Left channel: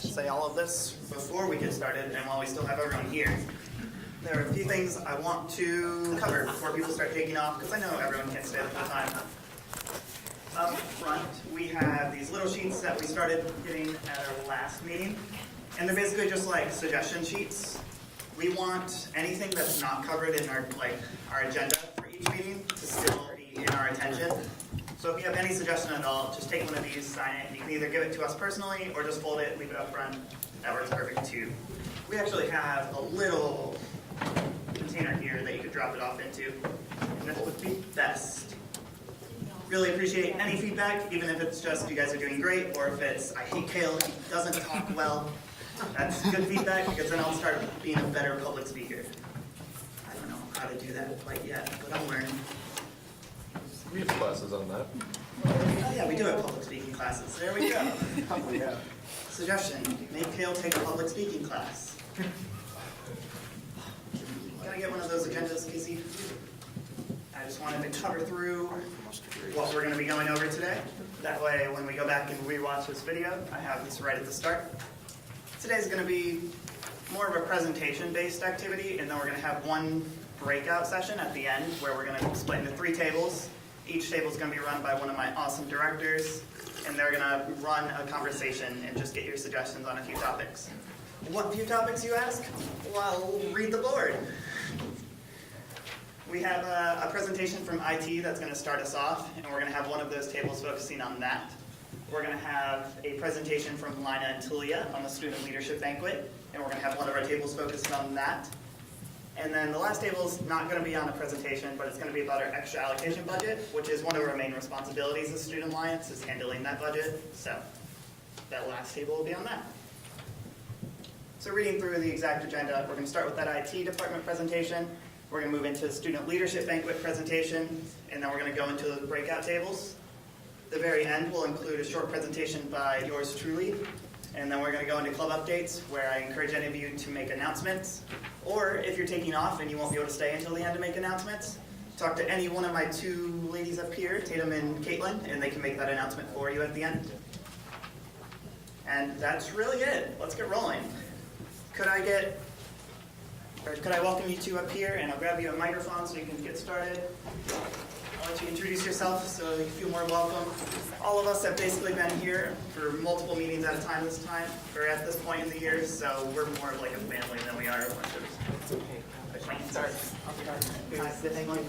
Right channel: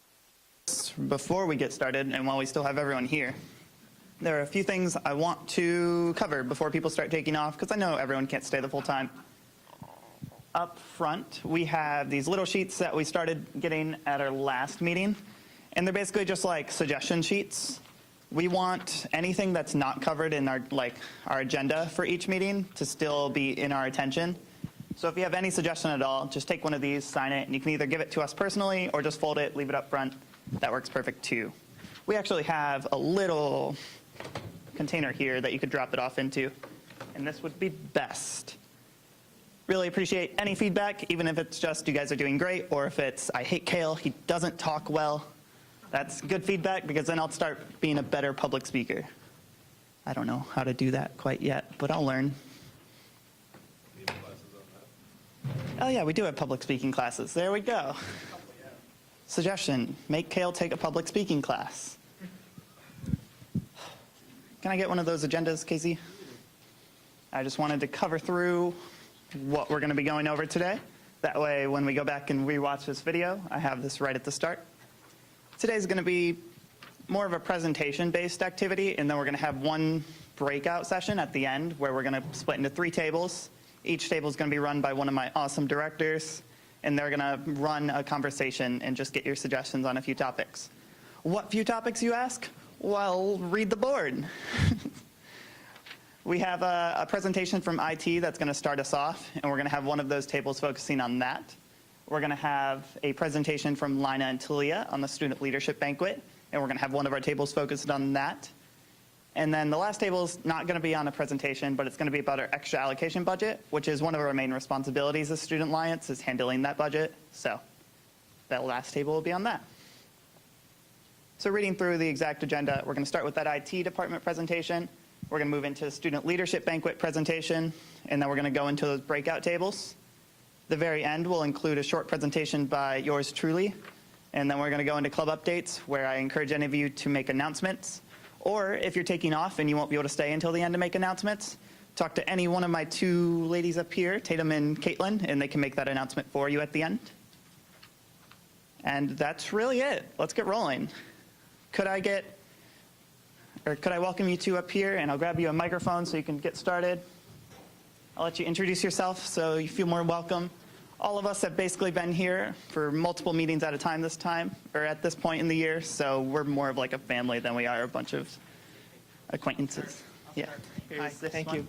should say all of this before we get started and while we still have everyone here. There are a few things I want to cover before people start taking off, because I know everyone can't stay the full time. Up front, we have these little sheets that we started getting at our last meeting, and they're basically just like suggestion sheets. We want anything that's not covered in our agenda for each meeting to still be in our attention. So if you have any suggestion at all, just take one of these, sign it, and you can either give it to us personally or just fold it, leave it up front. That works perfect too. We actually have a little container here that you could drop it off into, and this would be best. Really appreciate any feedback, even if it's just you guys are doing great, or if it's I hate Kale, he doesn't talk well. That's good feedback, because then I'll start being a better public speaker. I don't know how to do that quite yet, but I'll learn. We have classes on that. Oh yeah, we do have public speaking classes. There we go. Suggestion, make Kale take a public speaking class. Can I get one of those agendas, Casey? I just wanted to cover through what we're going to be going over today. That way, when we go back and rewatch this video, I have this right at the start. Today's going to be more of a presentation-based activity, and then we're going to have one breakout session at the end where we're going to split into 3 tables. Each table is going to be run by one of my awesome directors, and they're going to run a conversation and just get your suggestions on a few topics. What few topics, you ask? Well, read the board. We have a presentation from IT that's going to start us off, and we're going to have one of those tables focusing on that. We're going to have a presentation from Lina and Talia on the Student Leadership Banquet, and we're going to have one of our tables focused on that. And then the last table is not going to be on a presentation, but it's going to be about our extra allocation budget, which is one of our main responsibilities as Student Alliance, is handling that budget. So that last table will be on that. So reading through the exact agenda, we're going to start with that IT department presentation. We're going to move into the Student Leadership Banquet presentation, and then we're going to go into those breakout tables. The very end will include a short presentation by yours truly, and then we're going to go into club updates, where I encourage any of you to make announcements. Or if you're taking off and you won't be able to stay until the end to make announcements, talk to any one of my 2 ladies up here, Tatum and Caitlin, and they can make that announcement for you at the end. And that's really it. Let's get rolling. Could I welcome you 2 up here, and I'll grab you a microphone so you can get started. I'll let you introduce yourself so you feel more welcome. All of us have basically been here for multiple meetings at a time at this point in the year, so we're more of like a family than we are a bunch of acquaintances. Yeah. Hi, thank you.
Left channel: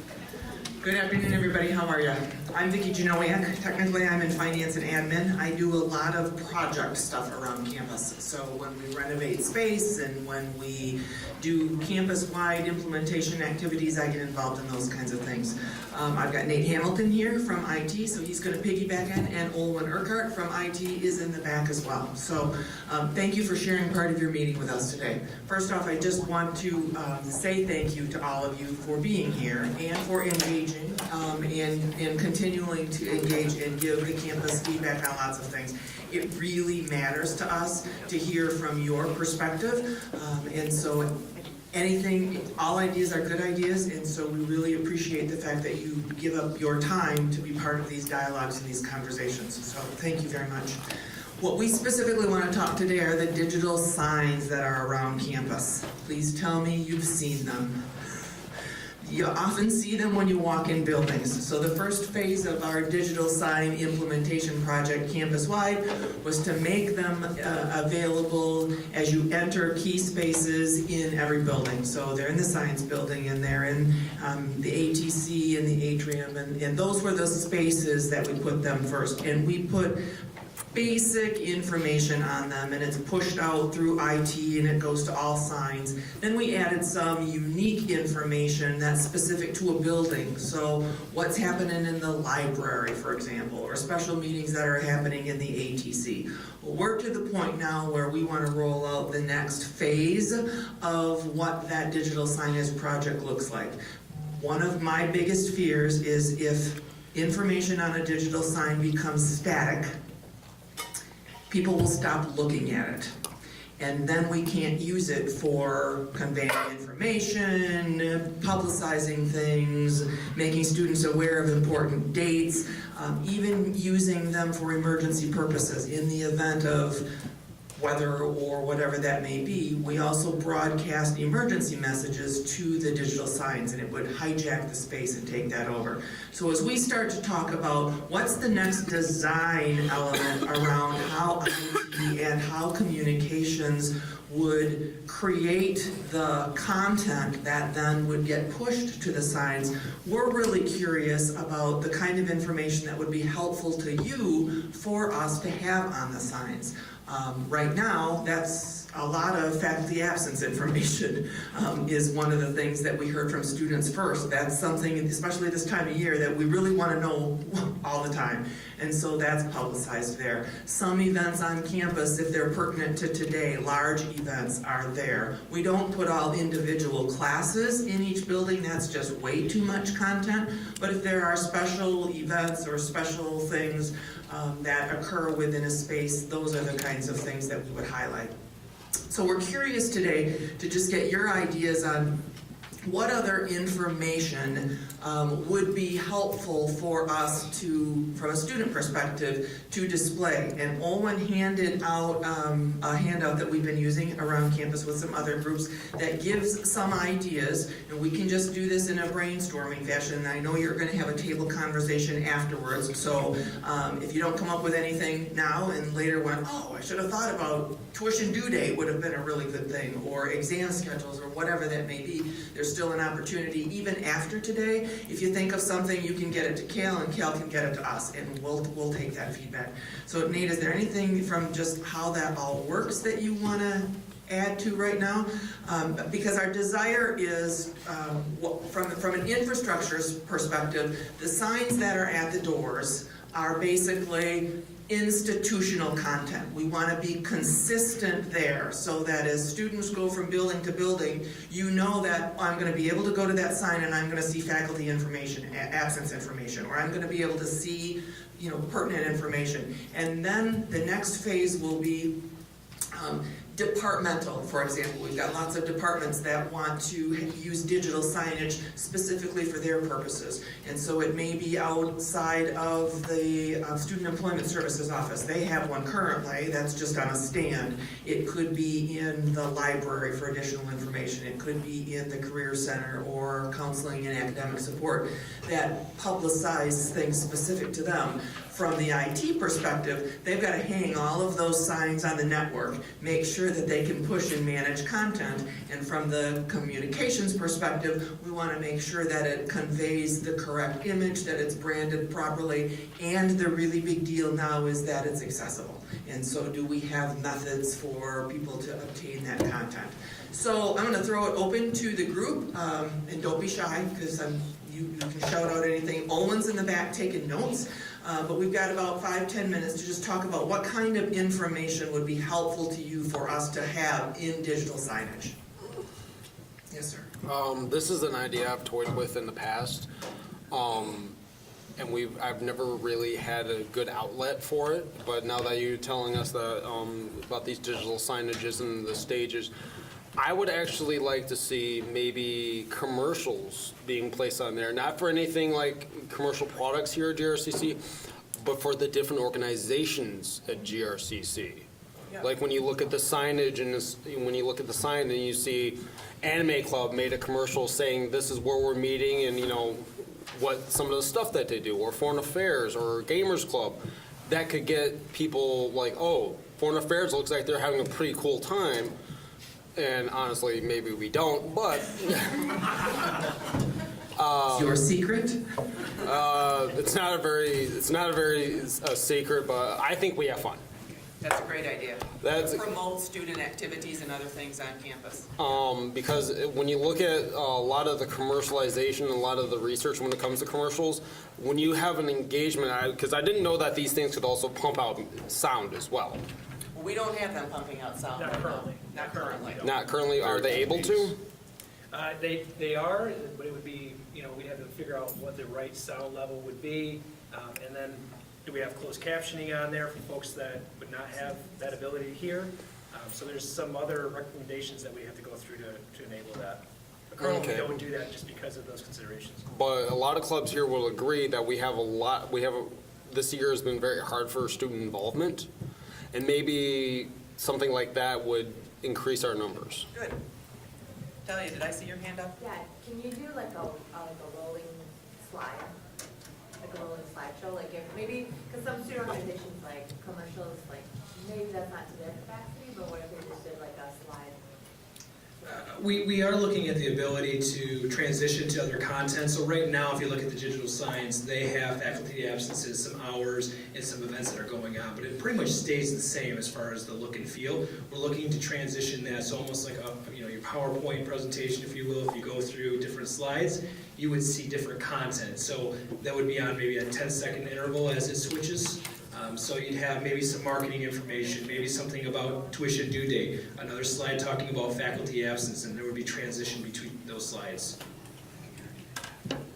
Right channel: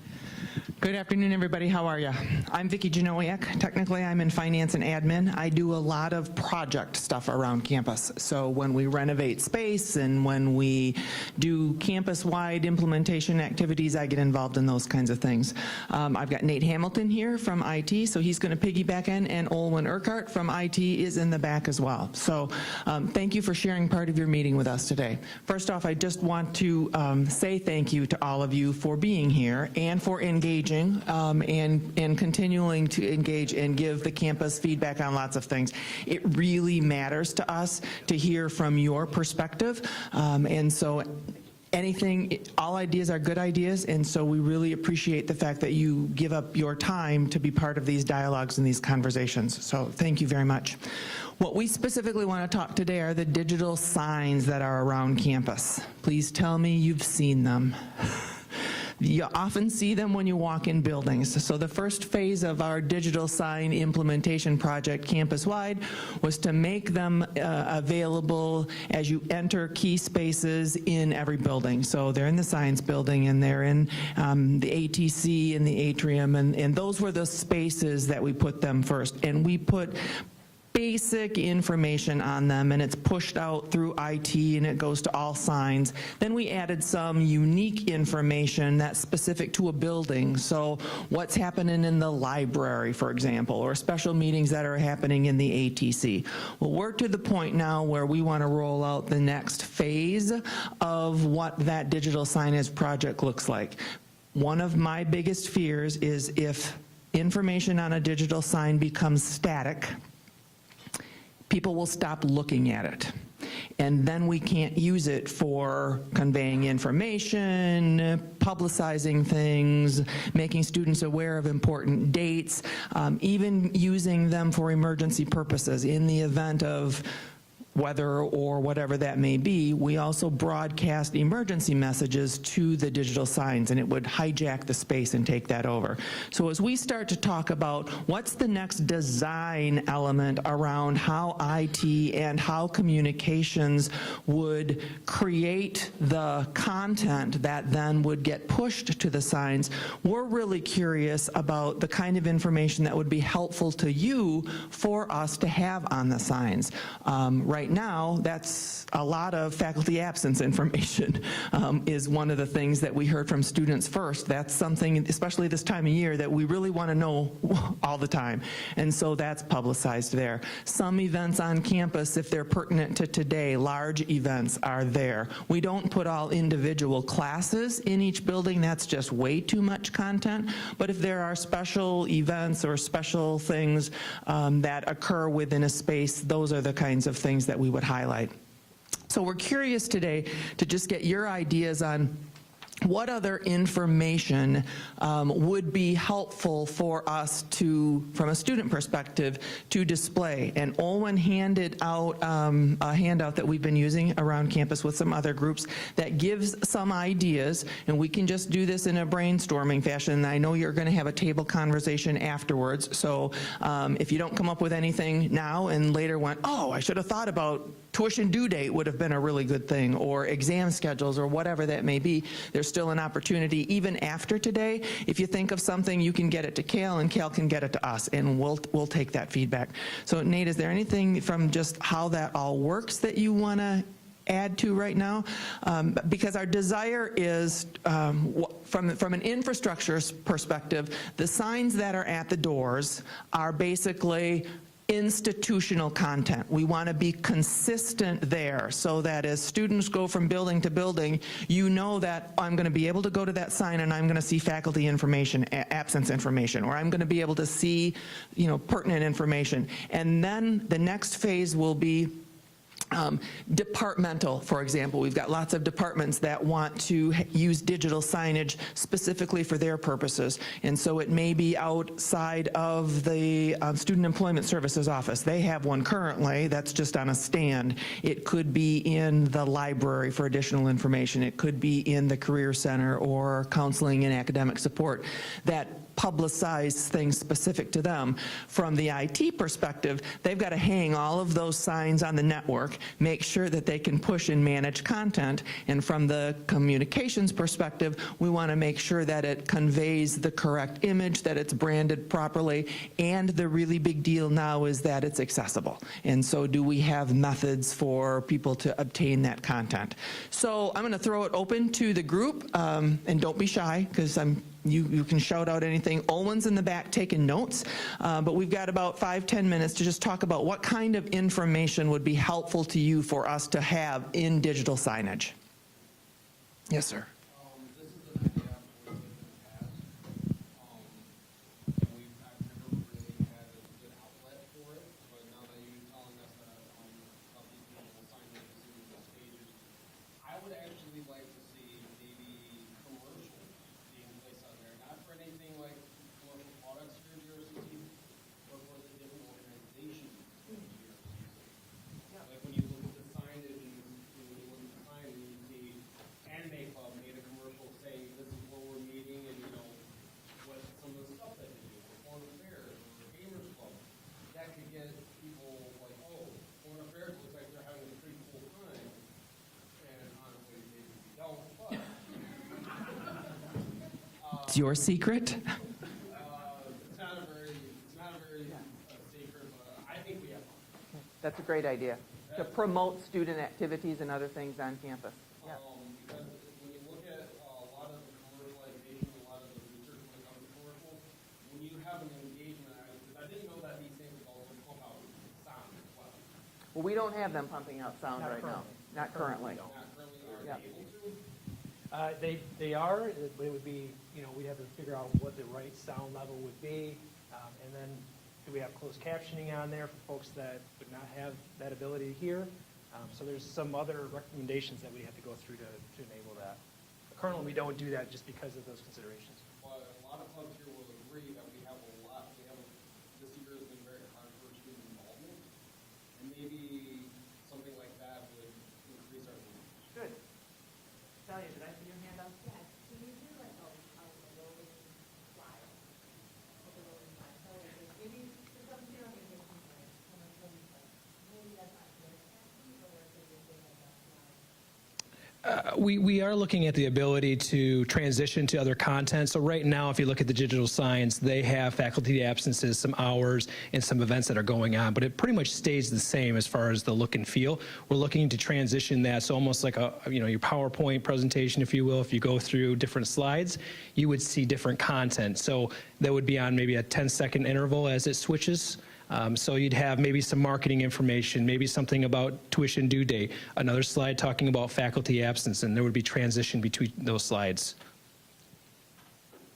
Good afternoon, everybody. How are you? I'm Vicki Janowiak. Technically, I'm in finance and admin. I do a lot of project stuff around campus. So when we renovate space and when we do campus-wide implementation activities, I get involved in those kinds of things. I've got Nate Hamilton here from IT, so he's going to piggyback in, and Olwen Urquhart from IT is in the back as well. So thank you for sharing part of your meeting with us today. First off, I just want to say thank you to all of you for being here and for engaging and continuing to engage and give the campus feedback on lots of things. It really matters to us to hear from your perspective, and so all ideas are good ideas, and so we really appreciate the fact that you give up your time to be part of these dialogues and these conversations. So thank you very much. What we specifically want to talk today are the digital signs that are around campus. Please tell me you've seen them. You often see them when you walk in buildings. So the first phase of our digital sign implementation project campus-wide was to make them available as you enter key spaces in every building. So they're in the science building, and they're in the ATC and the atrium, and those were the spaces that we put them first. And we put basic information on them, and it's pushed out through IT, and it goes to all signs. Then we added some unique information that's specific to a building. So what's happening in the library, for example, or special meetings that are happening in the ATC. Well, we're to the point now where we want to roll out the next phase of what that digital signage project looks like. One of my biggest fears is if information on a digital sign becomes static, people will stop looking at it. And then we can't use it for conveying information, publicizing things, making students aware of important dates, even using them for emergency purposes in the event of weather or whatever that may be, we also broadcast emergency messages to the digital signs, and it would hijack the space and take that over. So as we start to talk about what's the next design element around how IT and how communications would create the content that then would get pushed to the signs, we're really curious about the kind of information that would be helpful to you for us to have on the signs. Right now, that's a lot of faculty absence information is one of the things that we heard from students first. That's something, especially this time of year, that we really want to know all the time. And so that's publicized there. Some events on campus, if they're pertinent to today, large events are there. We don't put all individual classes in each building. That's just way too much content. But if there are special events or special things that occur within a space, those are the kinds of things that we would highlight. So we're curious today to just get your ideas on what other information would be helpful for us to, from a student perspective, to display. And Olwen handed out a handout that we've been using around campus with some other groups that gives some ideas, and we can just do this in a brainstorming fashion. I know you're going to have a table conversation afterwards, so if you don't come up with anything now and later went, oh, I should have thought about tuition due date would have been a really good thing, or exam schedules, or whatever that may be, there's still an opportunity even after today. If you think of something, you can get it to Cal, and Cal can get it to us, and we'll take that feedback. So Nate, is there anything from just how that all works that you want to add to right now? Because our desire is, from an infrastructure perspective, the signs that are at the doors are basically institutional content. We want to be consistent there so that as students go from building to building, you know that I'm going to be able to go to that sign and I'm going to see faculty information, absence information, or I'm going to be able to see, pertinent information. And then the next phase will be departmental, for example. We've got lots of departments that want to use digital signage specifically for their purposes. And so it may be outside of the Student Employment Services office. They have one currently that's just on a stand. It could be in the library for additional information. It could be in the Career Center or counseling and academic support that publicize things specific to them. From the IT perspective, they've got to hang all of those signs on the network, make sure that they can push and manage content, and from the communications perspective, we want to make sure that it conveys the correct image, that it's branded properly, and the really big deal now is that it's accessible. And so do we have methods for people to obtain that content? So I'm going to throw it open to the group, and don't be shy, because you can shout out anything. Owen's in the back taking notes, but we've got about 5-10 minutes to just talk about what kind of information would be helpful to you for us to have in digital signage. Yes, sir. This is an idea I've toyed with in the past, and I've never really had a good outlet for it. But now that you're telling us that about these digital signages and the stages, I would actually like to see maybe commercials being placed on there, not for anything like commercial products here at GRCC, but for the different organizations at GRCC. Yeah. Like when you look at the signage and when you look at the sign and you see Anime Club made a commercial saying this is where we're meeting and what some of the stuff that they do, or Foreign Affairs or Gamers Club, that could get people like, oh, Foreign Affairs looks like they're having a pretty cool time. And honestly, maybe we don't, but It's your secret? it's not a very secret, but I think we have fun. That's a great idea. Promote student activities and other things on campus. Because when you look at a lot of the commercialization and a lot of the research when it comes to commercials, when you have an engagement, because I didn't know that these things could also pump out sound as well. Well, we don't have them pumping out sound right now. Not currently. Not currently. Are they able to? They are, but it would be, we'd have to figure out what the right sound level would be, and then do we have closed captioning on there for folks that would not have that ability to hear? So there's some other recommendations that we have to go through to enable that. But currently, we don't do that just because of those considerations. But a lot of clubs here will agree that this year has been very hard for student involvement, and maybe something like that would increase our numbers. Good. Talia, did I see your hand up? Yeah, can you do like a rolling slide, like a rolling slideshow, like if maybe, because some student organizations like commercials, like maybe that's not to their capacity, but what if they just did like a slide? We are looking at the ability to transition to other content. So right now, if you look at the digital science, they have faculty absences, some hours, and some events that are going on, but it pretty much stays the same as far as the look and feel. We're looking to transition that, so almost like your PowerPoint presentation, if you will. If you go through different slides, you would see different content. So that would be on maybe a 10-second interval as it switches. So you'd have maybe some marketing information, maybe something about tuition due date, another slide talking about faculty absence, and there would be transition between those slides.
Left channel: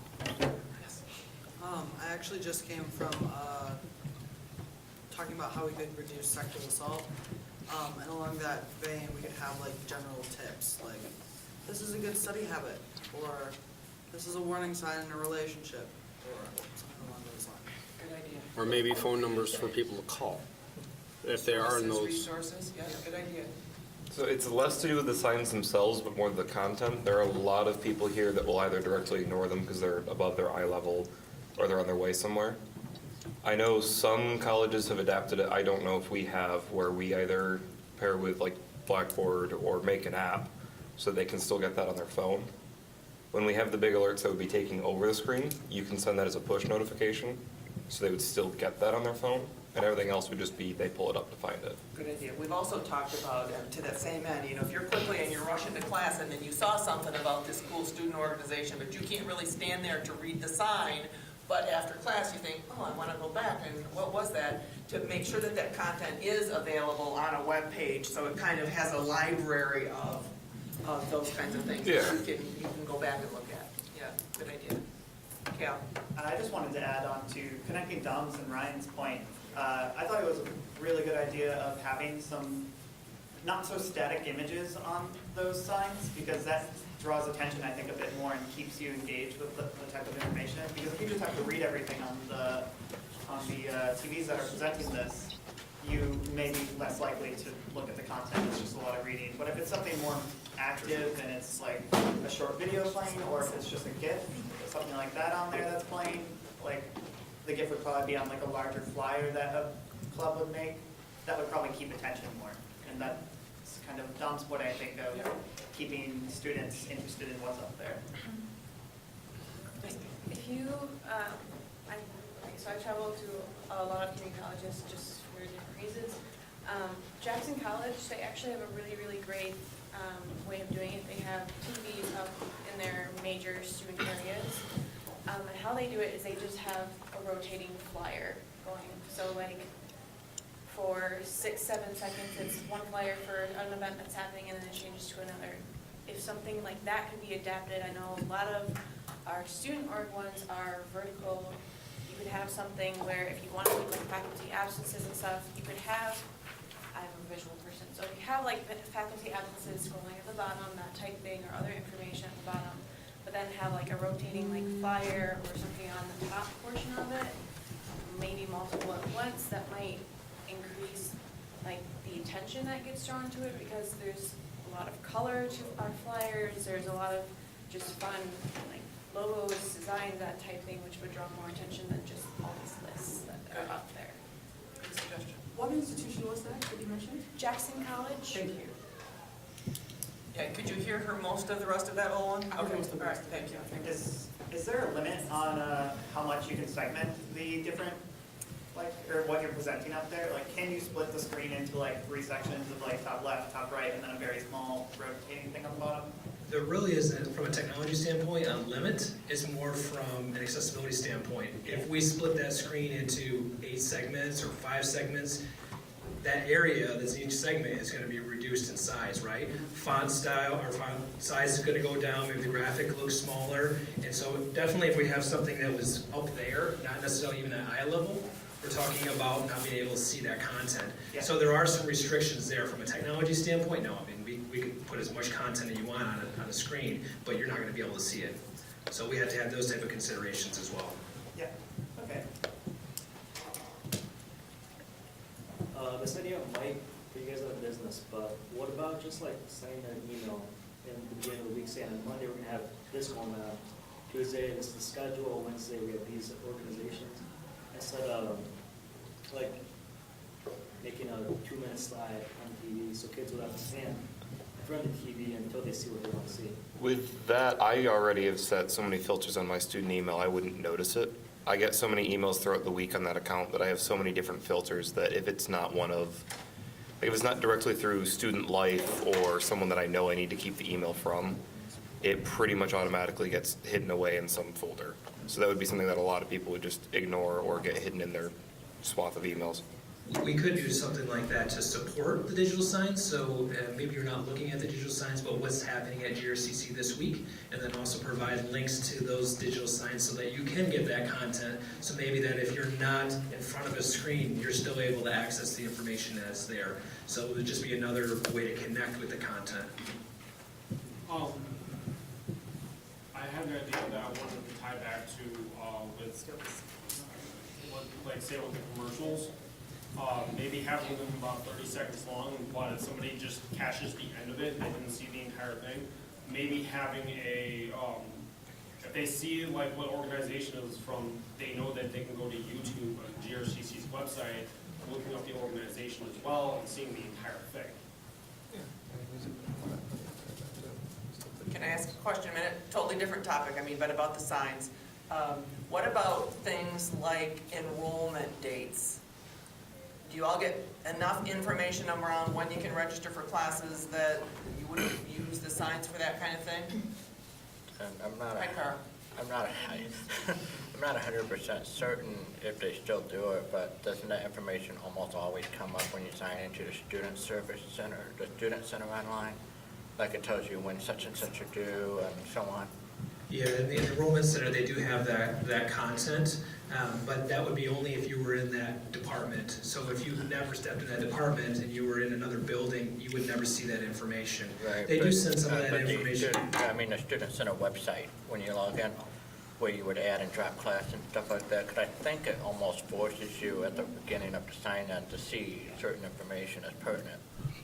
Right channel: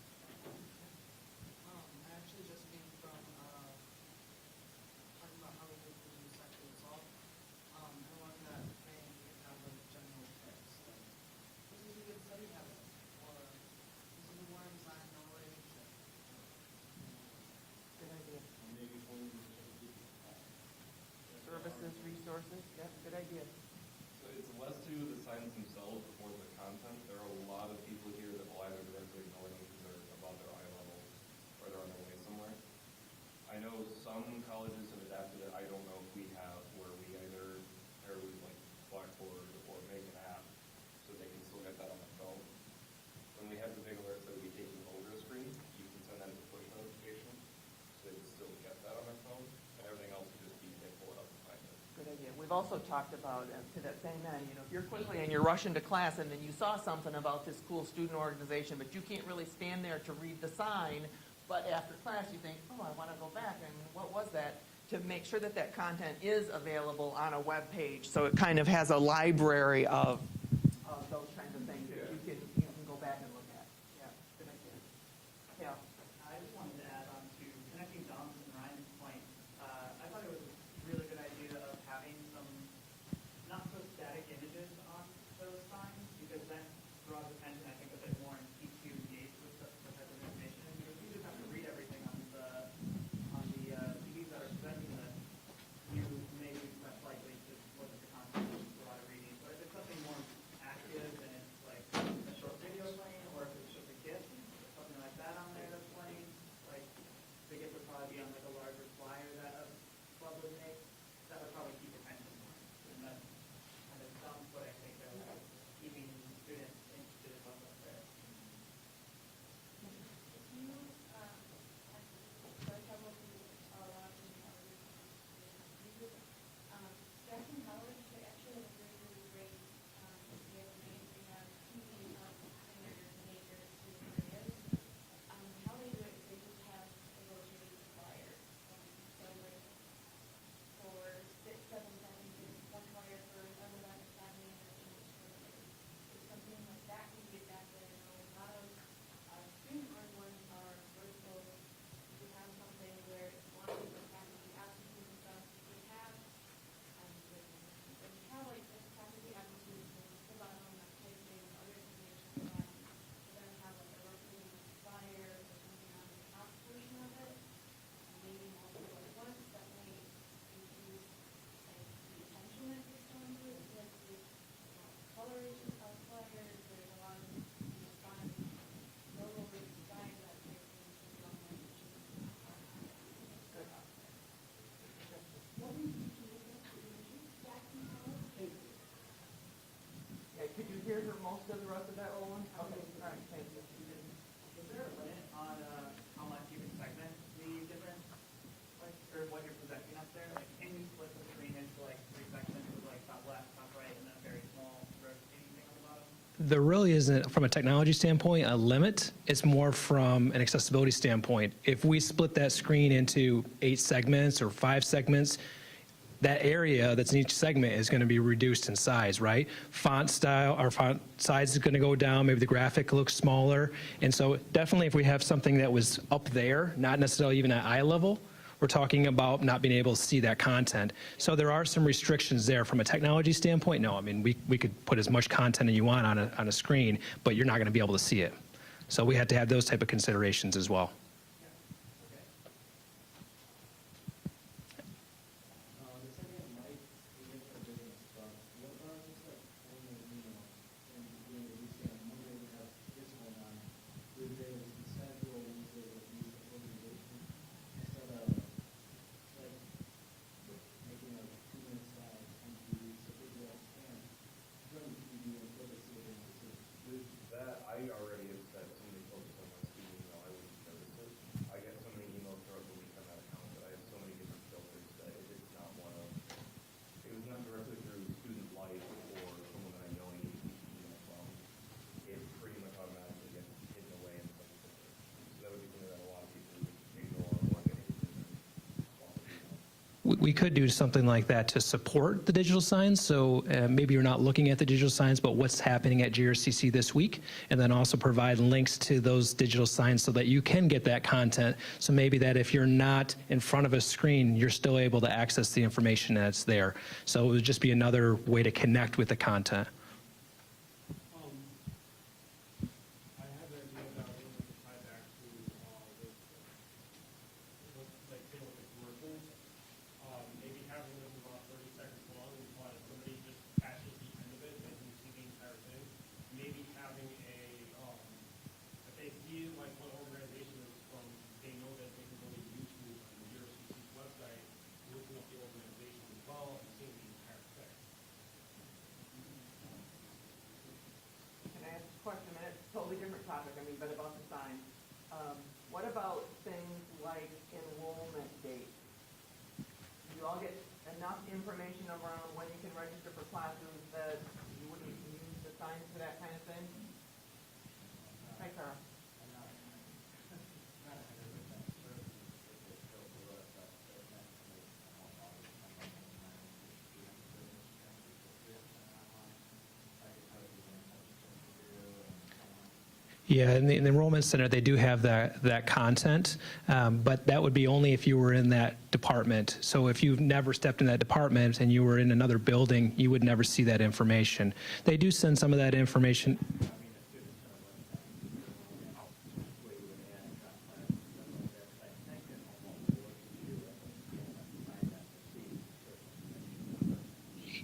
I actually just came from talking about how we could reduce sexual assault. And along that vein, we could have like general tips, like this is a good study habit, or this is a warning sign in a relationship, or something along those lines. Good idea. Or maybe phone numbers for people to call, if they are in those. Resources, yeah, good idea. So it's less to do with the signs themselves, but more the content. There are a lot of people here that will either directly ignore them because they're above their eye level or they're on their way somewhere. I know some colleges have adapted it. I don't know if we have, where we either pair with like Blackboard or make an app so they can still get that on their phone. When we have the big alerts that would be taking over the screen, you can send that as a push notification, so they would still get that on their phone, and everything else would just be they pull it up to find it. Good idea. We've also talked about, to that same end, if you're quickly and you're rushing to class and then you saw something about this cool student organization, but you can't really stand there to read the sign, but after class you think, oh, I want to go back, and what was that? To make sure that that content is available on a web page, so it kind of has a library of those kinds of things. Yeah. You can go back and look at. Yeah, good idea. Cal? I just wanted to add on to connecting Dom's and Ryan's point. I thought it was a really good idea of having some not so static images on those signs, because that draws attention, I think, a bit more and keeps you engaged with the type of information. Because if you just have to read everything on the TVs that are presenting this, you may be less likely to look at the content. It's just a lot of reading. But if it's something more active and it's like a short video playing, or if it's just a GIF, something like that on there that's playing, like the GIF would probably be on like a larger flyer that a club would make. That would probably keep attention more. And that's kind of Dom's point, I think, of keeping students interested in what's up there. If you, so I travel to a lot of community colleges just for different reasons. Jackson College, they actually have a really, really great way of doing it. They have TVs up in their major student areas. And how they do it is they just have a rotating flyer going. So like for 6-7 seconds, it's one flyer for an event that's happening and then it changes to another. If something like that could be adapted, I know a lot of our student org ones are vertical. You could have something where if you want to do like faculty absences and stuff, you could have, I'm a visual person, so if you have like faculty absences scrolling at the bottom, that type thing, or other information at the bottom, but then have like a rotating like flyer or something on the top portion of it, maybe multiple at once, that might increase like the attention that gets drawn to it, because there's a lot of color to our flyers, there's a lot of just fun like logos, designs, that type thing, which would draw more attention than just all these lists that are up there. Good suggestion. What institution was that you mentioned? Jackson College. Thank you. Yeah, could you hear her most of the rest of that, Olin? Okay, all right, thank you. Is there a limit on how much you can segment the different, like, or what you're presenting up there? Like, can you split the screen into like 3 sections of like top left, top right, and then a very small rotating thing on the bottom? There really isn't, from a technology standpoint, a limit. It's more from an accessibility standpoint. If we split that screen into 8 segments or 5 segments, that area that's in each segment is going to be reduced in size, right? Font style, or font size is going to go down, maybe the graphic looks smaller. And so definitely if we have something that was up there, not necessarily even at eye level, we're talking about not being able to see that content. So there are some restrictions there. From a technology standpoint, no. I mean, we could put as much content as you want on a screen, but you're not going to be able to see it. So we had to have those type of considerations as well. Yeah, okay. This idea of mic, for you guys, there's just like sending an email in the beginning of the week saying on Monday we're gonna have this going on, Tuesday this is the schedule, Wednesday we have these organizations, instead of like making a 2-minute slide on the TV so kids would have to stand in front of the TV until they see what they want to see. With that, I already have set so many filters on my student email, I wouldn't notice it. I get so many emails throughout the week on that account that I have so many different filters that if it's not one of, like if it's not directly through student life or someone that I know I need to keep the email from, it pretty much automatically gets hidden away in some folder. So that would be something that a lot of people would just ignore or get hidden in their swath of emails. We could do something like that to support the digital signs. So maybe you're not looking at the digital signs, but what's happening at GRCC this week, and then also provide links to those digital signs so that you can get that content. So maybe that if you're not in front of a screen, you're still able to access the information that's there. So it would just be another way to connect with the content. I had an idea that I wanted to tie back to like say with the commercials. Maybe having them about 30 seconds long, but if somebody just catches the end of it, they didn't see the entire thing. Maybe having a, if they see like what organization it was from, they know that they can go to YouTube or GRCC's website, looking up the organization as well and seeing the entire thing. Can I ask a question a minute? Totally different topic, I mean, but about the signs. What about things like enrollment dates? Do you all get enough information around when you can register for classes that you wouldn't use the signs for that kind of thing? I'm not Hi, Carl. I'm not I'm not 100% certain if they still do it, but doesn't that information almost always come up when you sign into the student service center, the student center online? Like it tells you when such and such are due and so on. Yeah, in the enrollment center, they do have that content, but that would be only if you were in that department. So if you've never stepped in that department and you were in another building, you would never see that information. Right, They do but- send some of that but the information. I mean, the student center website, when you log in, where you would add and drop class and stuff like that, because I think it almost forces you at the beginning of the sign-in to see certain information as pertinent.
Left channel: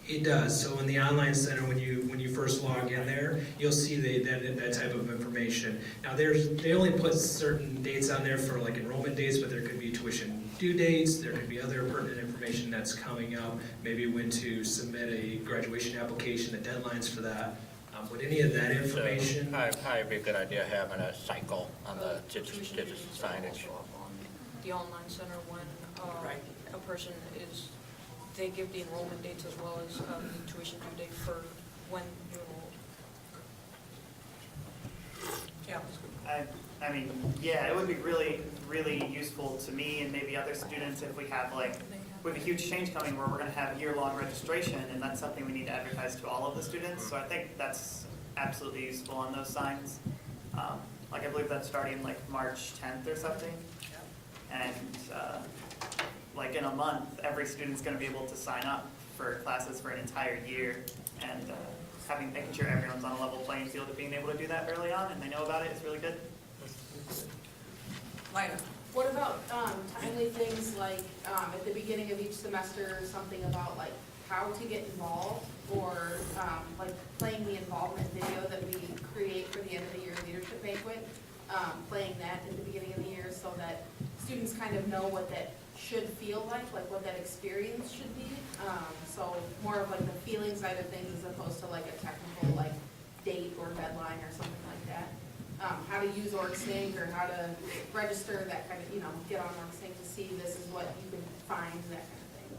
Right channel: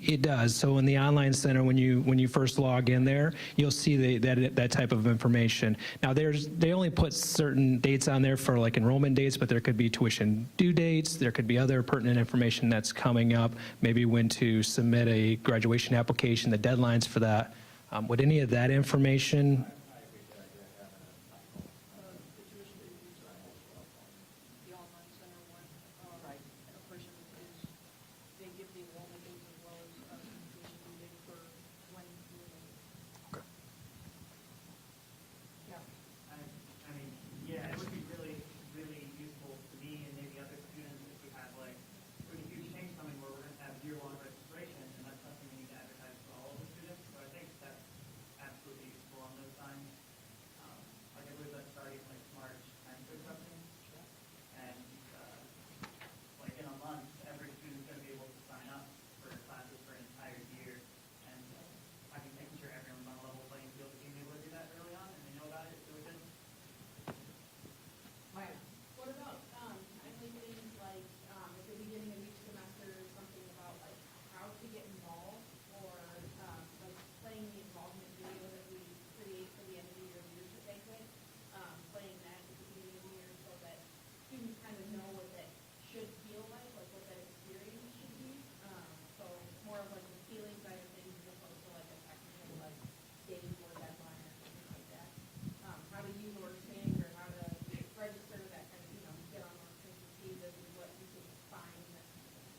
It does. So in the online center, when you first log in there, you'll see that type of information. Now they only put certain dates on there for like enrollment dates, but there could be tuition due dates. There could be other pertinent information that's coming up. Maybe when to submit a graduation application, the deadlines for that. Would any of that information? Probably be a good idea having a cycle on the digital signage. The online center when a person is, they give the enrollment dates as well as the tuition due date for when you enroll. Yeah. I mean, yeah, it would be really, really useful to me and maybe other students if we have we have a huge change coming where we're going to have year-long registration, and that's something we need to advertise to all of the students. So I think that's absolutely useful on those signs. Like I believe that's starting like March 10th or something. And like in a month, every student's going to be able to sign up for classes for an entire year, and making sure everyone's on a level playing field of being able to do that early on and they know about it is really good. Lina. What about timely things like at the beginning of each semester, something about like how to get involved, or like playing the involvement video that we create for the end of the year leadership banquet, playing that at the beginning of the year so that students kind of know what that should feel like what that experience should be. So more of like the feeling side of things as opposed to like a technical like date or deadline or something like that. How to use OrgSync or how to register, that kind of, get on OrgSync to see this is what you can find, that kind of thing.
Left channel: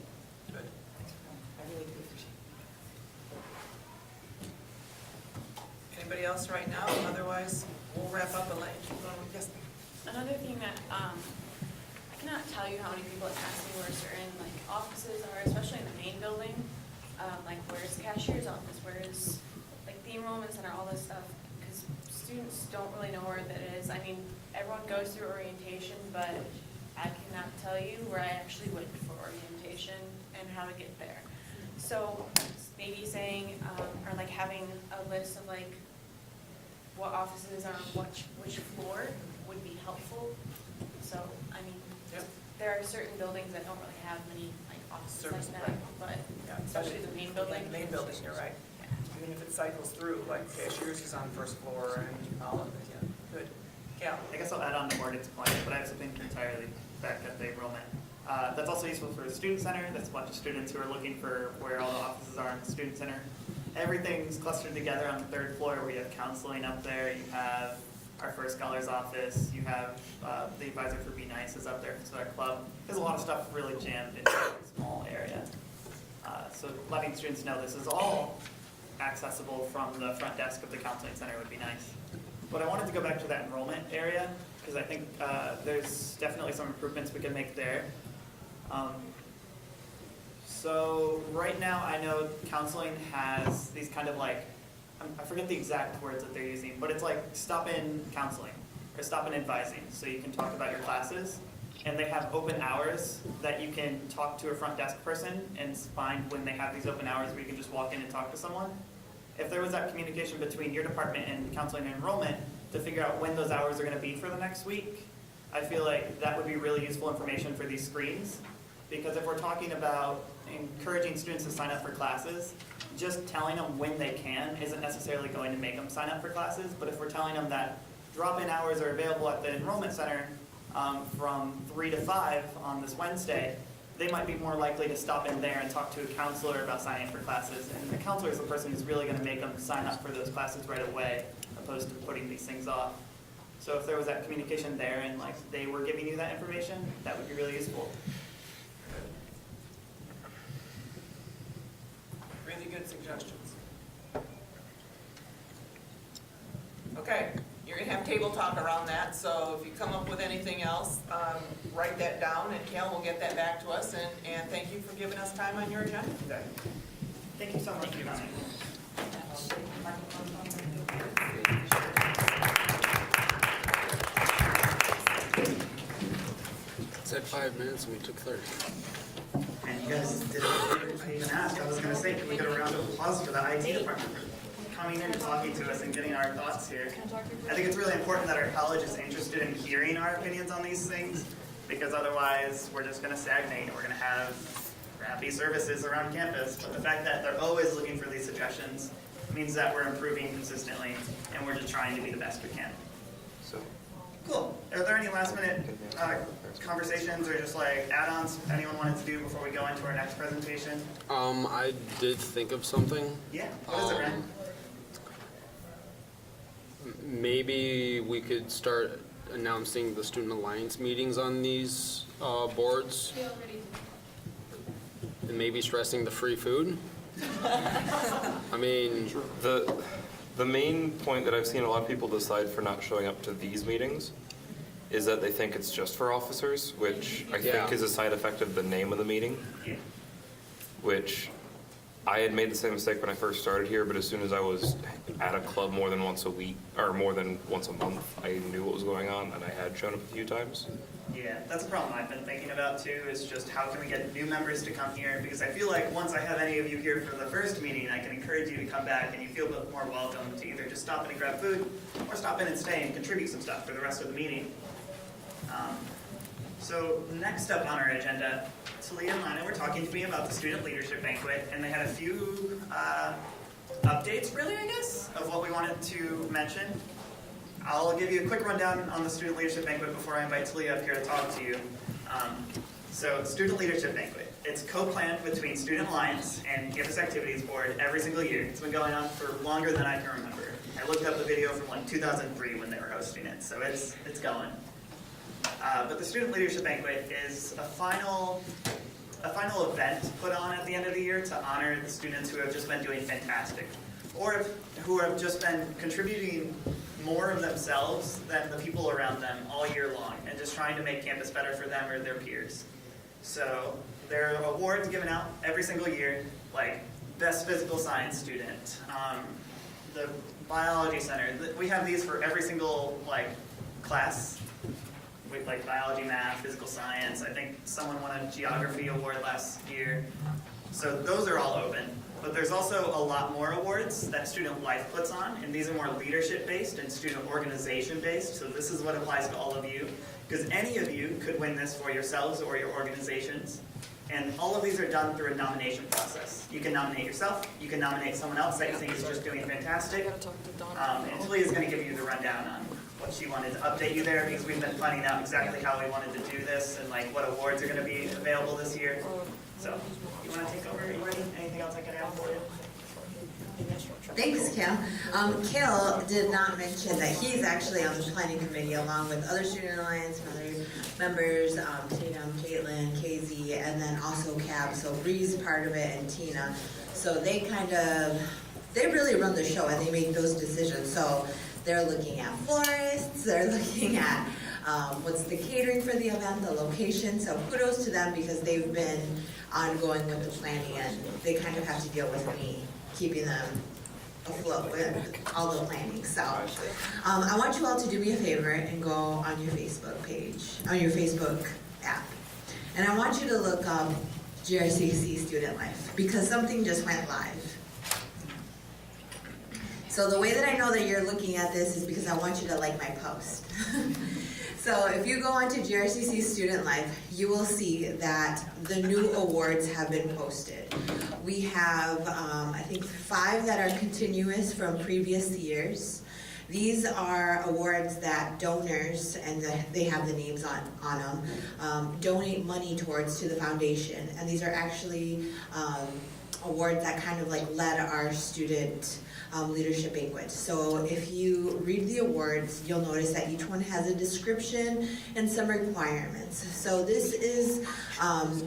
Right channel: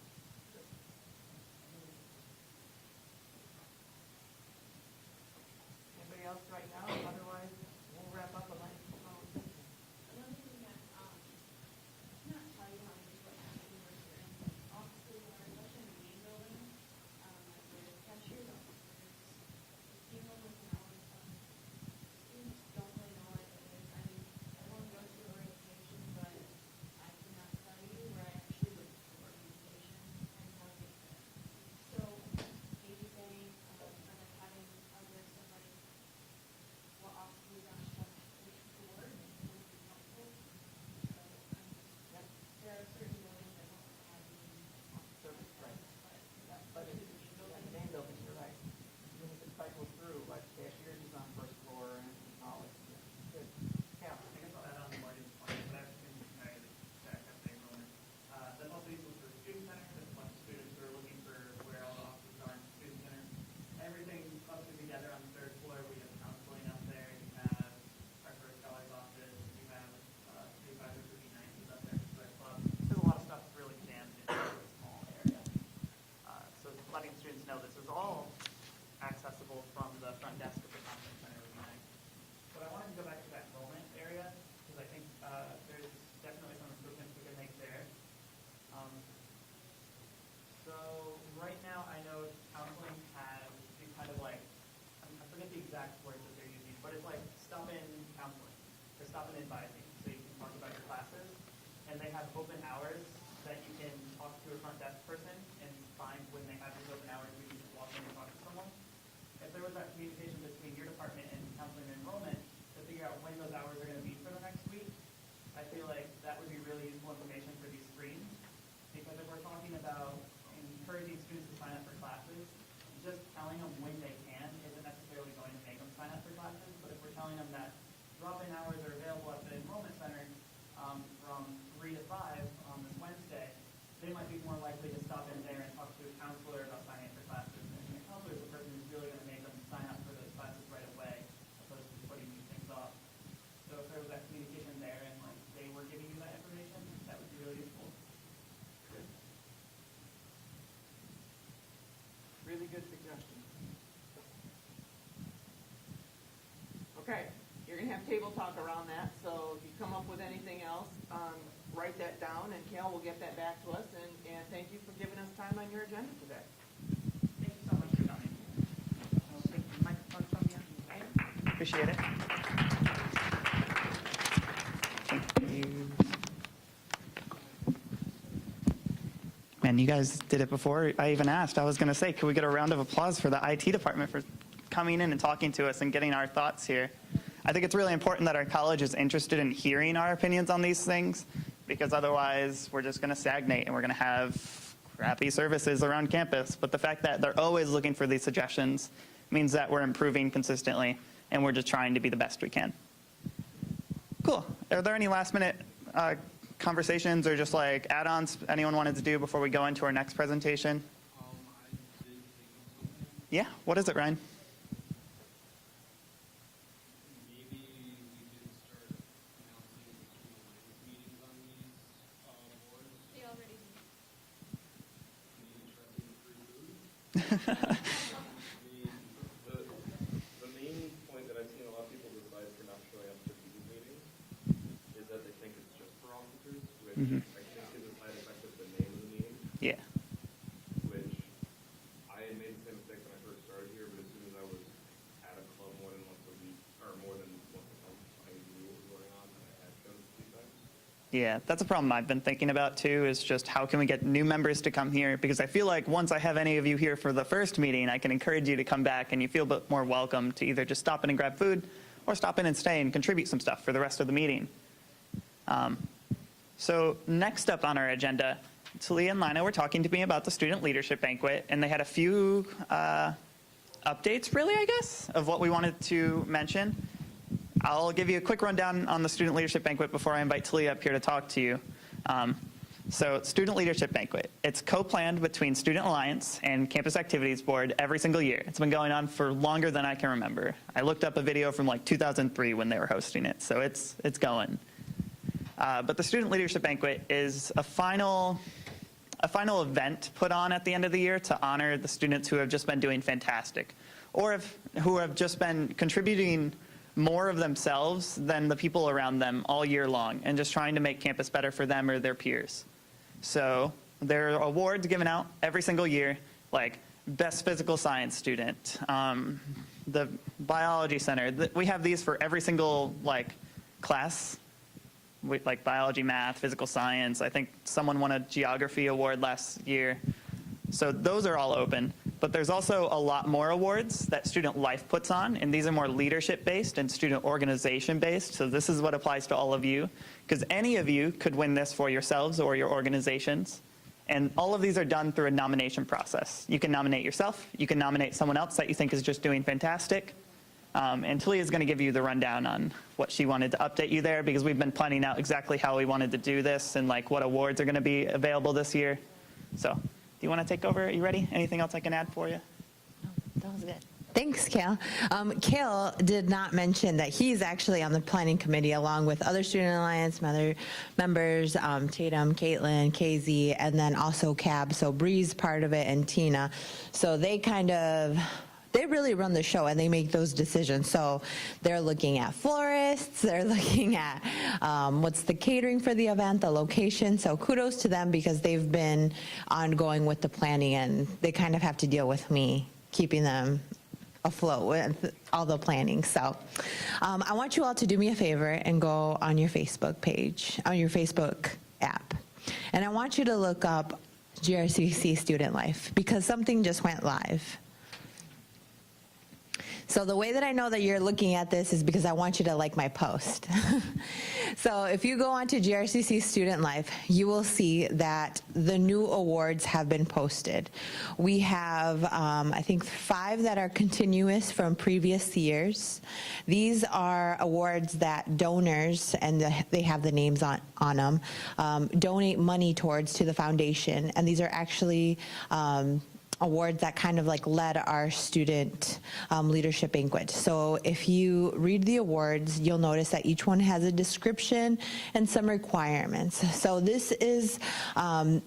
Anybody else right now? Otherwise, we'll wrap up and let you keep going with this. Another thing that, I cannot tell you how many people have asked me where certain like offices are, especially in the main building. Like where's the cashier's office, where's like the enrollment center, all this stuff, because students don't really know where that is. I mean, everyone goes through orientation, but I cannot tell you where I actually went for orientation and how to get there. So maybe saying, or like having a list of like what offices are on which floor would be helpful. So, I mean, there are certain buildings that don't really have many like offices like that, but especially the main building. The main building, you're right. Yeah. cycles through, like cashiers is on the first floor and all of it, yeah, good. Yeah, I guess I'll add on to Morgan's point, but I have something entirely back at the enrollment. That's also useful for the student center. That's a bunch of students who are looking for where all the offices are in the student center. Everything's clustered together on the third floor. We have counseling up there. You have our First Scholars office. You have the advisor for Be Nice is up there. So our club. There's a lot of stuff really jammed into a small area. So letting students know this is all accessible from the front desk of the counseling center would be nice. But I wanted to go back to that enrollment area because I think there's definitely some improvements we can make there. So right now I know counseling has these kind of like, I forget the exact words that they're using, but it's like stop-in counseling or stop-in advising. So you can talk about your classes and they have open hours that you can talk to a front desk person and find when they have these open hours where you can just walk in and talk to someone. If there was that communication between your department and counseling and enrollment to figure out when those hours are going to be for the next week, I feel like that would be really useful information for these screens. Because if we're talking about encouraging students to sign up for classes, just telling them when they can isn't necessarily going to make them sign up for classes. But if we're telling them that drop-in hours are available at the enrollment center from 3 to 5 on this Wednesday, they might be more likely to stop in there and talk to a counselor about signing up for classes. And the counselor is the person who's really going to make them sign up for those classes right away, opposed to putting these things off. So if there was that communication there and like they were giving you that information, that would be really useful. really good suggestions. Okay, you're gonna have table talk around that, so if you come up with anything else, write that down, and Cal will get that back to us, and thank you for giving us time on your agenda today. Thank you so much for coming. Appreciate it. Said 5 minutes and we took 30. Man, you guys did it before I even asked. I was going to say, can we get a round of applause for the IT department for coming in and talking to us and getting our thoughts here? I think it's really important that our college is interested in hearing our opinions on these things, because otherwise we're just going to stagnate and we're going to have crappy services around campus. But the fact that they're always looking for these suggestions means that we're improving consistently and we're just trying to be the best we can. Cool. Are there any last minute conversations or just like add-ons anyone wanted to do before we go into our next presentation? I did think of something. Yeah, what is it, Ren? Maybe we could start announcing the Student Alliance meetings on these boards. And maybe stressing the free food. I mean, The main point that I've seen a lot of people decide for not showing up to these meetings is that they think it's just for officers, which I think is a side effect of the name of the meeting. Yeah. Which I had made the same mistake when I first started here, but as soon as I was at a club more than once a week, or more than once a month, I knew what was going on, and I had shown up a few times. Yeah, that's a problem I've been thinking about too, is just how can we get new members to come here? Because I feel like once I have any of you here for the first meeting, I can encourage you to come back and you feel a bit more welcome to either just stop in and grab food or stop in and stay and contribute some stuff for the rest of the meeting. So next up on our agenda, Talia and Lina were talking to me about the Student Leadership Banquet, and they had a few updates, really, I guess, of what we wanted to mention. I'll give you a quick rundown on the Student Leadership Banquet before I invite Talia up here to talk to you. So Student Leadership Banquet, it's co-planned between Student Alliance and Campus Activities Board every single year. It's been going on for longer than I can remember. I looked up a video from like 2003 when they were hosting it, so it's going. But the Student Leadership Banquet is a final event put on at the end of the year to honor the students who have just been doing fantastic, or who have just been contributing more of themselves than the people around them all year long, and just trying to make campus better for them or their peers. So there are awards given out every single year, like best physical science student, the biology center. We have these for every single like class. Like biology, math, physical science. I think someone won a geography award last year. So those are all open. But there's also a lot more awards that Student Life puts on, and these are more leadership-based and student organization-based. So this is what applies to all of you, because any of you could win this for yourselves or your organizations. And all of these are done through a nomination process. You can nominate yourself, you can nominate someone else that you think is just doing fantastic. And Talia is going to give you the rundown on what she wanted to update you there, because we've been planning out exactly how we wanted to do this and like what awards are going to be available this year. So, you want to take over? Are you ready? Anything else I can add for you? Thanks, Kale. Kale did not mention that he's actually on the planning committee along with other Student Alliance members, Tatum, Caitlin, KZ, and then also Cab. So Bree's part of it and Tina. So they really run the show and they make those decisions. So they're looking at florists, they're looking at what's the catering for the event, the location. So kudos to them because they've been ongoing with the planning and they kind of have to deal with me keeping them afloat with all the planning. So I want you all to do me a favor and go on your Facebook page, on your Facebook app. And I want you to look up GRCC Student Life because something just went live. So the way that I know that you're looking at this is because I want you to like my post. So if you go onto GRCC Student Life, you will see that the new awards have been posted. We have, I think, 5 that are continuous from previous years. These are awards that donors, and they have the names on them, donate money towards to the foundation. And these are actually awards that kind of like led our student leadership banquet. So if you read the awards, you'll notice that each one has a description and some requirements. So this is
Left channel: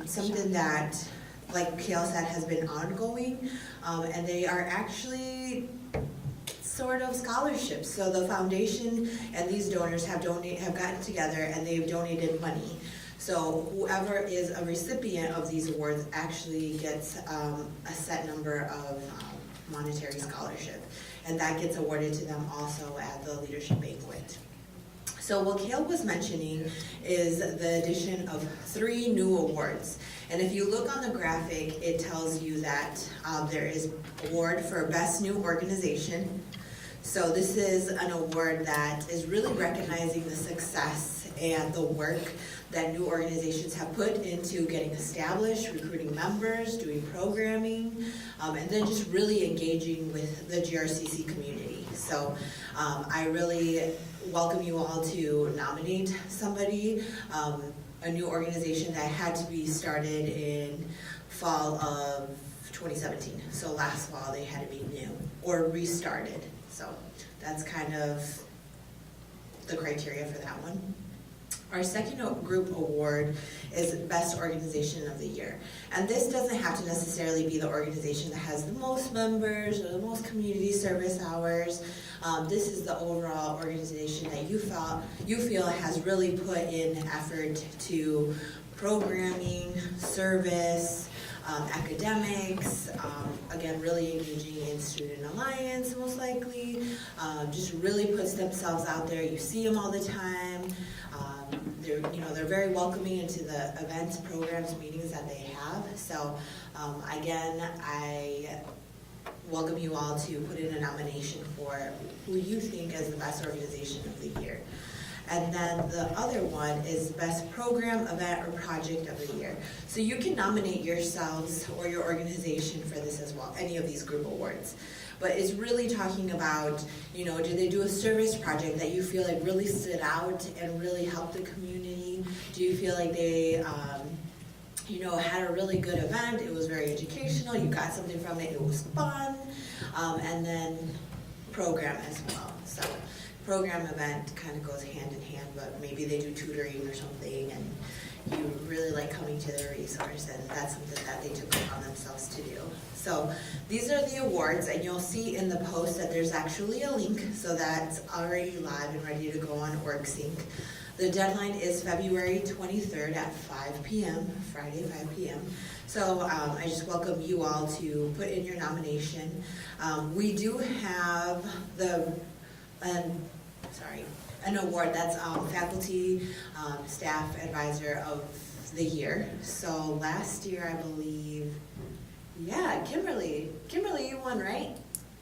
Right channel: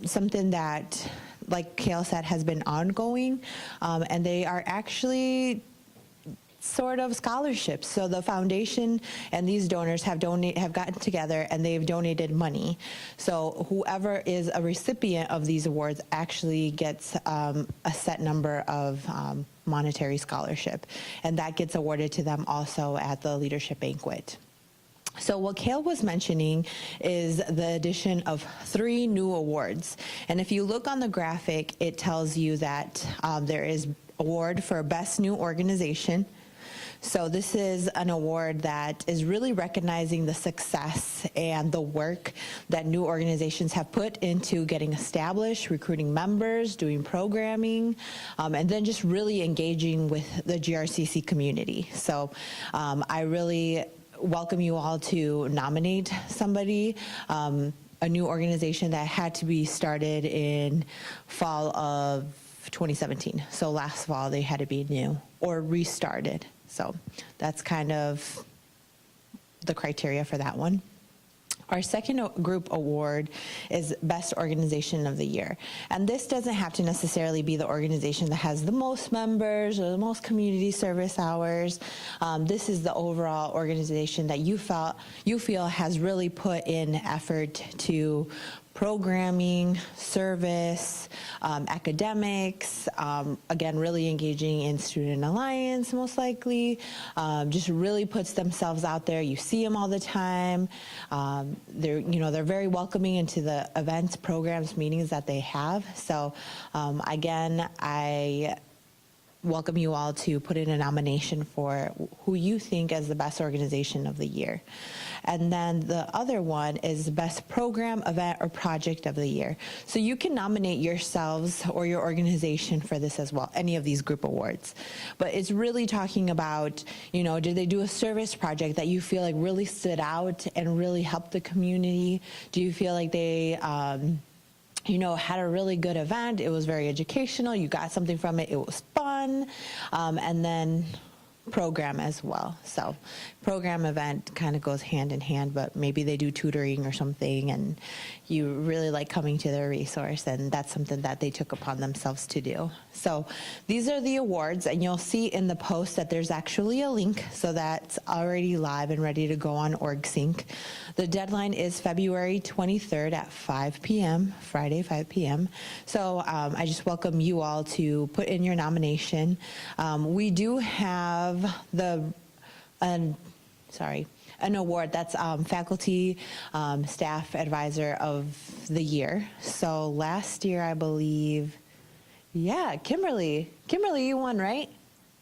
something that, like Kale said, has been ongoing, and they are actually sort of scholarships. So the foundation and these donors have gotten together and they've donated money. So whoever is a recipient of these awards actually gets a set number of monetary scholarship, and that gets awarded to them also at the leadership banquet. So what Kale was mentioning is the addition of 3 new awards. And if you look on the graphic, it tells you that there is award for Best New Organization. So this is an award that is really recognizing the success and the work that new organizations have put into getting established, recruiting members, doing programming, and then just really engaging with the GRCC community. So I really welcome you all to nominate somebody, a new organization that had to be started in fall of 2017. So last fall they had to be new or restarted. So that's kind of the criteria for that one. Our second group award is Best Organization of the Year. And this doesn't have to necessarily be the organization that has the most members or the most community service hours. This is the overall organization that you feel has really put in effort to programming, service, academics, again, really engaging in Student Alliance, most likely, just really puts themselves out there. You see them all the time. They're very welcoming into the events, programs, meetings that they have. So, again, I welcome you all to put in a nomination for who you think is the best organization of the year. And then the other one is Best Program, Event, or Project of the Year. So you can nominate yourselves or your organization for this as well, any of these group awards. But it's really talking about, did they do a service project that you feel like really stood out and really helped the community? Do you feel like they had a really good event? It was very educational. You got something from it. It was fun. And then program as well. So program event kind of goes hand in hand, but maybe they do tutoring or something and you really like coming to their resource, and that's something that they took upon themselves to do. So these are the awards, and you'll see in the post that there's actually a link, so that's already live and ready to go on OrgSync. The deadline is February 23rd at 5 p.m., Friday, 5 p.m. So I just welcome you all to put in your nomination. We do have an award that's Faculty Staff Advisor of the Year. So last year, I believe, Kimberly, you won, right?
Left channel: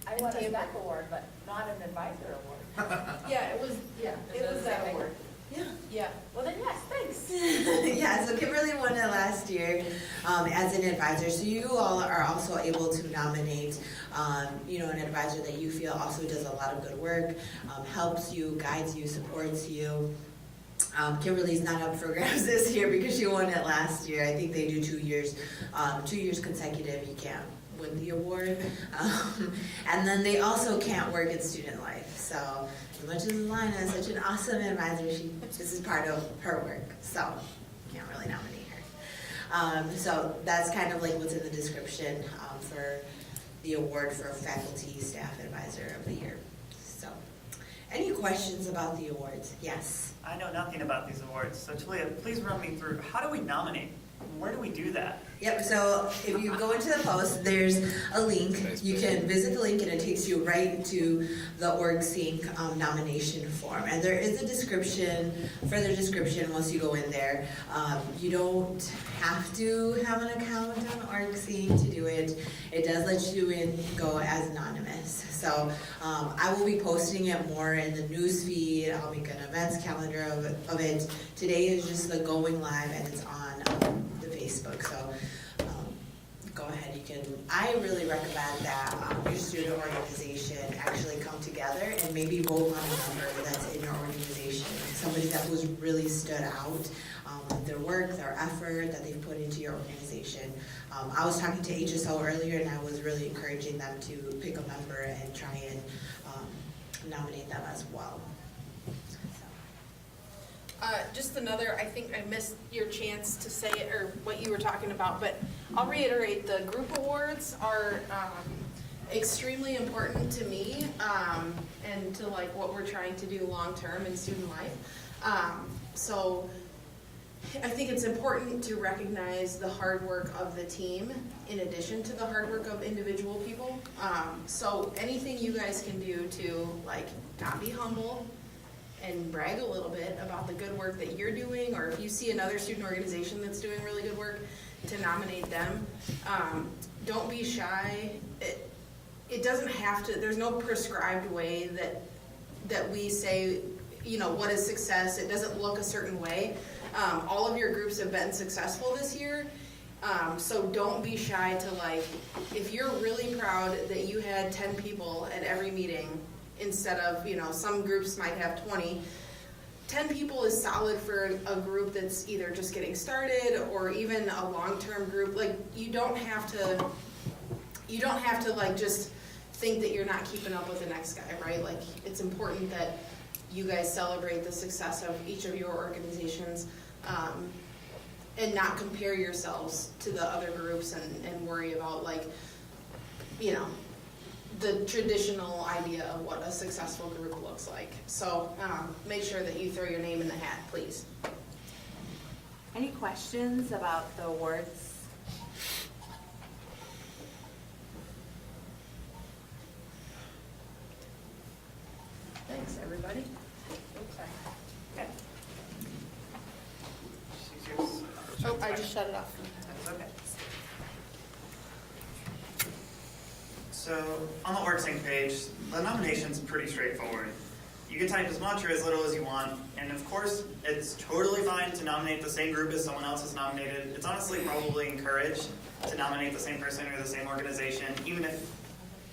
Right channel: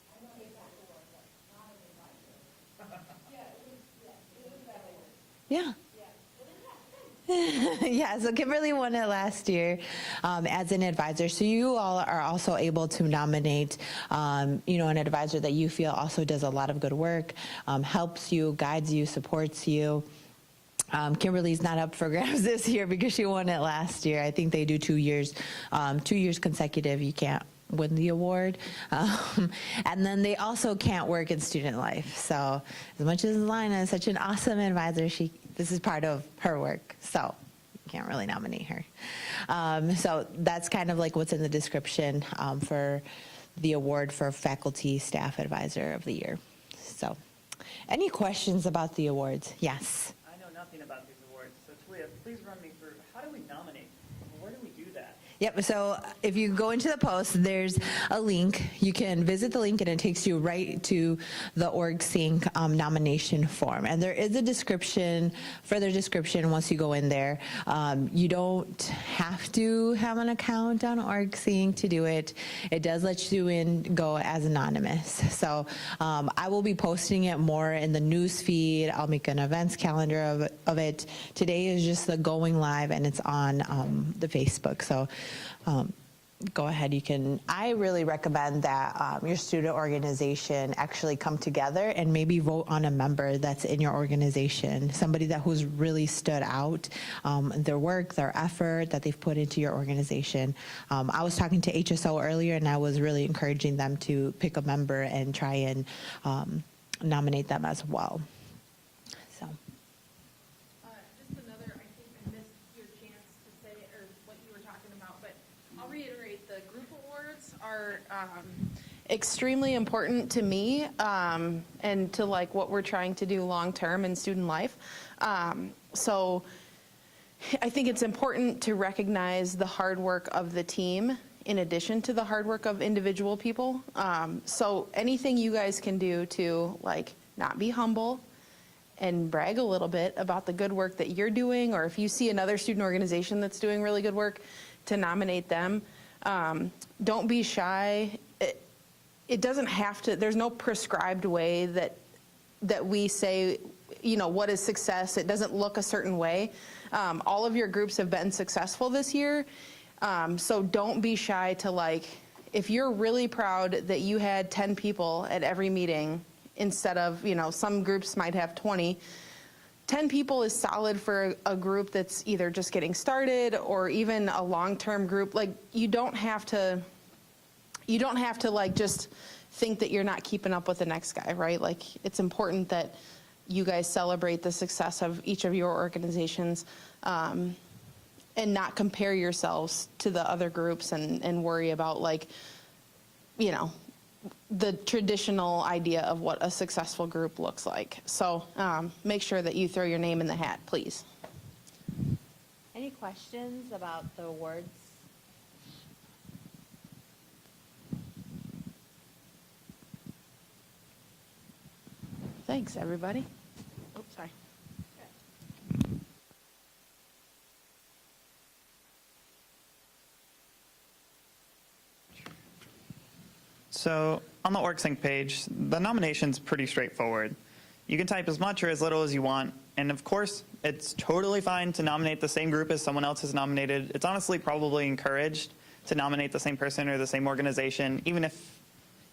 I won a SPAC award, but not an advisor award. It was that award. Yeah. Yeah, well then, yes, thanks. Yeah, so Kimberly won it last year as an advisor. So you all are also able to nominate, an advisor that you feel also does a lot of good work, helps you, guides you, supports you. Kimberly's not up for grabs this year because she won it last year. I think they do 2 years, 2 years consecutive. You can't win the award. And then they also can't work in student life. So as much as Lina is such an awesome advisor, this is part of her work. So you can't really nominate her. So that's kind of like what's in the description for the award for Faculty Staff Advisor of the Year. So any questions about the awards? Yes. I know nothing about these awards, so Talia, please run me through, how do we nominate? Where do we do that? Yep, so if you go into the post, there's a link. You can visit the link and it takes you right to the Org Sync nomination form. And there is a description, further description once you go in there. You don't have to have an account on Org Sync to do it. It does let you go as anonymous. So I will be posting it more in the news feed. I'll make an events calendar of it. Today is just the going live and it's on the Facebook. So go ahead, I really recommend that your student organization actually come together and maybe vote on a member that's in your organization, somebody who's really stood out, their work, their effort that they've put into your organization. I was talking to HSO earlier and I was really encouraging them to pick a member and try and nominate them as well. Just another, I think I missed your chance to say it or what you were talking about, but I'll reiterate, the group awards are extremely important to me and to like what we're trying to do long term in student life. So I think it's important to recognize the hard work of the team in addition to the hard work of individual people. So anything you guys can do to like not be humble and brag a little bit about the good work that you're doing, or if you see another student organization that's doing really good work, to nominate them. Don't be shy. It doesn't have to, there's no prescribed way that we say, what is success. It doesn't look a certain way. All of your groups have been successful this year. So don't be shy to if you're really proud that you had 10 people at every meeting, instead of, some groups might have 20. 10 people is solid for a group that's either just getting started or even a long-term group. You don't have to just think that you're not keeping up with the next guy, right? It's important that you guys celebrate the success of each of your organizations and not compare yourselves to the other groups and worry about the traditional idea of what a successful group looks like. So make sure that you throw your name in the hat, please. Any questions about the awards? Thanks, everybody. Oops, sorry. Oh, I just shut it off. So on the OrgSync page, the nomination's pretty straightforward. You can type as much or as little as you want, and of course, it's totally fine to nominate the same group as someone else has nominated. It's honestly probably encouraged to nominate the same person or the same organization, even if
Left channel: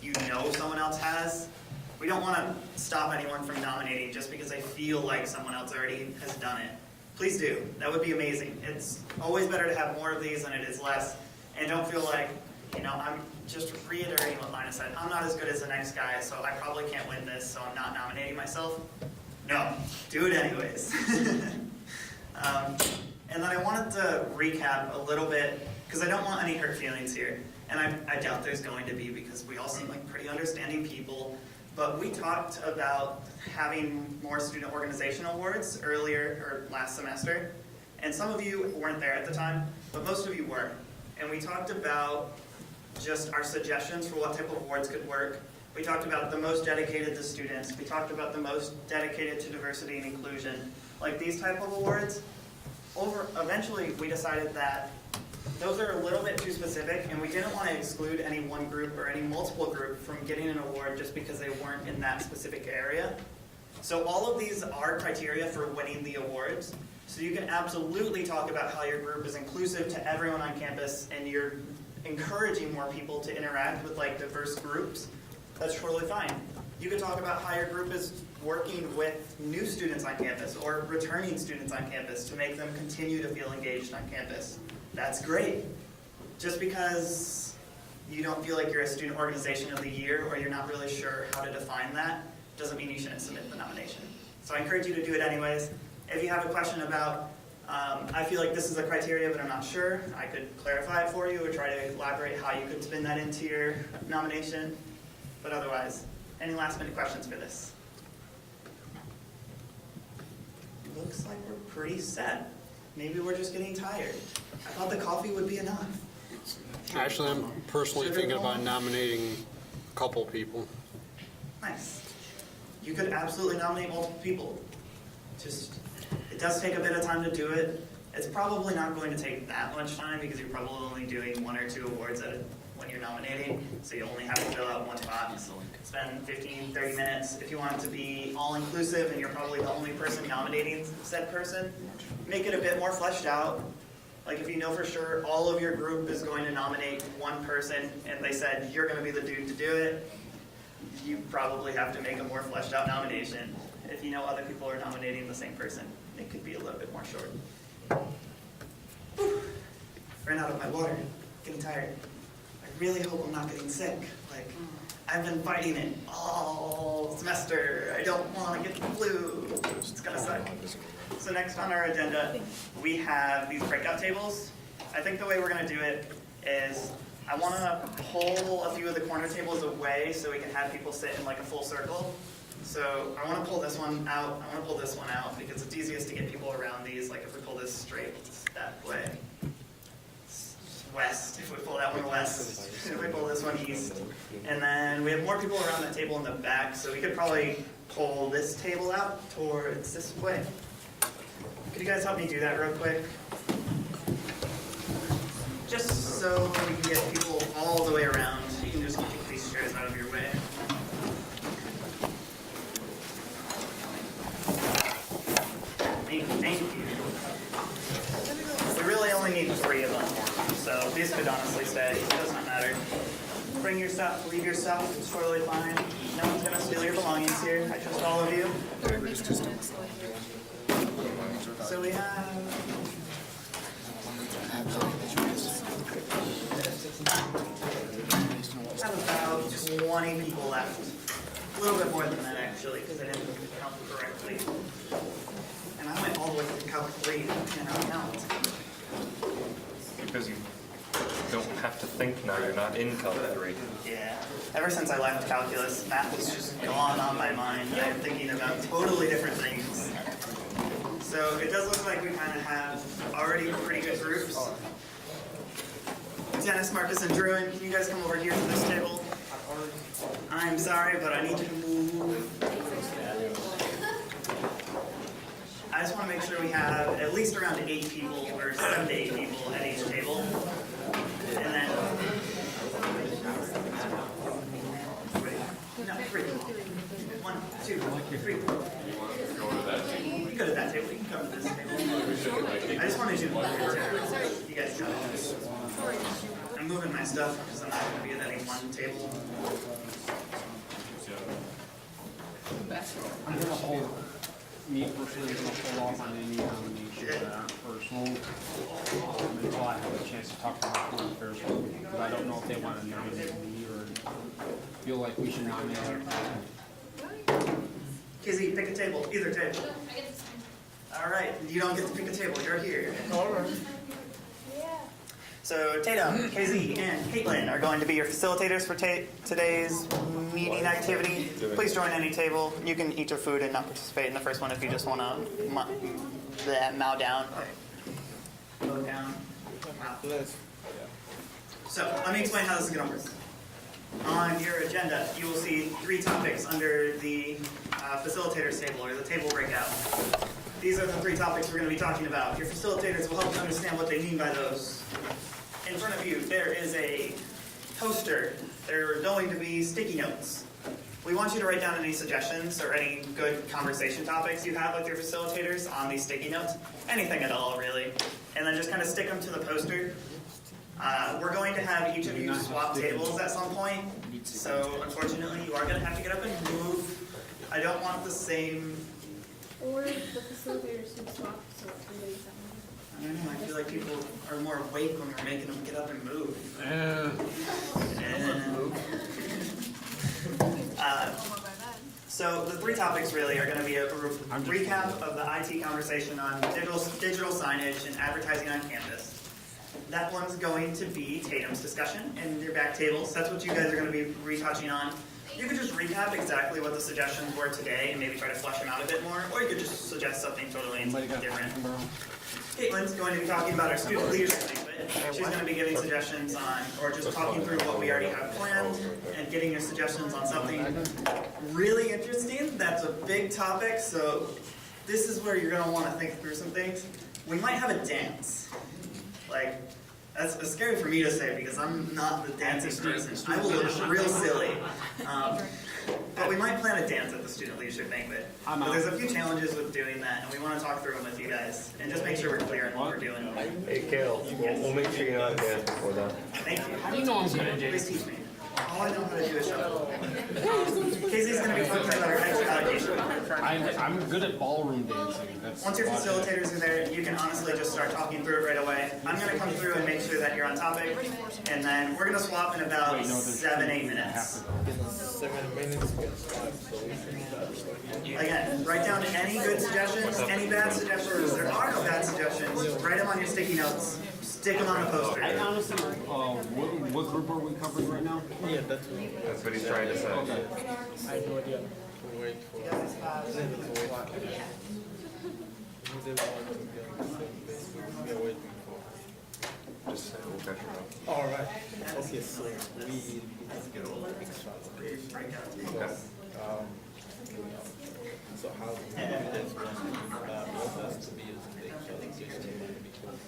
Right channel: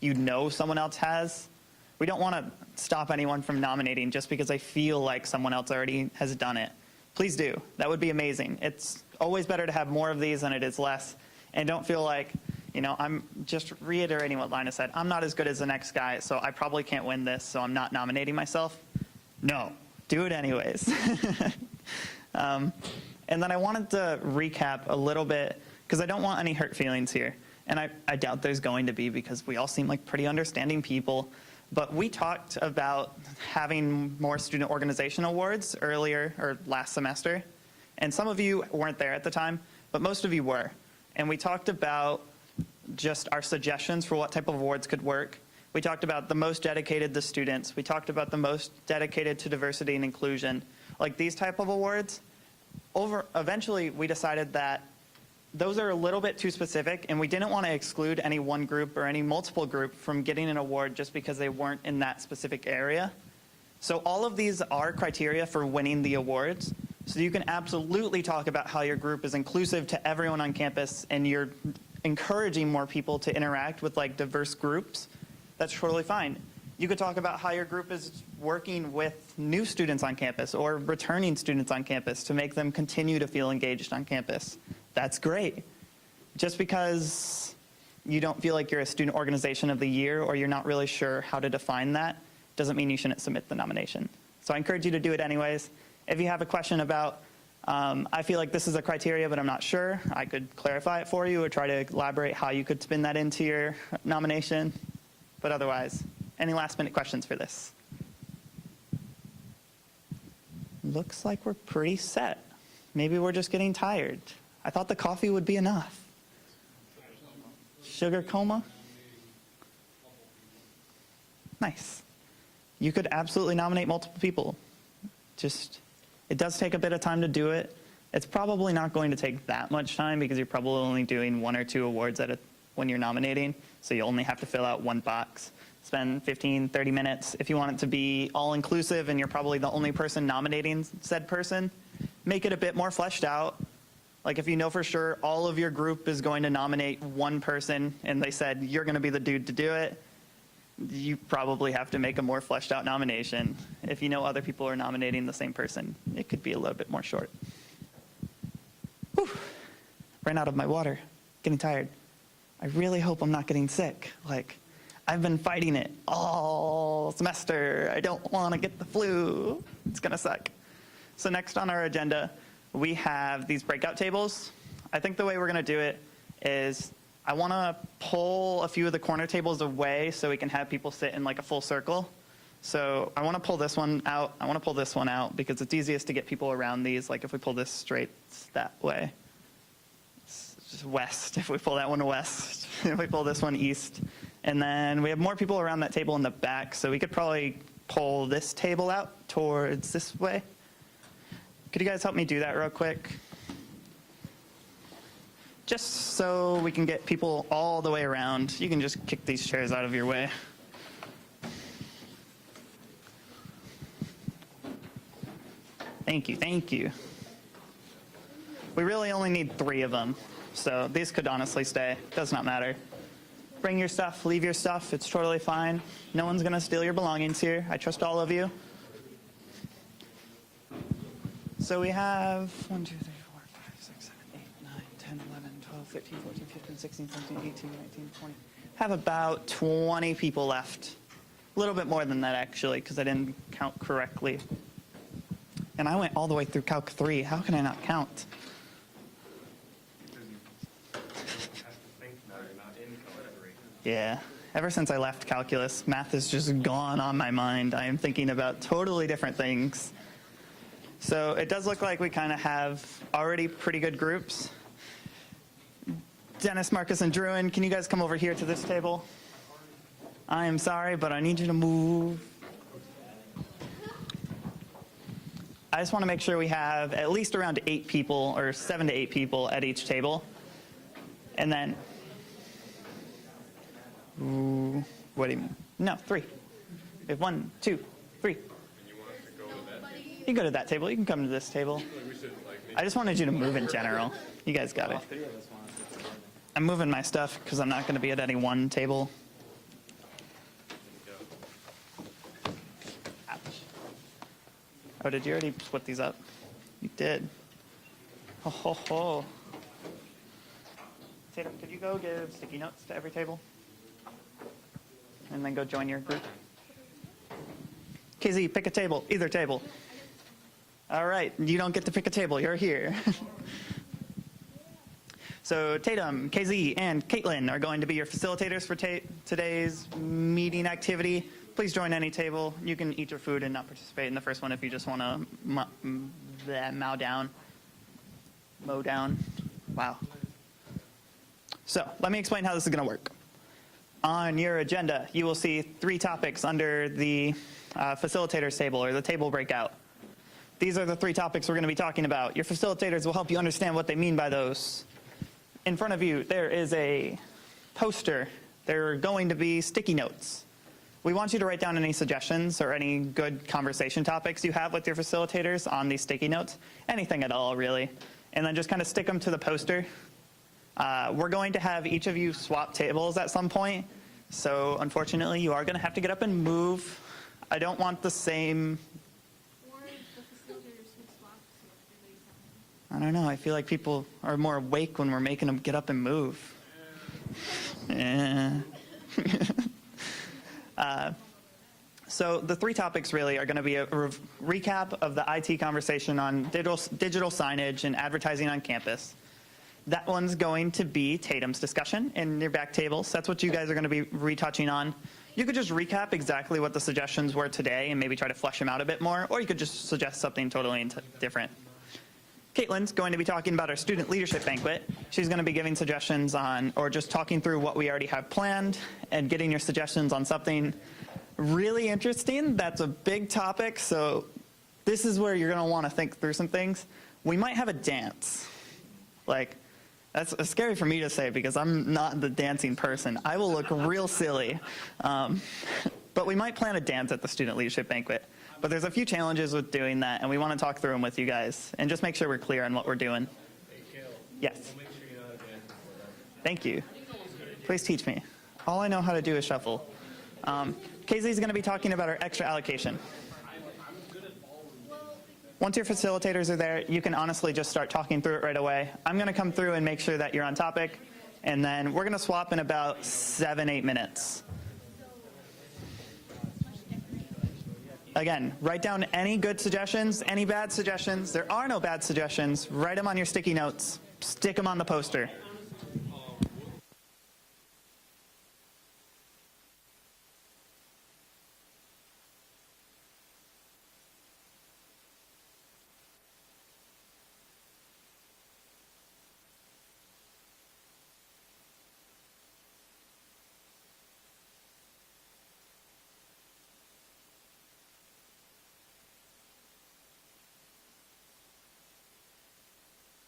you know someone else has. We don't want to stop anyone from nominating just because they feel like someone else already has done it. Please do. That would be amazing. It's always better to have more of these than it is less, and don't feel like, I'm just reiterating what Lina said. I'm not as good as the next guy, so I probably can't win this, so I'm not nominating myself. No, do it anyways. And then I wanted to recap a little bit, because I don't want any hurt feelings here. And I doubt there's going to be, because we all seem like pretty understanding people. But we talked about having more student organization awards earlier, or last semester. And some of you weren't there at the time, but most of you were. And we talked about just our suggestions for what type of awards could work. We talked about the most dedicated to students. We talked about the most dedicated to diversity and inclusion. These type of awards. Eventually, we decided that those are a little bit too specific, and we didn't want to exclude any one group or any multiple group from getting an award just because they weren't in that specific area. So all of these are criteria for winning the awards, So you can absolutely talk about how your group is inclusive to everyone on campus and you're encouraging more people to interact with like diverse groups. That's totally fine. You could talk about how your group is working with new students on campus or returning students on campus to make them continue to feel engaged on campus. That's great. Just because you don't feel like you're a student organization of the year or you're not really sure how to define that doesn't mean you shouldn't submit the nomination. So I encourage you to do it anyways. If you have a question about, I feel like this is a criteria, but I'm not sure, I could clarify it for you or try to elaborate how you could spin that into your nomination. But otherwise, any last minute questions for this? Looks like we're pretty set. Maybe we're just getting tired. I thought the coffee would be enough. Actually, I'm personally Sugar thinking coma? about nominating a couple people. Nice. You could absolutely nominate multiple people. Just, it does take a bit of time to do it. It's probably not going to take that much time because you're probably only doing 1 or 2 awards when you're nominating. So you only have to fill out 1 box. Spend 15, 30 minutes. If you want it to be all inclusive and you're probably the only person nominating said person, make it a bit more fleshed out. Like if you know for sure all of your group is going to nominate 1 person and they said you're going to be the dude to do it, you probably have to make a more fleshed out nomination. If you know other people are nominating the same person, it could be a little bit more short. Whew. Ran out of my water. Getting tired. I really hope I'm not getting sick. Like, I've been fighting it all semester. I don't want to get the flu. It's gonna suck. So next on our agenda, we have these breakout tables. I think the way we're gonna do it is I want to pull a few of the corner tables away so we can have people sit in like a full circle. So I want to pull this one out. I want to pull this one out because it's easiest to get people around these. Like if we pull this straight that way, it's just west. If we pull that one west, if we pull this one east. And then we have more people around that table in the back, so we could probably pull this table out towards this way. Could you guys help me do that real quick? Just so we can get people all the way around. You can just kick these chairs out of your way. Thank you, thank you. We really only need 3 of them, so these could honestly stay. Does not matter. Bring your stuff, leave your stuff, it's totally fine. No one's gonna steal your belongings here. I trust all of you. So we have about 20 people left. A little bit more than that actually, because I didn't count correctly. And I went all the way through Calc 3. How can I not count? Because you don't have to think now, you're not in Calc 3. Yeah. Ever since I left calculus, math has just gone on my mind. I am thinking about totally different things. So it does look like we kind of have already pretty good groups. Dennis, Marcus, and Druin, can you guys come over here to this table? I'm sorry, but I need you to move. I just want to make sure we have at least around 8 people, or 7 to 8 people at each table. And then, what do you, no, 3. We have 1, 2, 3. You go to that table, you can come to this table. I just wanted you to move in general. You guys got it. I'm moving my stuff because I'm not going to be at any one table. Oh, did you already flip these up? You did. Oh, ho, ho. Can you go I don't know if they want to every table? feel like we should Can they go nominate join your group? KZ, pick a table. Either table. All right. You don't get to pick a table. You're here. So Tatum, KZ, and Caitlin are going to be your facilitators for today's meeting activity. Please join any table. You can eat your food and not participate in the first one if you just want to mow down. Mow down. Wow. So let me explain how this is going to work. On your agenda, you will see 3 topics under the facilitators table or the table breakout. These are the 3 topics we're going to be talking about. Your facilitators will help you understand what they mean by those. In front of you, there is a poster. There are going to be sticky notes we want you to write down any suggestions or any good conversation topics you have with your facilitators on these sticky notes. Anything at all, really. And then just kind of stick them to the poster. We're going to have each of you swap tables at some point. So unfortunately, you are going to have to get up and move. I don't want the same... Or the facilitators can swap, so everybody's at one. I don't know. I feel like people are more awake when we're making them get up and move. So the three topics really are going to be a recap of the IT conversation on digital signage and advertising on campus. That one's going to be Tatum's discussion in your back tables. That's what you guys are going to be retouching on. You could just recap exactly what the suggestions were today and maybe try to flesh them out a bit more, or you could just suggest something totally different. Caitlin's going to be talking about our student leadership banquet. She's going to be giving suggestions on, or just talking through what we already have planned and getting your suggestions on something really interesting. That's a big topic, so this is where you're going to want to think through some things. We might have a dance. Like, that's scary for me to say because I'm not the dancing person. I will look real silly. But we might plan a dance at the student leadership banquet. But there's a few challenges with doing that, and we want to talk through them with you guys and just make sure we're clear on what we're doing. Hey, Kale. Yes. We'll make sure you're not dance before that. Thank you. Please teach me. All I know how to do is shuffle. Casey's going to be talking about our extra allocation. I'm good at ballroom dancing. Once your facilitators are there, you can honestly just start talking through it right away. I'm going to come through and make sure that you're on topic, and then we're going to swap in about 7-8 minutes. Again, write down any good suggestions, any bad suggestions. There are no bad suggestions. Write them on your sticky notes. Stick them on the poster. Honestly, what group are we covering right now? Yeah, That's what he's trying to say. I have no idea. Just say we'll catch her up. All right. Okay, so we get all the extra allocation. Okay. So how do we do this? What has to be is the extra allocation because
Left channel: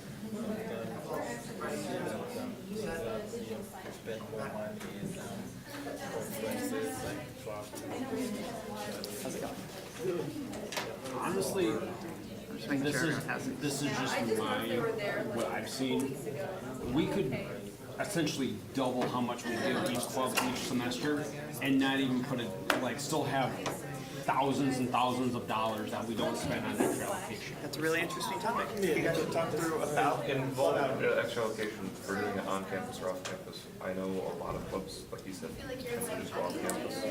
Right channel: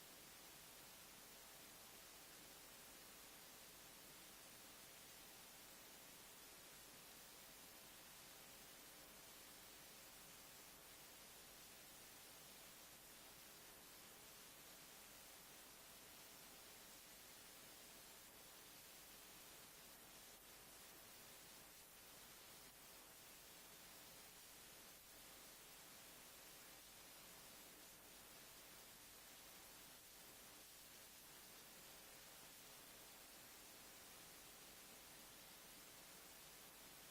spend more money in conferences like How's it going? Honestly, this is just what I've seen. We could essentially double how much we give each club each semester and not even put it, like, still have thousands and thousands of dollars that we don't spend on extra allocation. That's a really interesting topic. You guys should talk through about Involved extra allocation for doing it on campus or off campus. I know a lot of clubs, like you said, tend to just go off campus.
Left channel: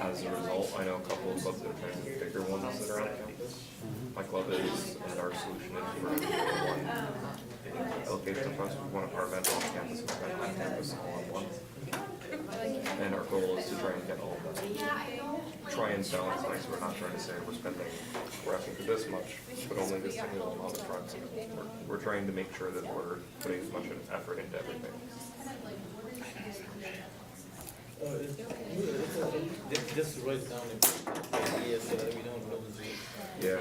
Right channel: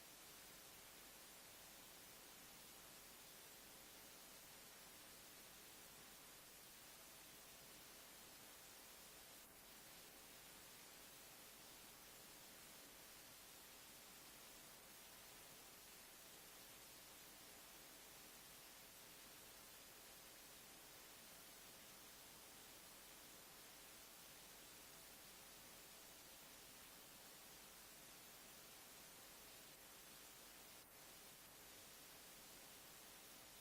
As a result, I know a couple of clubs that are trying to do bigger ones that are on campus. My club is, and our solution is for one allocation of funds for one apartment off campus and spend on campus all in one. And our goal is to try and get all of that. Try and balance things. We're not trying to say we're asking for this much, but only this single amount of trucks. We're trying to make sure that we're putting as much effort into everything. just write down ideas so that we don't lose it. Yeah.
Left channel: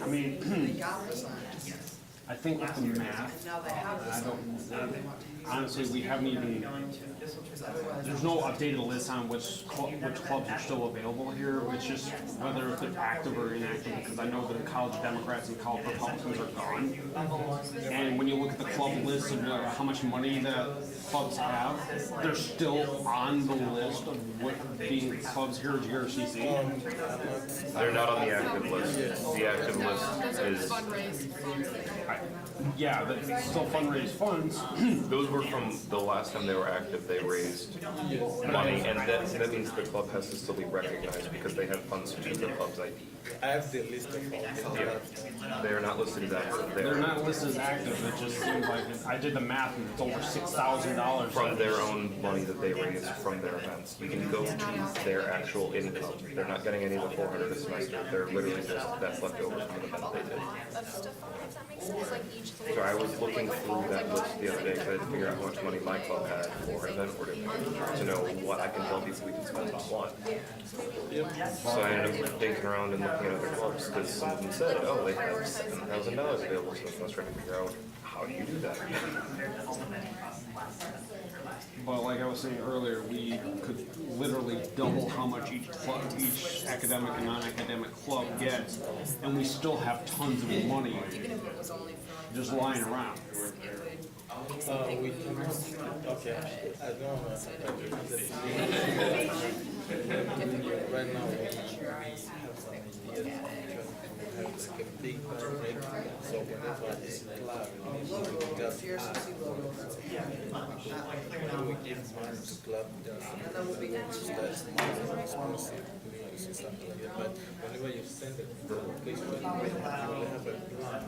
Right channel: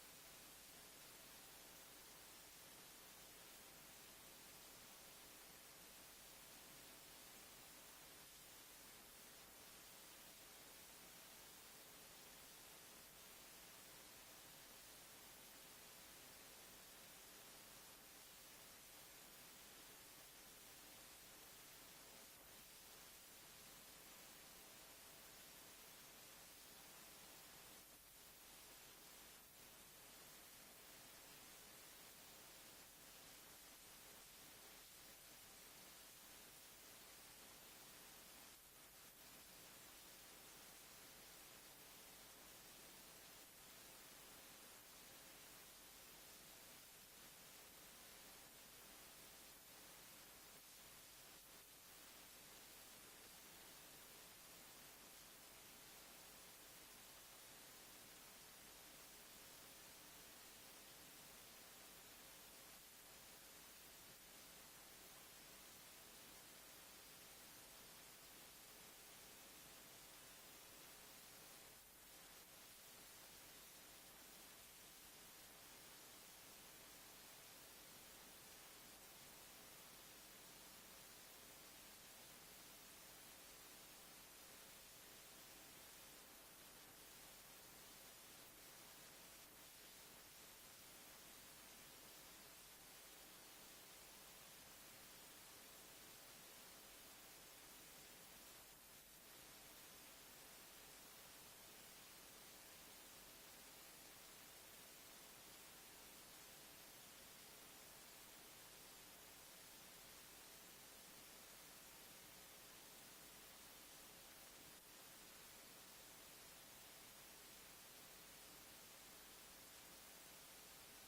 I mean, I think with the math, honestly, we haven't even, there's no updated list on which clubs are still available here. It's just whether if they're active or inactive, because I know that the college Democrats and college Republicans are gone. And when you look at the club list of how much money that clubs have, they're still on the list of what being clubs here at GRCC. They're not on the active list. The active list is, yeah, but still fundraise funds. those were from the last time they were active, they raised money, and that means the club has to still be recognized because they have funds to the club's ID. I have the list of all. Yeah. They are not listed as active. They're not listed as active, it just seems like, I did the math and it's over $6,000. From their own money that they raise from their events. You can go to their actual income. They're not getting any of the $400 a semester. They're literally just, that's left over from an event they did. It's like each. So I was looking through that list the other day to figure out how much money my club had for an event order to know what I can tell people we can spend on what. So I ended up digging around and looking at other clubs because some of them said, oh, they have $7,000 available. So I was trying to figure out how do you do that? But like I was saying earlier, we could literally double how much each club, each academic and non-academic club gets, and we still have tons of money just lying around. Okay, I don't know. Right now, we have some ideas to have like a big break. So whenever this club, we just we give money to club, just that's money responsive, something like that. But whenever you send it to the location, you will have a plan.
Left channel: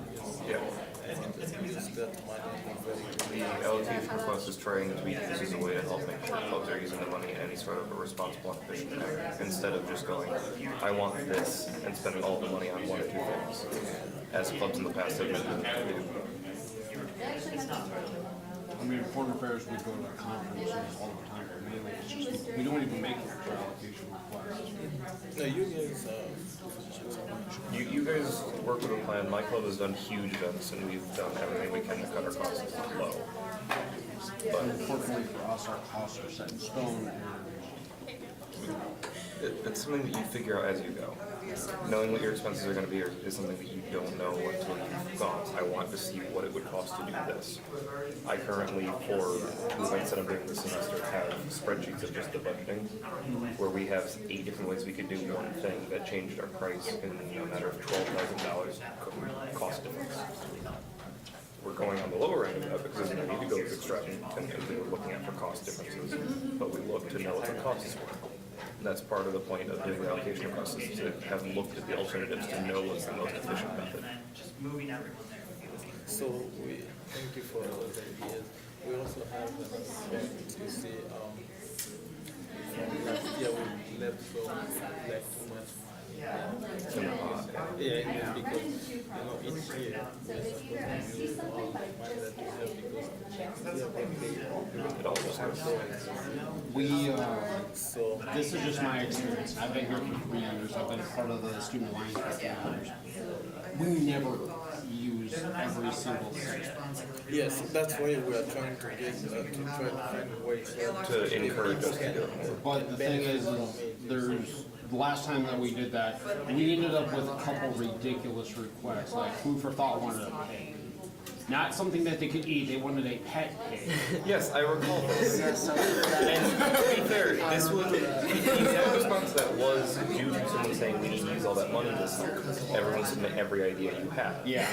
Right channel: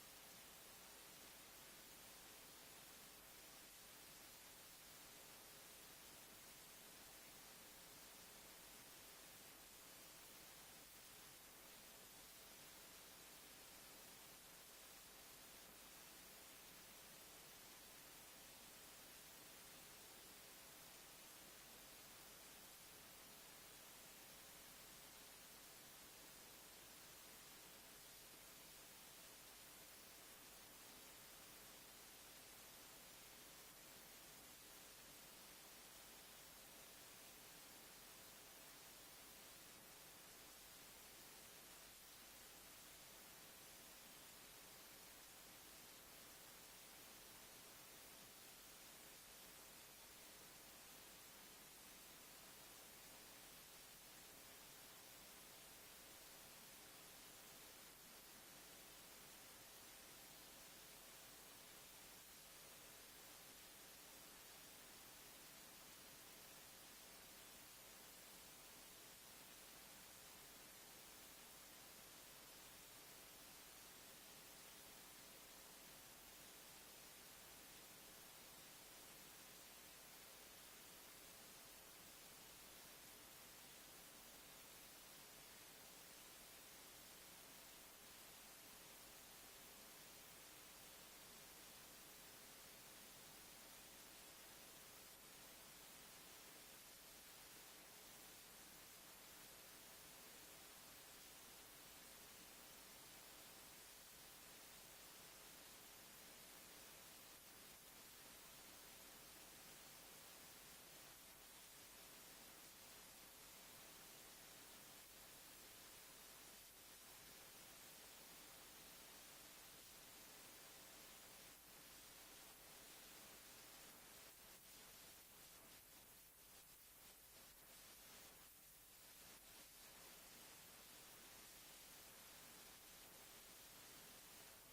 Yeah. And use that money very The allocation request is trying to be used as a way to help make sure clubs are using the money in any sort of a responsible and efficient manner, instead of just going, I want this, and spending all the money on one or two things, as clubs in the past have been able to do. I mean, foreign affairs, we go to conferences all the time, but mainly it's just, we don't even make extra allocation requests. No, you guys, You guys work with a plan. My club has done huge events, and we've done everything we can to cut our costs low. But unfortunately for us, our costs are set in stone. It's something that you figure out as you go. Knowing what your expenses are going to be is something that you don't know until you've gone. I want to see what it would cost to do this. I currently, for the events that I'm doing this semester, have spreadsheets of just the budgeting, where we have 8 different ways we could do one thing that changed our price in a matter of $12,000 cost difference. We're going on the lower end of that because there's no need to go as extravagant as we were looking at for cost differences, but we look to know what the costs were. That's part of the point of doing the allocation process, is to have looked at the alternatives to know what's the most efficient method. so we thank you for all the ideas. We also have an aspect to see, last year we left so like too much money. Yeah, because each year we're supposed to use all the money that we have because we have been paid. It all just goes. This is just my experience. I've been here for 3 years. I've been part of the Student Alliance for 3 years. We never use every single thing. Yes, that's why we are trying to get, to try to find a way To encourage us to do it more. But the thing is there's, the last time that we did that, we ended up with a couple ridiculous requests, like Food for Thought wanted a pig. Not something that they could eat, they wanted a pet pig. Yes, I recall this. And to be fair, this was, the exact response to that was due to someone saying we need to use all that money this year. Everyone submit every idea you have. Yeah.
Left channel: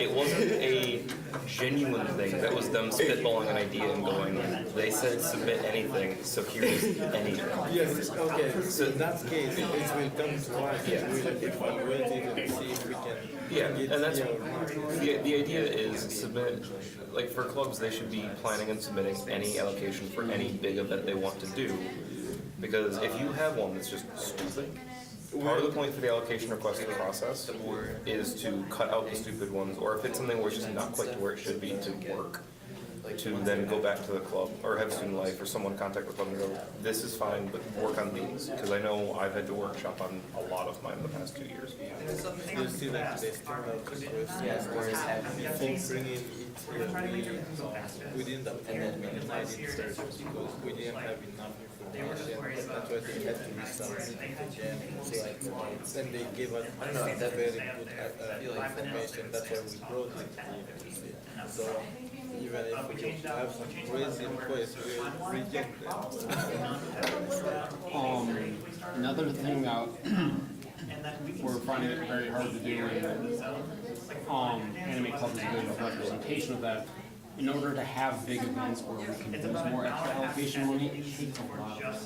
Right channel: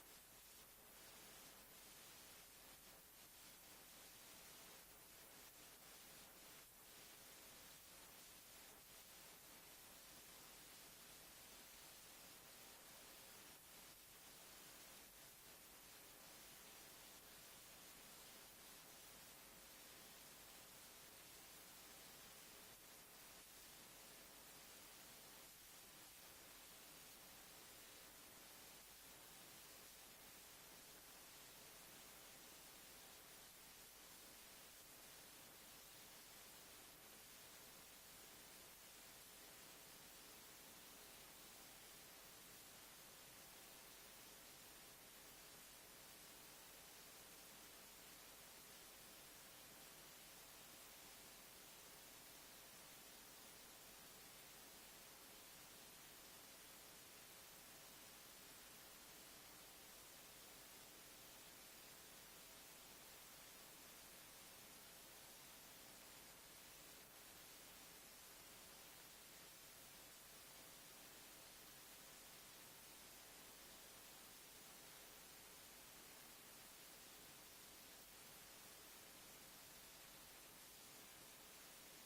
It wasn't a genuine thing, that was them spitballing an idea and going, they said submit anything, so here's anything. Yes, okay, so in that case, it will come to us, Yeah. we'll evaluate it and see if we can. Yeah, get and that's, the the idea is submit, like for clubs, they should be planning and submitting any allocation for any big event they want to do. Because if you have one that's just stupid, part of the point for the allocation request process is to cut out the stupid ones, or if it's something where it's just not quite to where it should be to work, to then go back to the club, or have Student Life, or someone contact the club and go, this is fine, but work on these. Because I know I've had to workshop on a lot of mine in the past 2 years. You see like they still have before bringing it here, we didn't have minimize it because we didn't have enough information. That's why they had to resubmit it again. So then they gave us very good information. That's why we brought it here. So even if we have some crazy requests, we reject them. Another thing we're finding it very hard to do, and Anime Club is a good representation of that. In order to have big events where we can use more extra allocation money, it takes a lot of time.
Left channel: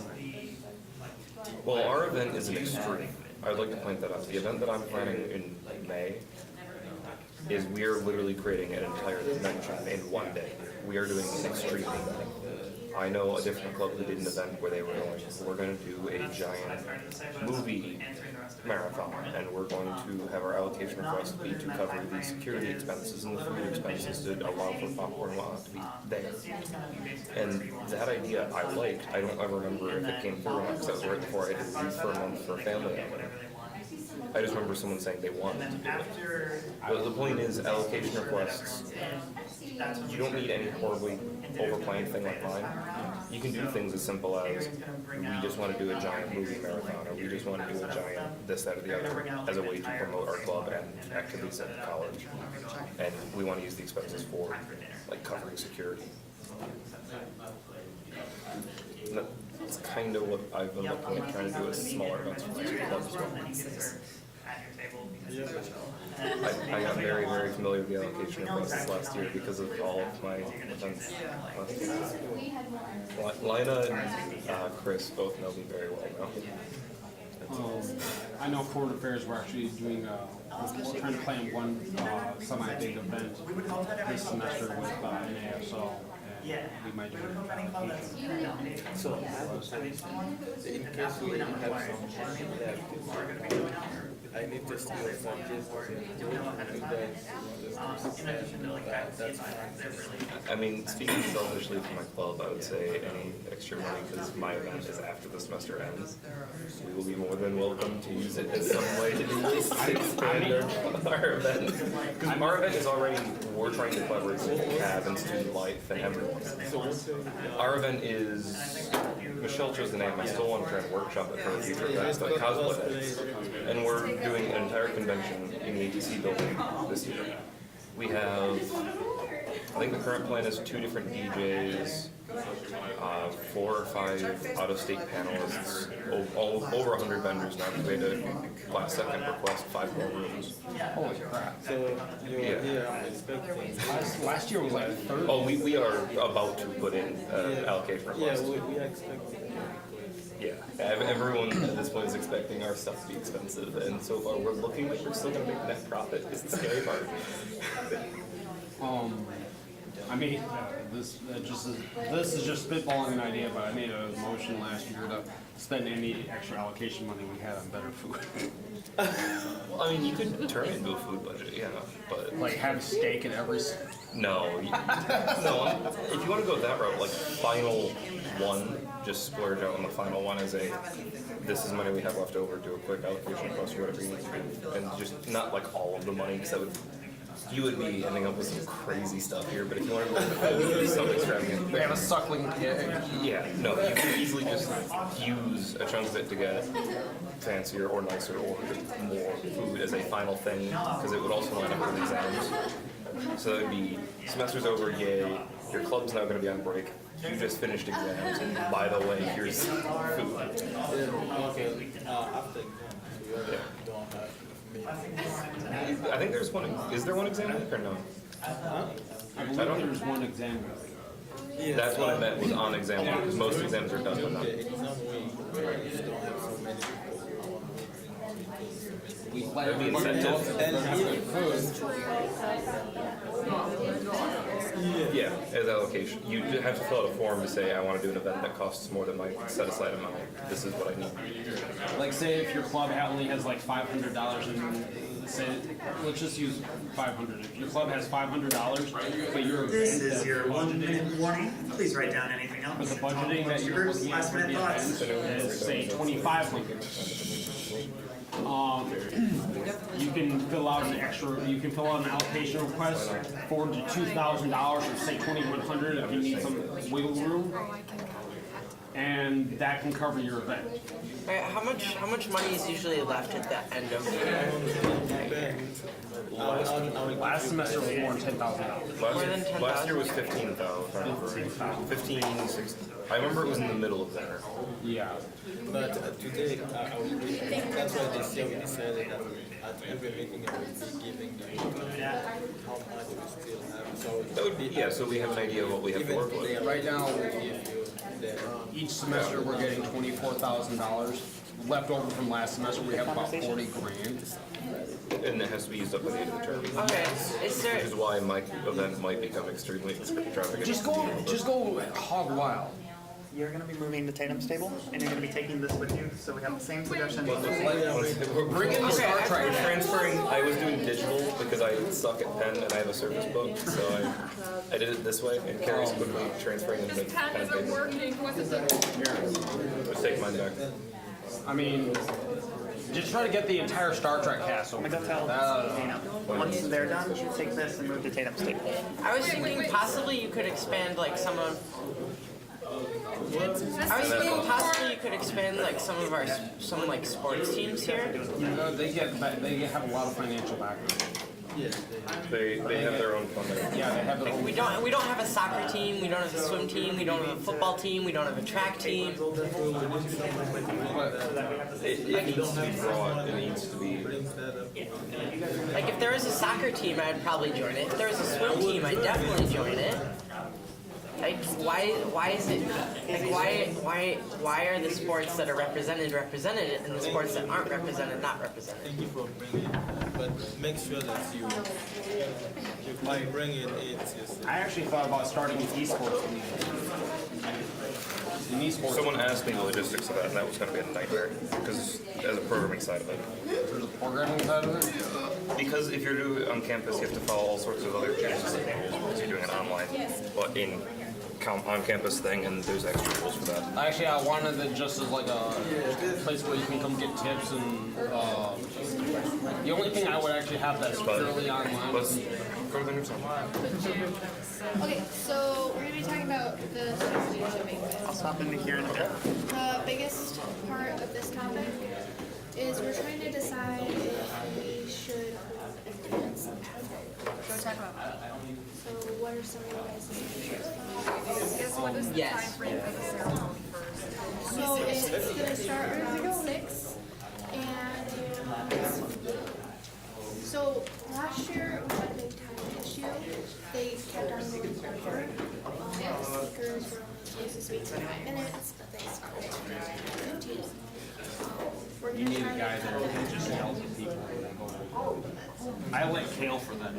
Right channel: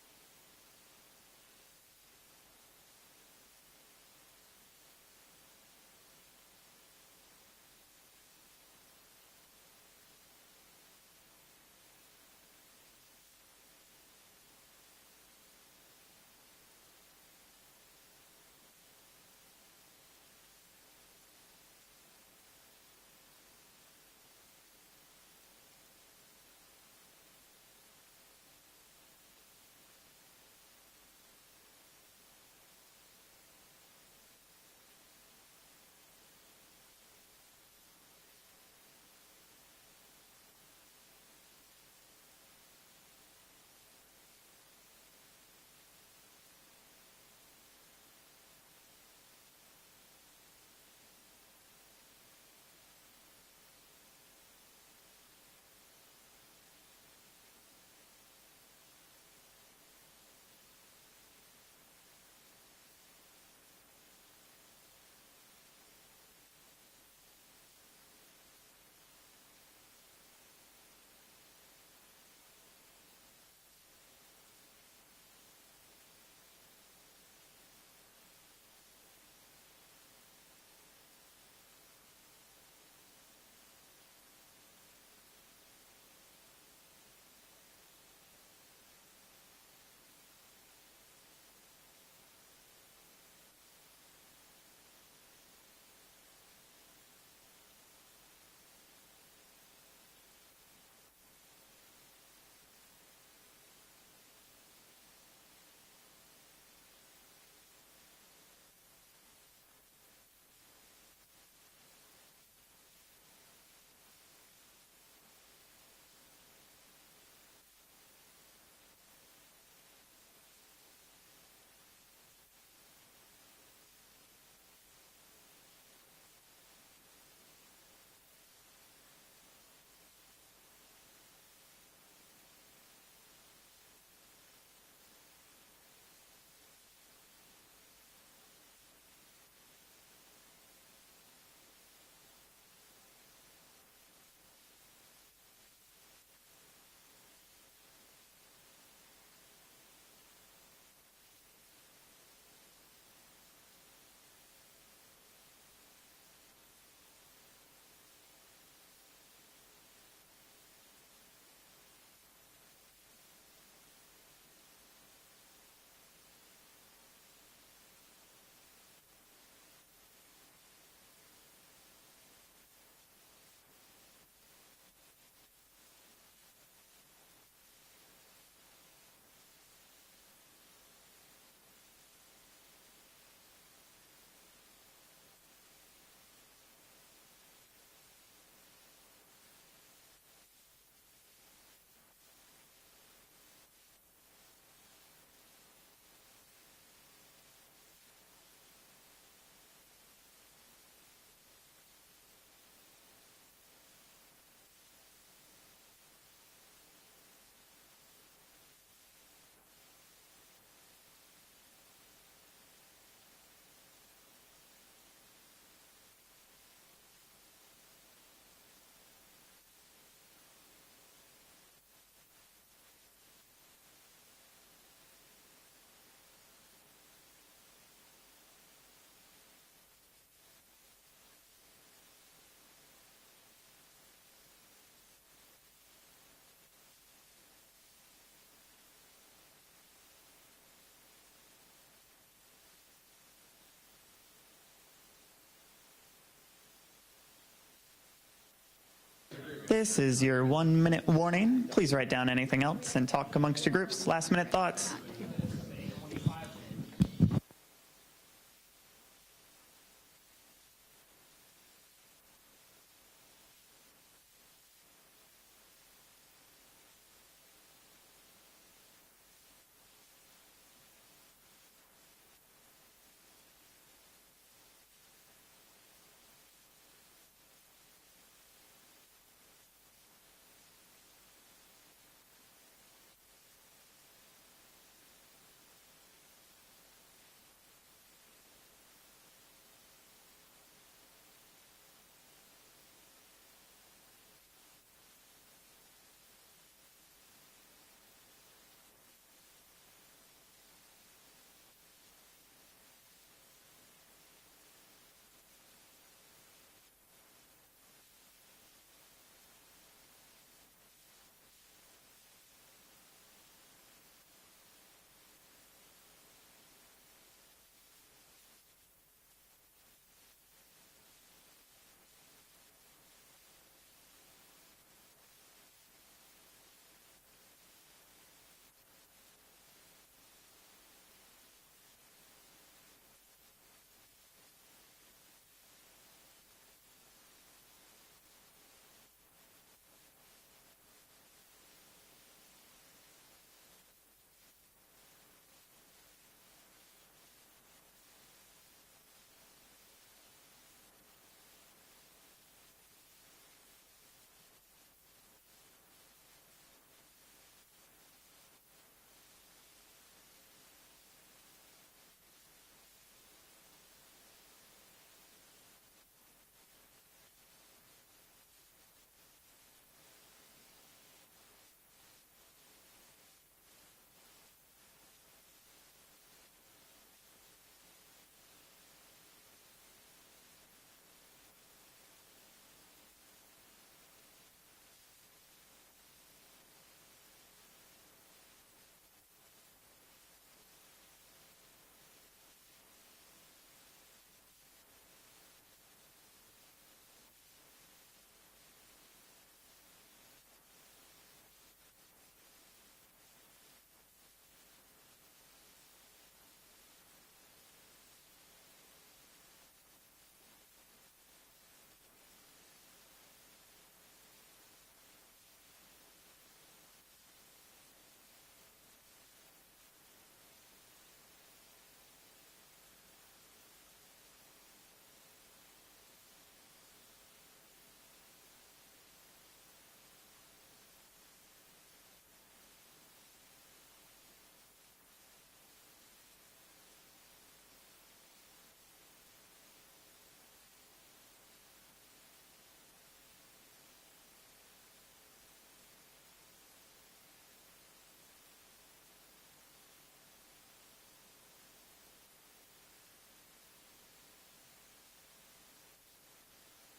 Well, our event is an extreme. I'd like to point that out. The event that I'm planning in May is we are literally creating an entire dimension in one day. We are doing an extreme thing. I know a different club who did an event where they were going, we're gonna do a giant movie marathon, and we're going to have our allocation request be to cover the security expenses and the food expenses to allow for popcorn and whatnot to be there. And that idea I liked. I don't ever remember if it came through or not, because that was right before I did Youth for a Month for a family outing. I just remember someone saying they wanted to do it. But the point is, allocation requests, you don't need any horribly overplanned thing like mine. You can do things as simple as, we just want to do a giant movie marathon, or we just want to do a giant this, that, or the other, as a way to promote our club and activities at the college. And we want to use the expenses for, like, covering security. And that's kind of what I've been looking at, trying to do is smaller events for my clubs. I got very, very familiar with the allocation process last year because of all of my events last year. Lina and Chris both know me very well now. I know Foreign Affairs, we're actually doing, trying to plan one semi-big event this semester with NASO, and we might do it. So I have a question. In case we have some money left, I need to steal from this. That's fine. I mean, speaking selfishly for my club, I would say any extra money, because my event is after the semester ends. We will be more than welcome to use it as some way to expand our event. Because our event is already, we're trying to collaborate with CAB and student life and everyone. Our event is, Michelle chose the name, I still want to try and workshop it for a future event, like cosplay events. And we're doing an entire convention in the ATC building this year. We have, I think the current plan is 2 different DJs, 4 or 5 out-of-state panelists, over 100 vendors now, because we had to last second request 5 more rooms. Holy crap. So you're here expecting. Last year was like 30. Oh, we are about to put in allocation Yeah, request. we are expecting. Yeah, everyone at this point is expecting our stuff to be expensive, and so far we're looking like we're still gonna make net profit. It's the scary part. I mean, this is just spitballing an idea, but I made a motion last year to spend any extra allocation money we had on better food. Well, I mean, you could turn it into a food budget, yeah, but Like have steak at every. no, no. If you want to go that route, like final one, just splurge out on the final one as a, this is money we have left over, do a quick allocation request or whatever you need to do, and just not like all of the money, because that would, you would be ending up with some crazy stuff here. But if you want to do something extravagant, We have a suckling pig. yeah, no, you can easily just use a chunk of it to get fancier or nicer or more food as a final thing, because it would also line up with exams. So that would be, semester's over, yay, your club's now going to be on break, you just finished exams, and by the way, here's food. Okay, after exam, so you don't have me. I think there's one, is there one exam week or no? I believe there's one exam. Yeah, That's what I meant was on exam week, because most exams are done, but not. the exam week where you don't have so many people. That'd be incentive. And here, Yeah, as allocation. You have to fill out a form to say, I want to do an event that costs more than my set aside amount. This is what I need. Like say if your club only has like $500 and say, let's just use 500. If your club has $500, but you're. This is your 1-minute warning. Please write down anything else and talk amongst your groups. Last minute thoughts. Say 2,500. You can fill out an allocation request for the $2,000 or say 2,100 if you need some wiggle room. And that can cover your event. All right, how much money is usually left at the end of the year? Last semester was more than $10,000. Last year was 15,000. 15, 16. I remember it was in the middle of there. Yeah. but today, that's why this year we decided that at every meeting I will be giving you how much we still have. So that would be, yeah, so we have an idea of what we have to work with. Right now, each semester we're getting $24,000 left over from last semester. We have about 40 grand. And it has to be used up by the end of the term. Okay, is there? Which is why my event might become extremely extravagant. Just go hog wild. you're going to be moving to Tatum's table, and you're going to be taking this with you, so we have the same suggestion. Bring in the Star Trek. Transferring, I was doing digital because I suck at pen and I have a service book, so I did it this way, and Carrie's quickly transferring into pen and paper. working, what is it? Let's take mine back. I mean, just try to get the entire Star Trek cast over. I'm going to go tell Dana. Once they're done, take this and move to Tatum's table. I was thinking possibly you could expand like some of. I was thinking possibly you could expand like some of our like sports teams here. They have a lot of financial background. They have their own funding. Yeah, they have their own. We don't have a soccer team. We don't have a swim team. We don't have a football team. We don't have a track team. It needs to be broad. It needs to be. Like if there was a soccer team, I'd probably join it. If there was a swim team, I'd definitely join it. Like why is it like why are the sports that are represented and the sports that aren't represented not represented? Thank you for bringing it, but make sure that you by bringing it. I actually thought about starting an esports league. Someone asked me the logistics of that, and that was going to be a nightmare because as a programming side of it. There's a programming side of it. Because if you're doing it on campus, you have to follow all sorts of other changes and manuals because you're doing it online. But in on-campus thing, and there's extra rules for that. Actually, I wanted it just as like a place where you can come get tips and the only thing I would actually have that's purely online. Let's go to the next one. Okay, so we're gonna be talking about the student leadership banquet. I'll stop in here in a bit. The biggest part of this topic is we're trying to decide if we should hold a dance after. Go talk about that. So what are some of your guys' suggestions? What is the Yes. time frame for the ceremony first? So it's gonna start around 6, and so last year we had a big time issue. They kept on going over. The speakers were only supposed to speak for 5 minutes, but they started for 15. We're You gonna need a try guy to that cut can that just down. help the people. I like Kale for that.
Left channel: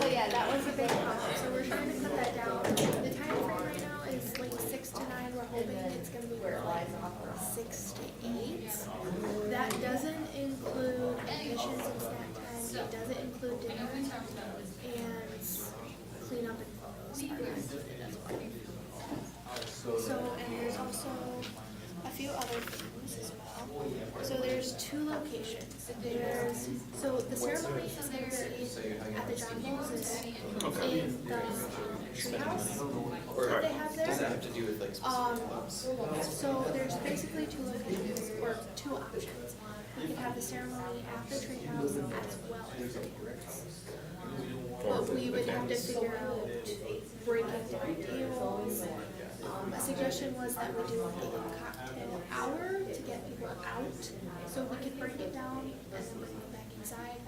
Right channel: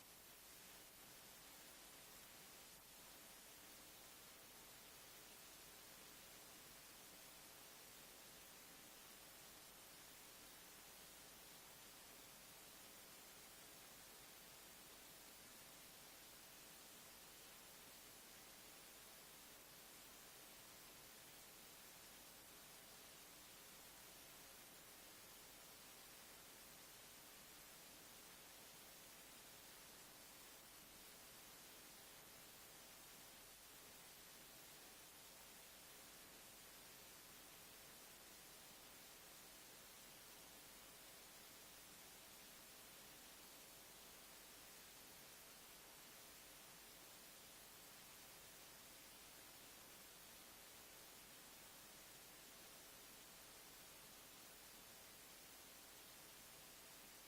But yeah, that was a big problem. So we're trying to cut that down. The time frame right now is like 6 to 9. We're hoping it's going to be like 6 to 8. That doesn't include admissions and snack time. It doesn't include dinner and cleanup and photos are included as well. So, and there's also a few other things as well. So there's 2 locations. So the ceremony is going to be at the John Bowles in the treehouse that they have there. So there's basically 2 locations, or 2 options. We could have the ceremony at the treehouse as well as the campus. But we would have to figure out breaking down tables. A suggestion was that we do a cocktail hour to get people out, so we could break it down and then bring them back inside.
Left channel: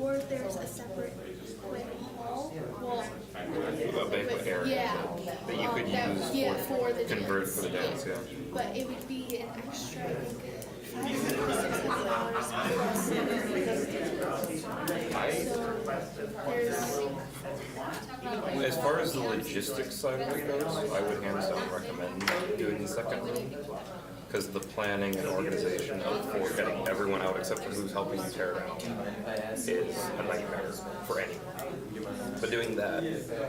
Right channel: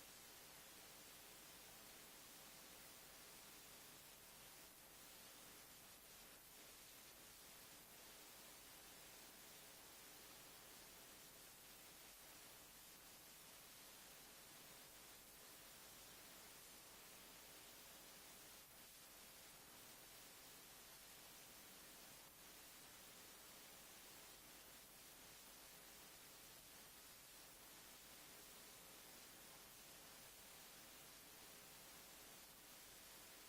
Or there's a separate banquet hall. Well, A banquet area that you could use for the convert dance. for the dance, yeah. But it would be an extra, I think, $500 so there's. As far as the logistics side of it goes, I would hands down recommend doing the second room. Because the planning and organization for getting everyone out except for who's helping you tear down is a nightmare for anyone. But doing that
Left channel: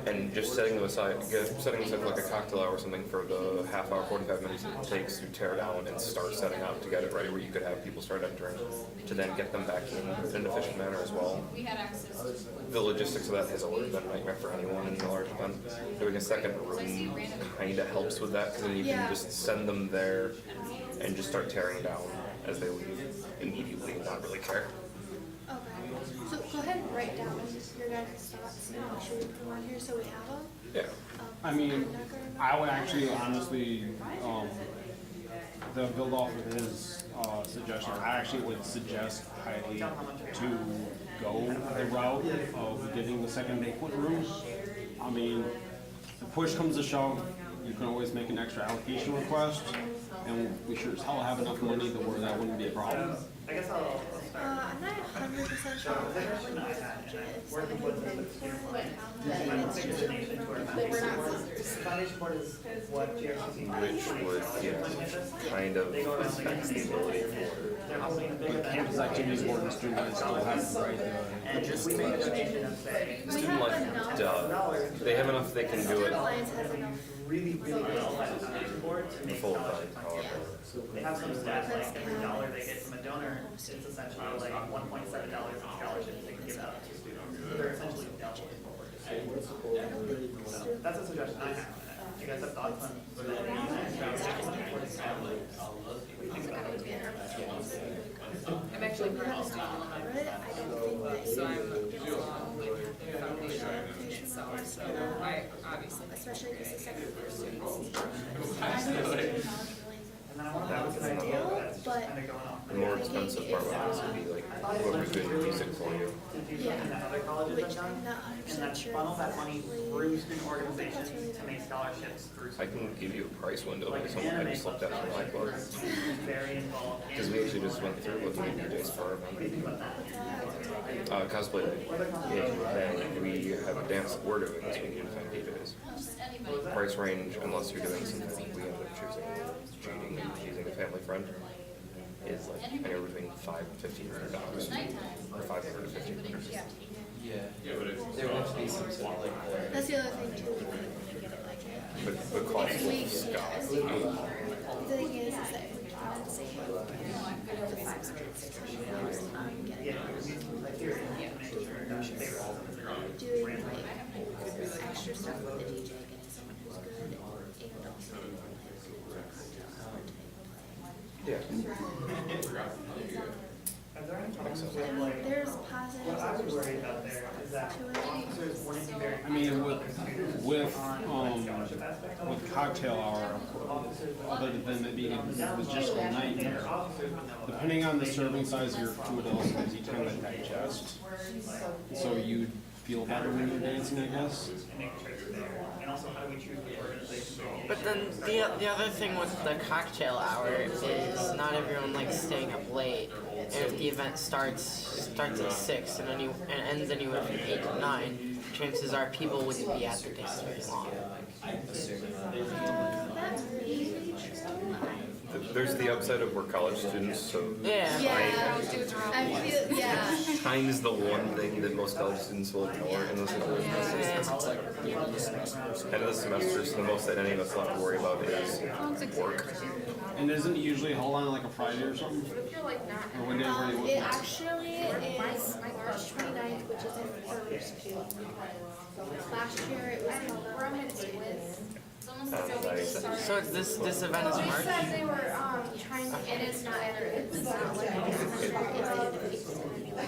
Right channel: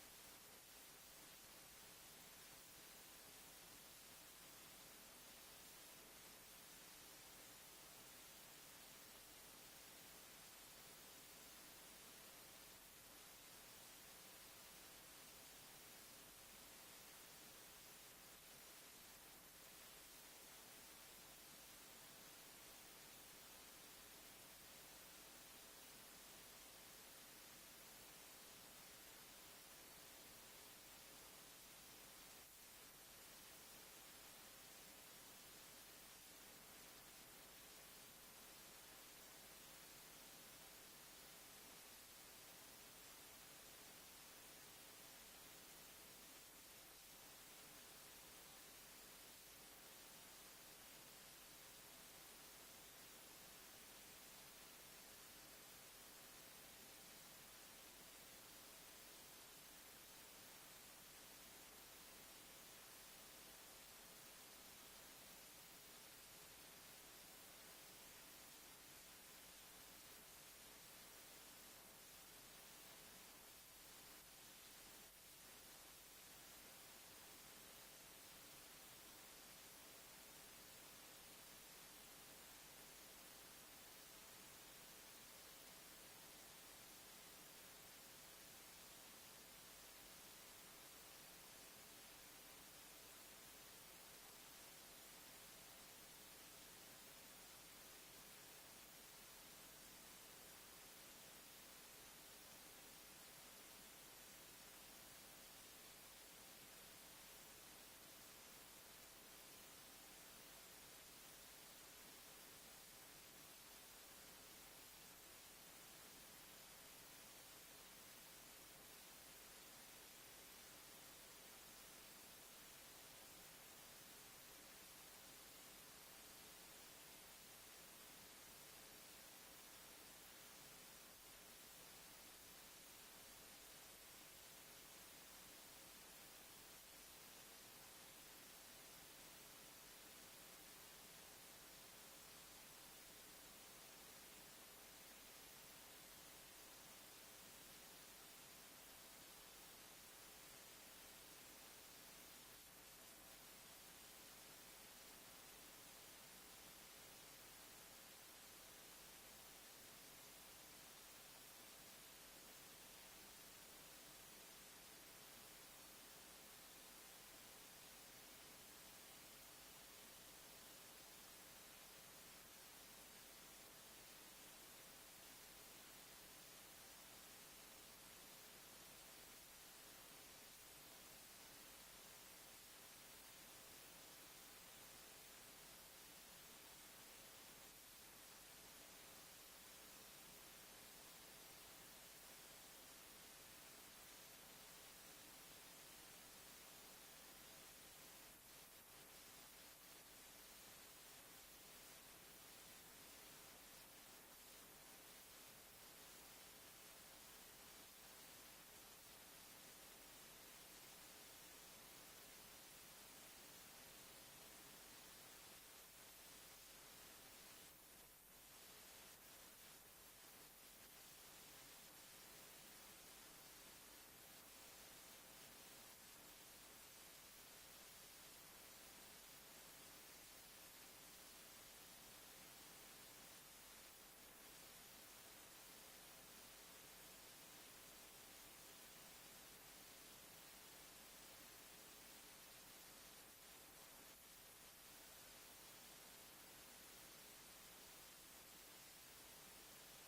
and just setting aside like a cocktail hour or something for the half hour, 45 minutes it takes to tear down and start setting up to get it ready, where you could have people start entering to then get them back in an efficient manner as well. The logistics of that has always been a nightmare for anyone in a large event. Doing a second room kind of helps with that because then you can just send them there and just start tearing down as they leave immediately and not really care. Okay. So go ahead and write down your guys' thoughts and make sure we put them on here so we have them. Yeah. I mean, I would actually honestly, to build off of his suggestion, I actually would suggest highly to go the route of getting the second banquet room. I mean, if push comes to shove, you can always make an extra allocation request, and we sure as hell have enough money to where that wouldn't be a problem. I'm not 100% like essentially like budget, so I think for it, that it's just coming from, that we're not scissors. Foundation board is what GRCC Which would, kind of affects the ability for Campus activities board and student life still have the right and just we make a donation of say student life, they have enough they can do it Alliance has enough. really well by the foundation board to make full scholarships. time, however. They have some stats like every dollar they get from a donor, it's essentially like $1.7 in scholarships they can give out to students. So they're essentially doubling what we're doing. So that's a suggestion I have. Do you guys have thoughts on what do you think about it? I'm actually part of the student alumni. I don't think that So you I'm get along with with the foundation itself, so I obviously make especially because the second year students. And then I want to have an idea that's just kind of going off. The more expensive part would honestly be like whoever's doing music for you. And that other colleges have done, and then funnel that money through student organizations to make scholarships through. I can give you a price window based on what I just looked at for my club. Very involved. Because we actually just went through looking at DJs for our event. Cosplay night. And we have a dance that we're doing this weekend for DJs. Price range, unless you're doing something we end up choosing, cheating and using a family friend, is like anywhere between $500 and $1,500. Or $500 to $1,500. That's the other thing too. We can get it like. But the cost If we, will sky. the thing is that if we can say, $500, doing like extra stuff with the DJ, getting someone who's good, and also Yeah. there's positives. What I was worried about there is that officers wouldn't be very. I mean, with cocktail hour, other than it being a logistical nightmare, depending on the serving size of your food, also gives you time to digest. So you feel better when you're dancing, I guess. And also, how do we choose the organization? But then the other thing with the cocktail hour is not everyone likes staying up late. And if the event starts at 6 and ends anywhere from 8 to 9, chances are people wouldn't be at the dance very long. There's the upside of we're college students, so time is the one thing that most college students will ignore in this situation. End of the semester, so the most that any of us will have to worry about is work. And isn't it usually hold on like a Friday or something? Or when they It actually is March 29th, which is a Thursday. Last year it was held on Wednesday. So this event is They March? said they were trying, it is not, it's not like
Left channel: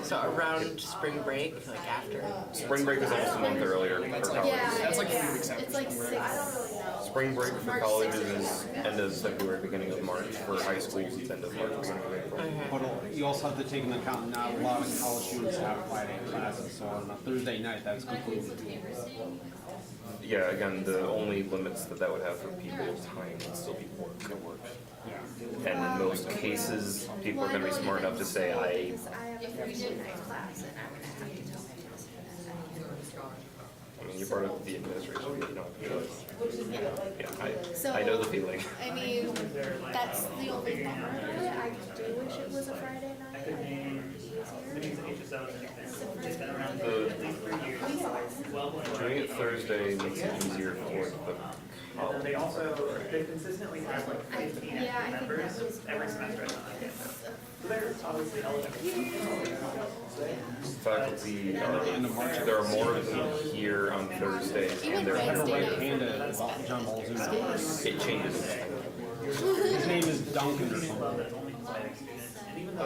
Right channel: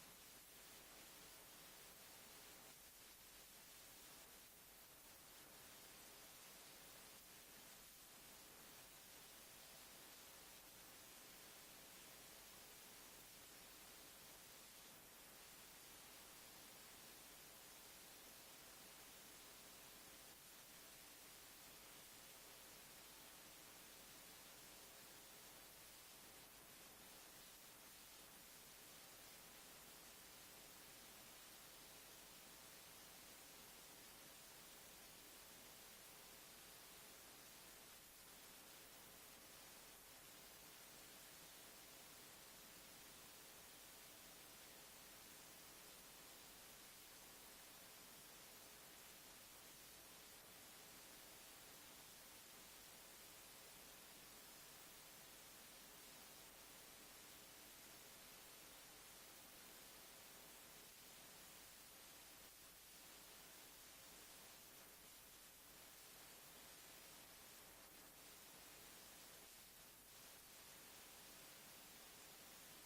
So around spring break, like after? Spring break is almost a month earlier for college. yeah, it's like 3 weeks after. It's like 6, I don't really know. Spring break for colleges is end of February, beginning of March. For high schools, it's end of March, beginning of April. But you also have to take into account not a lot of college students have Friday classes, so on a Thursday night, that's completely doable. Yeah, again, the only limits that would have for people's time would still be work at work. And in most cases, people are going to be smart enough to say, I have a Thursday night class and I'm gonna have to tell my test I mean, you're part of the administration, you know. So, I know the feeling. I mean, that's the only bummer about it. I do wish it was a Friday night. I think it'd be easier. Doing it Thursday makes it easier for the college. They also, they consistently have like 15 members every semester. So they're obviously eligible. Faculty are, there are more of them here on Thursdays, and they're Right-handed John Balzoon. it changes. His name is Duncan or something. I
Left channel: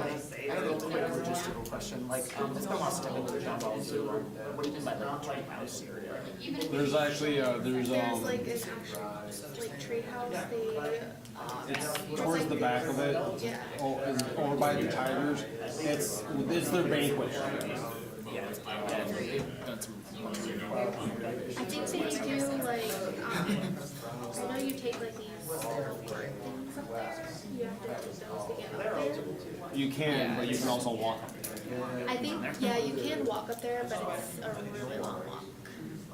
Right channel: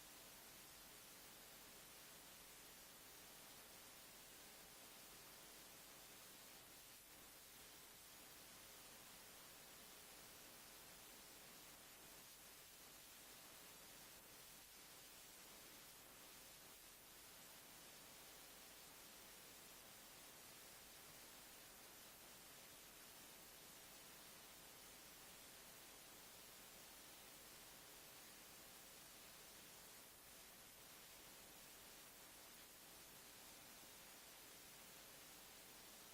have a quick logistical question, like, it's been a while since I've been to John Ball's Zoo, what do you mean by like treehouse area? There's actually, There's like an actual, like tree house, it's towards the back of it, over by the Tigers, it's their banquet area. I think they do like, I know you take like these things up there, you have to do those to get up there. You can, but you can also walk up there. I think, yeah, you can walk up there, but it's a really long walk.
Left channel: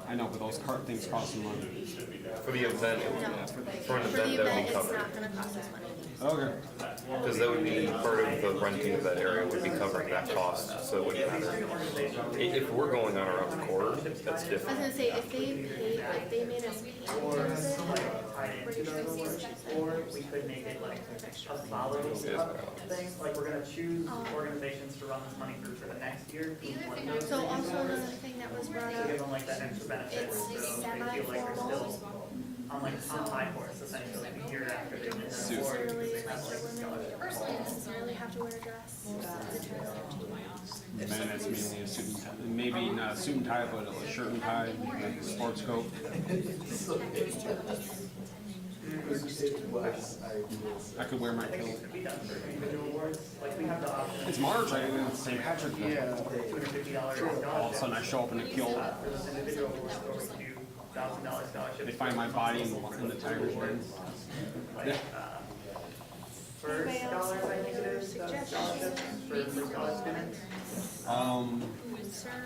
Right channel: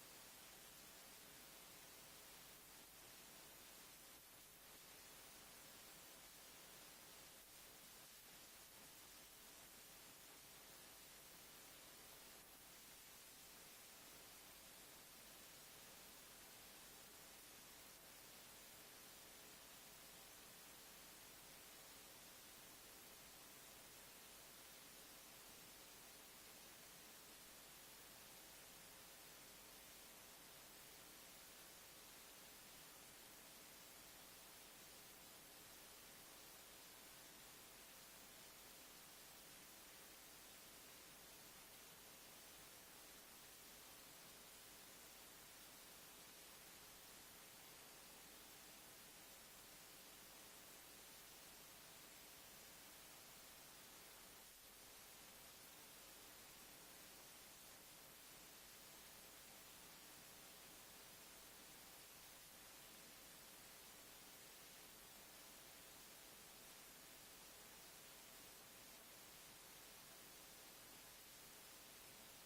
I know, but those cart things cost some money. For the event, for an For the event, that would event, be it's covered. not gonna cost us money. Okay. Because that would be part of the renting of that area would be covering that cost, so it wouldn't matter. If we're going on our own accord, that's I was different. gonna say, if they made us pay for it, pretty sure it's expensive. Or we could make it like a follow-up thing, like we're gonna choose organizations to run this money through for the next year. So also another thing that was brought To up, give them like that extra benefit, it's so they feel like they're semi-formal, still on like on high horse essentially the year after they win the award. necessarily like for women, you don't necessarily have to wear a dress. Man, that's mainly a suit and tie. Maybe not a suit and tie, but a shirt and tie, like a sports coat. I could wear my kilt. Like we have the option. It's March, I mean, it's St. Patrick's Day. $250 All of a sudden I show up in a kilt. for those individual awards go to $1,000 scholarship. They find my body in the tiger's den. Yeah. For scholars, I think it is, scholarships for scholar students.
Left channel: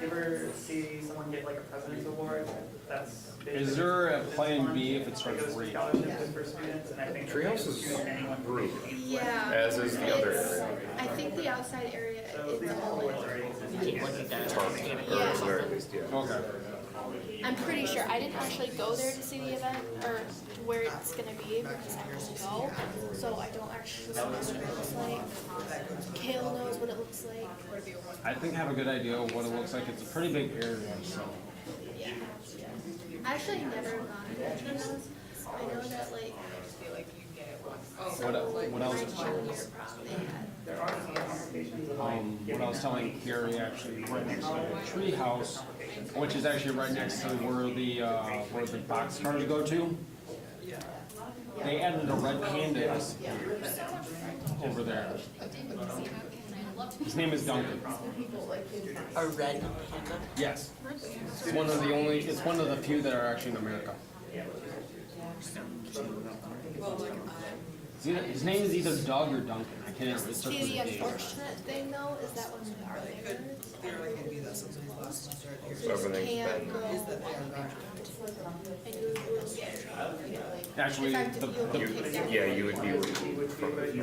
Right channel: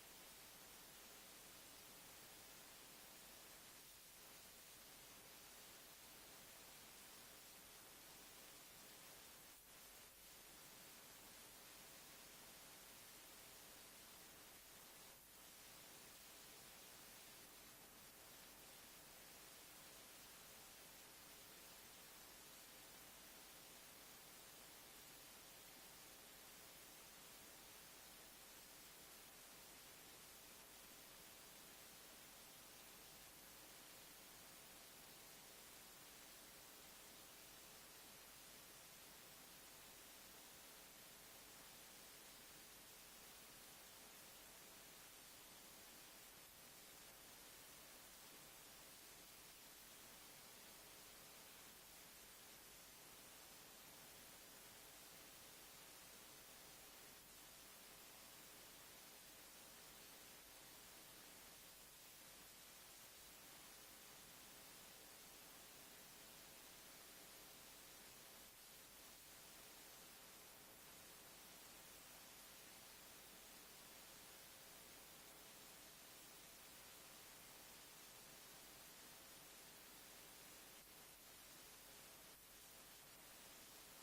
You ever see someone get like a president's award? That's. Is there a plan B if it starts It goes for raining? scholarships for students, and I think. Treehouse is group, Yeah. as is the other It's- area. I think the outside area is These only, awards already exist. Or at the very least, yeah. Okay. I'm pretty sure, I didn't actually go there to see the event, or where it's gonna be, because I couldn't go, so I don't actually know what it looks like. Kale knows what it looks like. I think I have a good idea of what it looks like. It's a pretty big area, so. Yeah. I actually never gone to those. I know that like, What else? my junior prom, they had. What I was telling Gary, actually, right next to the tree house, which is actually right next to where the box cars go to. They added a red panda over there. His name is Duncan. A red panda? Yes. It's one of the only, it's one of the few that are actually in America. His name is either Doug or Duncan. I can't remember. It's See, the unfortunate thing though, is that when we are there, Everything's can't been. go and you will get in trouble. Actually, In fact, you'll take that. Yeah, you would be removed from it.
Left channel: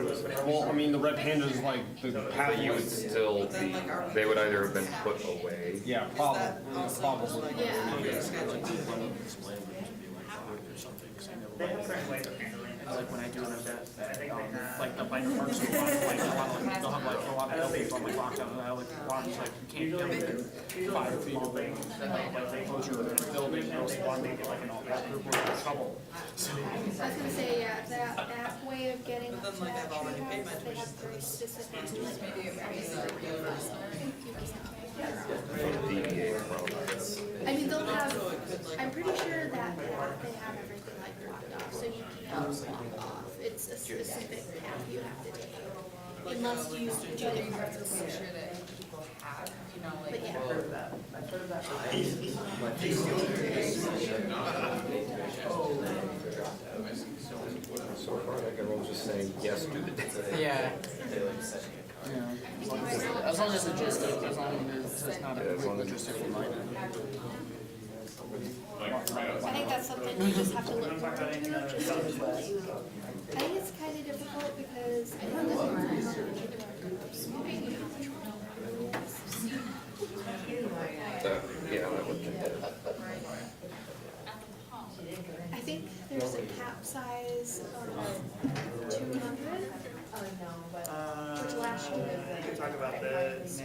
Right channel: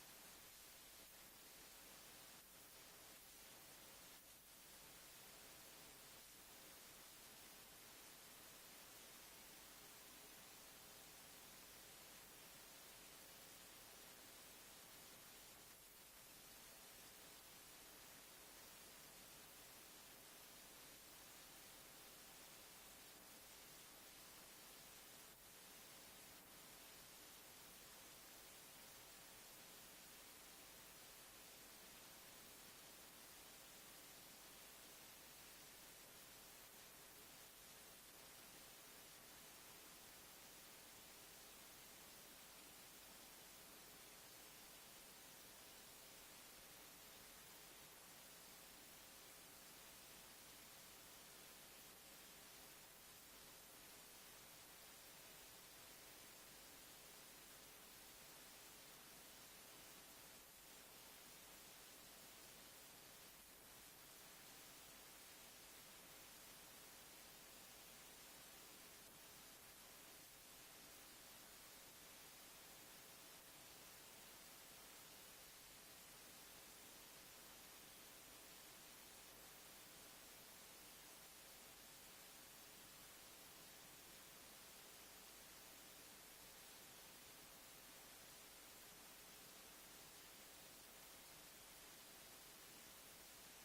well, I mean, the red panda is like the But you would still be, they would either have been put away. yeah, probably. Yeah. They have certain ways of handling it. Like when I do an event, like the bike parks, they'll have like a lot of buildings on like lockdown, and I like rocks, like you can't get within 5 feet of it. Like they close your building, they'll want to make it like an all-black group, we're in trouble. I was gonna say, yeah, that way of getting up to that treehouse, they have very specific. I mean, they'll have, I'm pretty sure that they have everything like blocked off, so you can't walk off. It's a specific path you have to take, unless you do the cards. But yeah. So far, like everyone's just saying, yes, do the dance. Yeah. As long as it's logistic, as long as it's not a complete logistical nightmare. I think that's something you just have to look forward to, just because, I think it's kind of difficult because I know that Yeah, that would. I think there's a cap size of 200, which last year. We could talk about the, nah, that's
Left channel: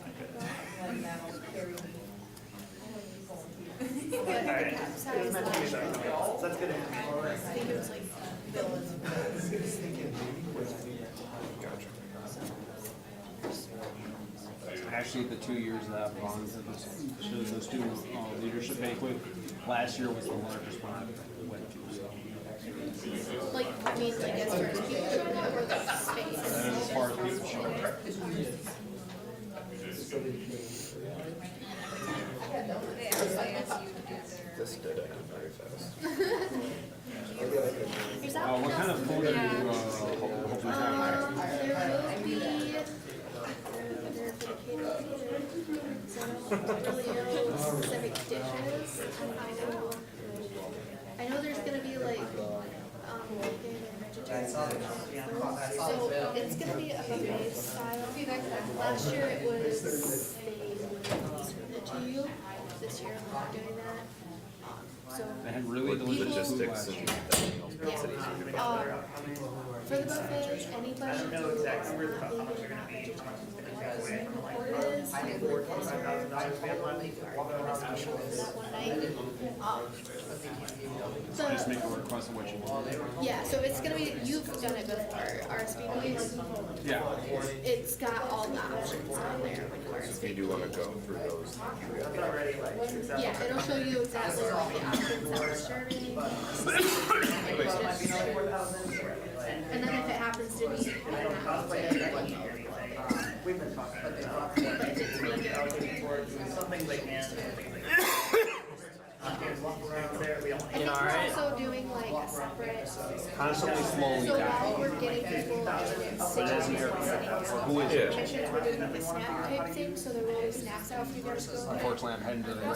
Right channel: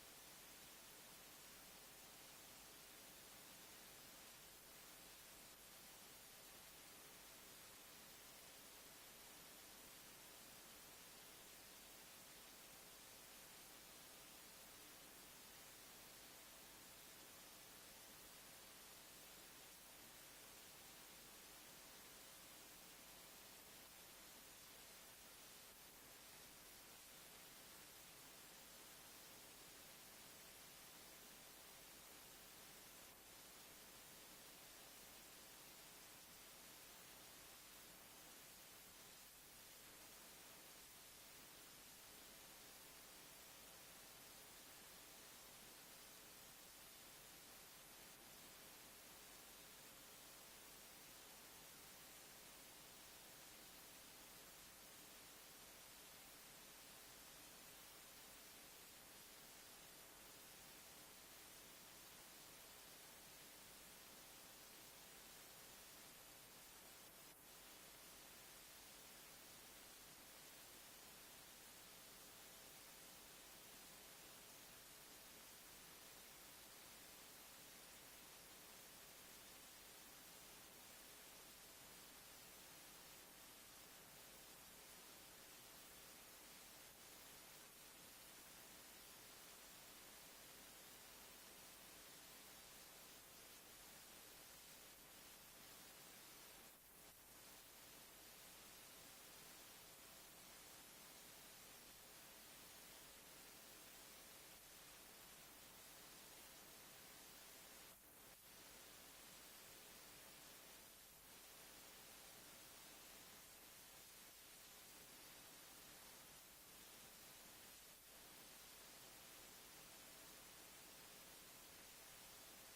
not good. But the Alright, cap it size was meant to be last year, so that's good information. I think it was like, Actually, the 2 years that I've gone to the student leadership banquet, last year was the largest one I went to. So. like, I mean, like as far as people showing up or the space. As far as people showing up. This did it very fast. What kind of food are you hoping to have? There will be verification I had really With delicious food logistics last and year. everything else, makes it easier to get there. For the buffet, anybody who is not leaving not vegetarian Just make a request of what you want. Yeah, so it's gonna be, you've done it before, RSVP, Yeah. it's got all the options on there when you If RSVP. you do want to go through those, Yeah, it'll show you exactly all the options that we're serving. And then if it happens to be, I don't know how to We've been talking about some things they can. I think we're also doing like a separate. Constantly slowly So down. while we're getting people in sitting Who is it? commissions, we're doing like a snack type thing, so they're rolling snacks out for you guys to go. Unfortunately, I'm heading to the And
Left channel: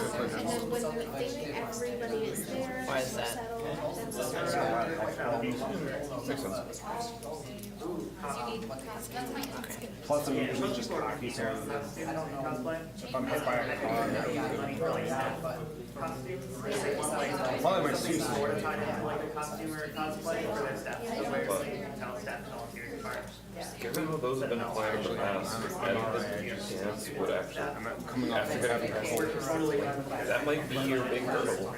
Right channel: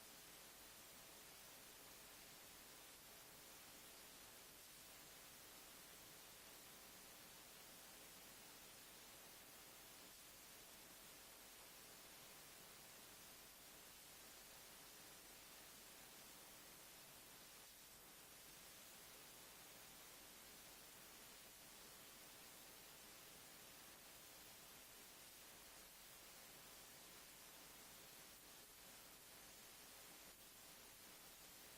then when we think everybody is there, Why is that? settled, then we'll start. makes sense. Plus, I'm usually just cocky, so if I'm hit by a car, probably my suit's Given how those have been planned in the past, adding this dance would actually, coming off after having that whole, that might be your big hurdle.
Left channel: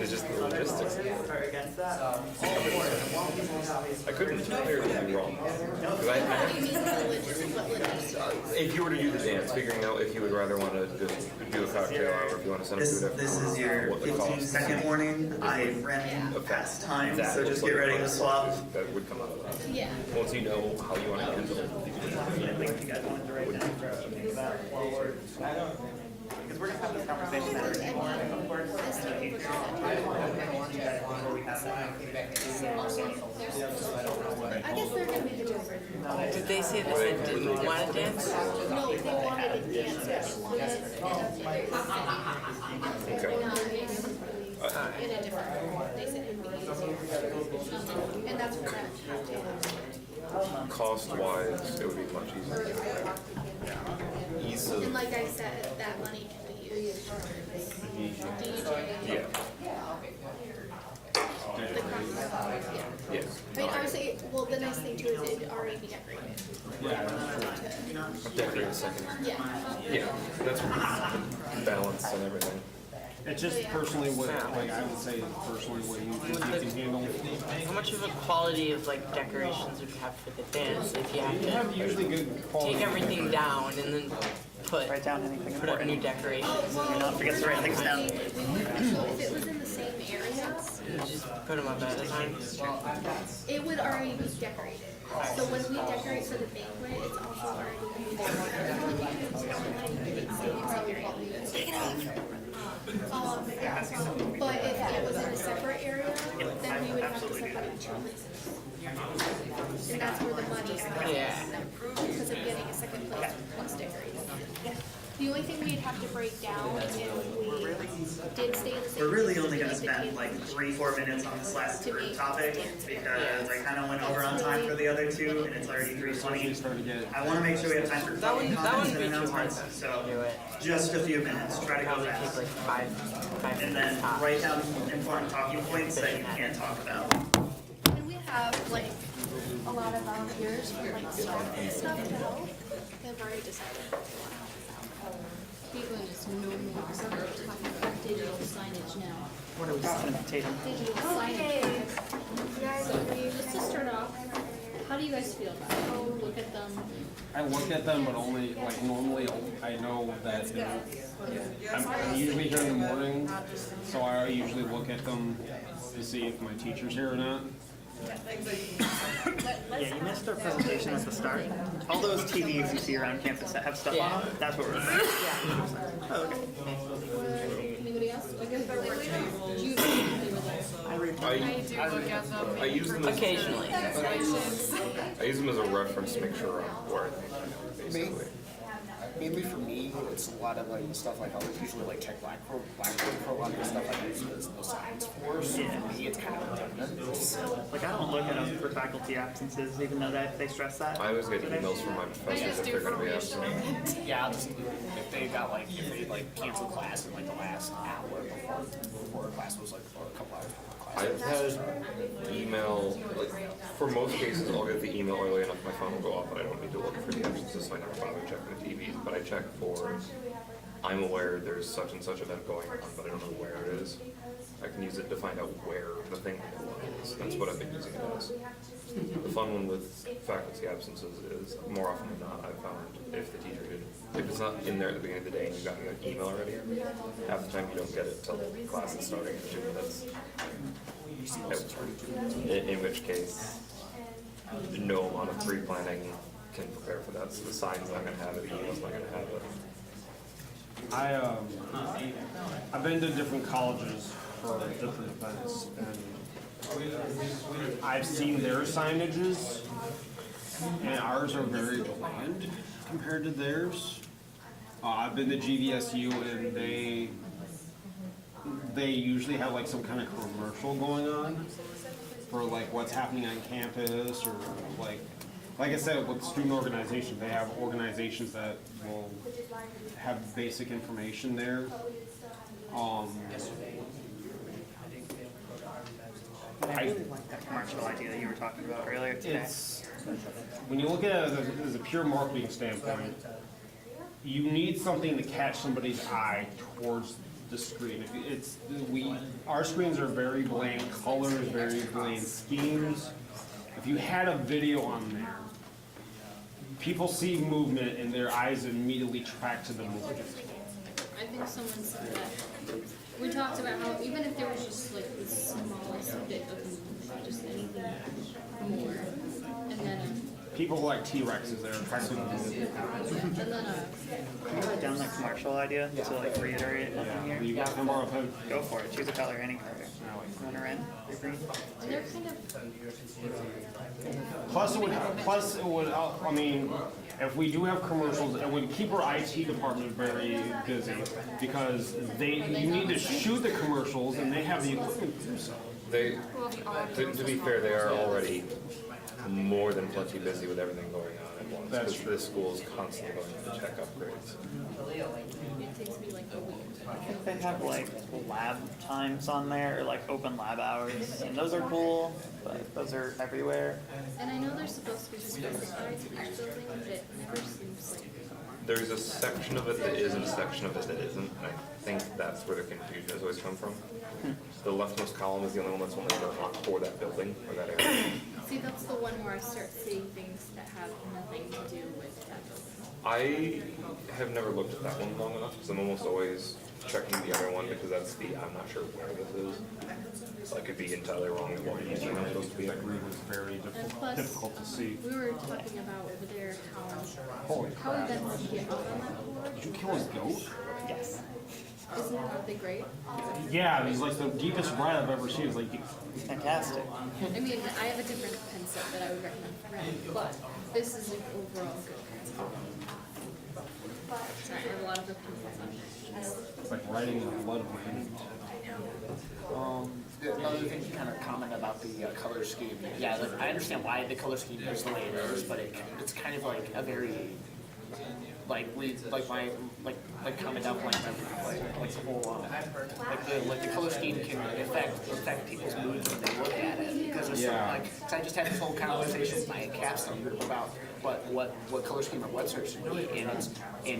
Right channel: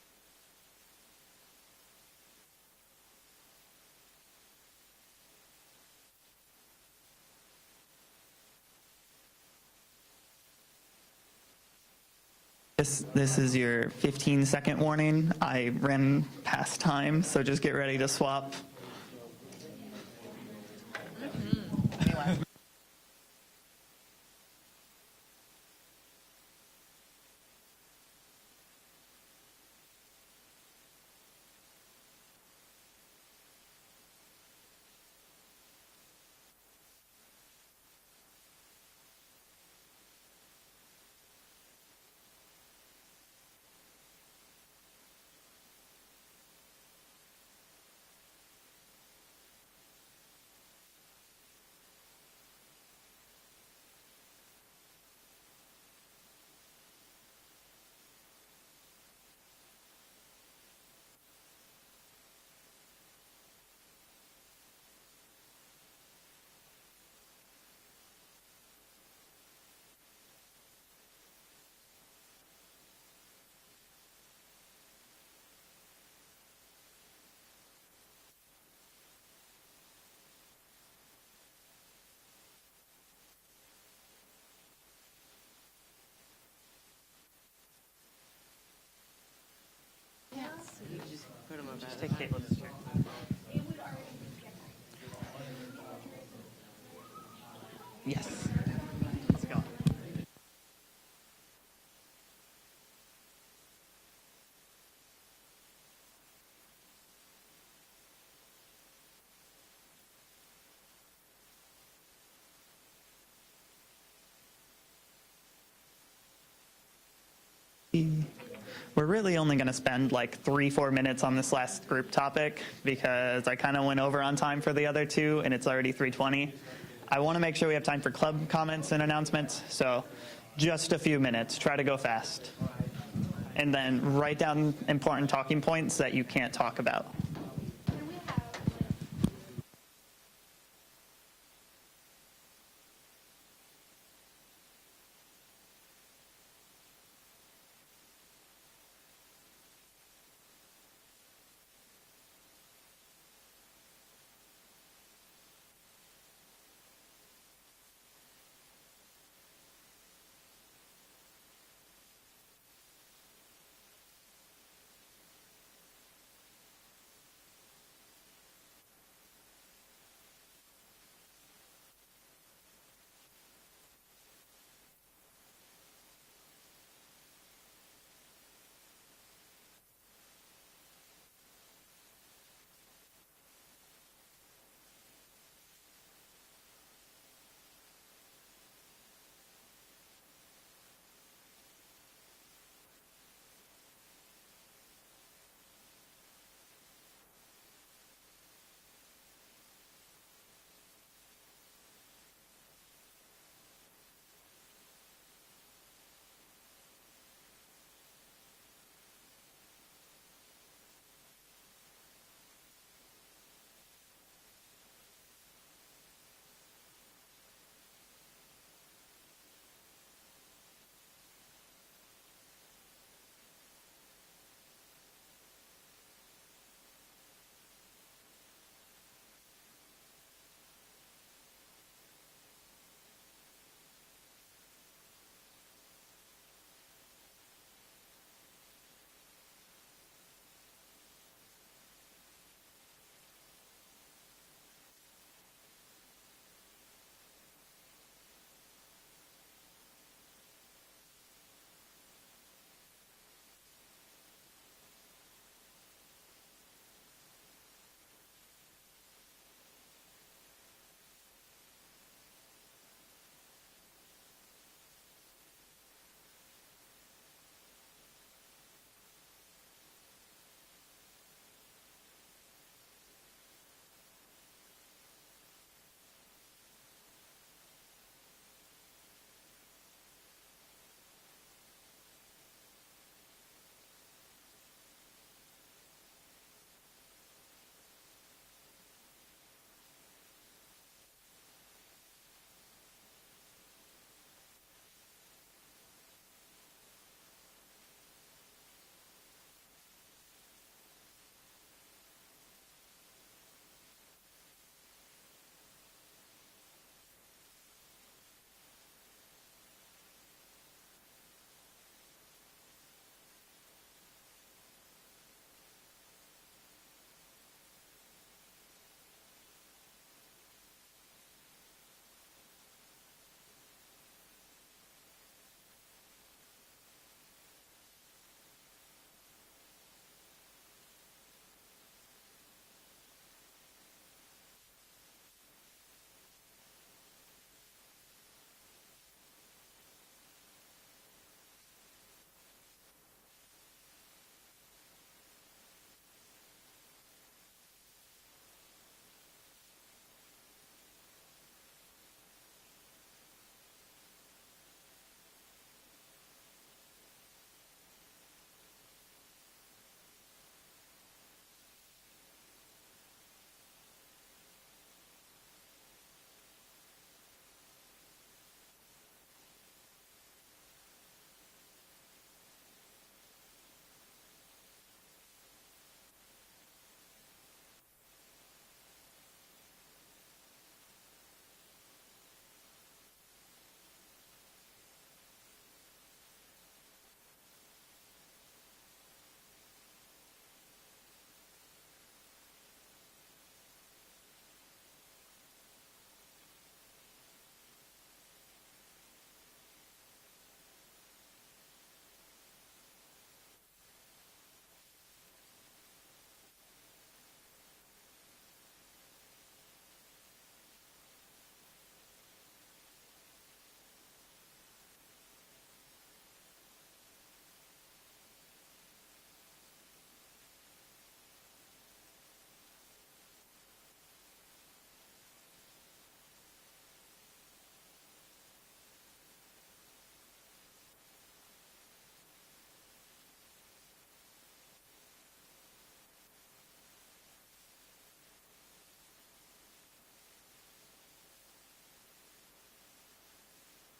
It's just the logistics. I couldn't entirely be wrong. 'Cause if you were to do the dance, figuring out if you would rather want to just do a cocktail hour, if you want to send it to This is your 15-second warning. I ran past time, so just get ready to swap. That would come out of that. Yeah. Once you know how you want to handle it. Because we're going to have this conversation at our morning, of course. I guess they're gonna be doing. Did they say that they didn't want to dance? No, they wanted to dance, but they wanted it in a different form. They said it'd be easier. And that's where that. Cost-wise, it would be much easier. Ease of, And like I said, that money can be used for DJ. yeah, The concert, yeah. yes. I mean, obviously, well, the nice thing too is it'd already be decorated. Decorate a second. Yeah. Yeah, that's balance and everything. It's just personally what, like, I would say personally what you think you can handle. How much of a quality of like decorations would you have for the dance if you You have have to usually good quality. take everything down and then put Write down anything put up new important. decorations? Do not forget to write things down. So if it was in the same area, Just put them up at a time. it would already be decorated. So when we decorate for the banquet, it's also already decorated. Take it off. But if it was in a separate area, then we would have to separate two places. And that's where the money's coming Yeah. because of getting a second place plus decorating. The only thing we'd have to break down if we did stay in the We're really only going to spend like 3-4 minutes on this last group topic because I kind of went over on time for the other two and it's already 3:20. I want to make sure we have time for club comments and announcements, so just a few minutes. Try to go fast. Like five And then write down important talking points that you can't talk about. And we have like a lot of volunteers for like staff and stuff to help. They've already decided what they want to help us out. People just know more. So we're talking about digital signage now. What are we talking about, Tatum? Digital signage. So let's just start off. How do you guys feel about it? Oh, look at them. I look at them, but only, like, normally I know that I'm usually here in the morning, so I usually look at them to see if my teacher's here or not. Yeah, you missed our presentation at the start. All those TVs you see around campus that have stuff on them, that's what we're doing. Oh, okay. Anybody else? Like, do you play with us? I use them as, occasionally. I use them as a reference to make sure I'm where I am, basically. Mainly for me, it's a lot of like stuff like I'll usually like check Blackboard program and stuff like I use it as no science for. So for me, it's kind of redundant. Like I don't look at them for faculty absences, even though they stress that. I always get emails from my professors if they're going to be absent. Yeah, I'll just, if they cancel class in like the last hour before class was like, or I've had email, like, for most cases, I'll get the email early enough, my phone will go off, and I don't need to look for the absences, so I never bother checking the TVs, but I check for, I'm aware there's such and such event going on, but I don't know where it is. I can use it to find out where the thing is. That's what I've been using it as. The fun one with faculty absences is, more often than not, I've found if the teacher didn't, if it's not in there at the beginning of the day and you got an email already, half the time you don't get it till class is starting in 2 minutes. In which case, no amount of pre-planning can prepare for that. So the sign's not gonna have it, the email's not gonna have it. I've been to different colleges for different events, and I've seen their signages, and ours are very bland compared to theirs. I've been to GVSU, and they usually have like some kind of commercial going on for like what's happening on campus, or like I said, with student organizations, they have organizations that will have basic information there. I really like that commercial idea that you were talking about earlier today. When you look at it as a pure marketing standpoint, you need something to catch somebody's eye towards the screen. Our screens are very bland colors, very bland schemes. If you had a video on there, people see movement and their eyes immediately track to the movement. I think someone said that. We talked about how even if there was just like the smallest bit of movement, just anything more, and then People like T-Rexes, they're attracted to the movement. and then Can you write down the commercial idea to like reiterate it in here? You got him or a pen? Go for it. Choose a color, any color. Going red, or green. and they're kind of Plus it would, I mean, if we do have commercials, it would keep our IT department very busy, because you need to shoot the commercials and they have the equipment to do so. To be fair, they are already more than plenty busy with everything going on at once. That's Because this school is constantly going to check upgrades. it takes me like a week. I think they have like lab times on there, or like open lab hours, and those are cool, but those are everywhere. And I know they're supposed to be specified to each building, but it never seems like. There's a section of it that is and a section of it that isn't, and I think that's where the confusion has always come from. The leftmost column is the only one that's only for that building or that area. See, that's the one where I start seeing things that have nothing to do with that building. I have never looked at that one long enough, because I'm almost always checking the other one, because that's I'm not sure where this is. So I could be entirely wrong in what it's supposed to be. That green was very And plus, difficult to see. we were talking about over there Holy how events get out on that board. Did you kill his goat? Yes. Aren't they great? Yeah, he's like the deepest red I've ever seen. It's like, Fantastic. I mean, I have a different pen set that I would recommend for red, but this is an overall good pen set. Sorry, I have a lot of opinions on it. it's like writing in the blood of women. Another thing to kind of comment about the color scheme. Yeah, like, I understand why the color scheme is the way it is, but it's kind of like a very comment out like the whole like the color scheme can affect people's moods when they look at it, because there's cause I just had this whole conversation with my capstone group about what color scheme or what search should be, and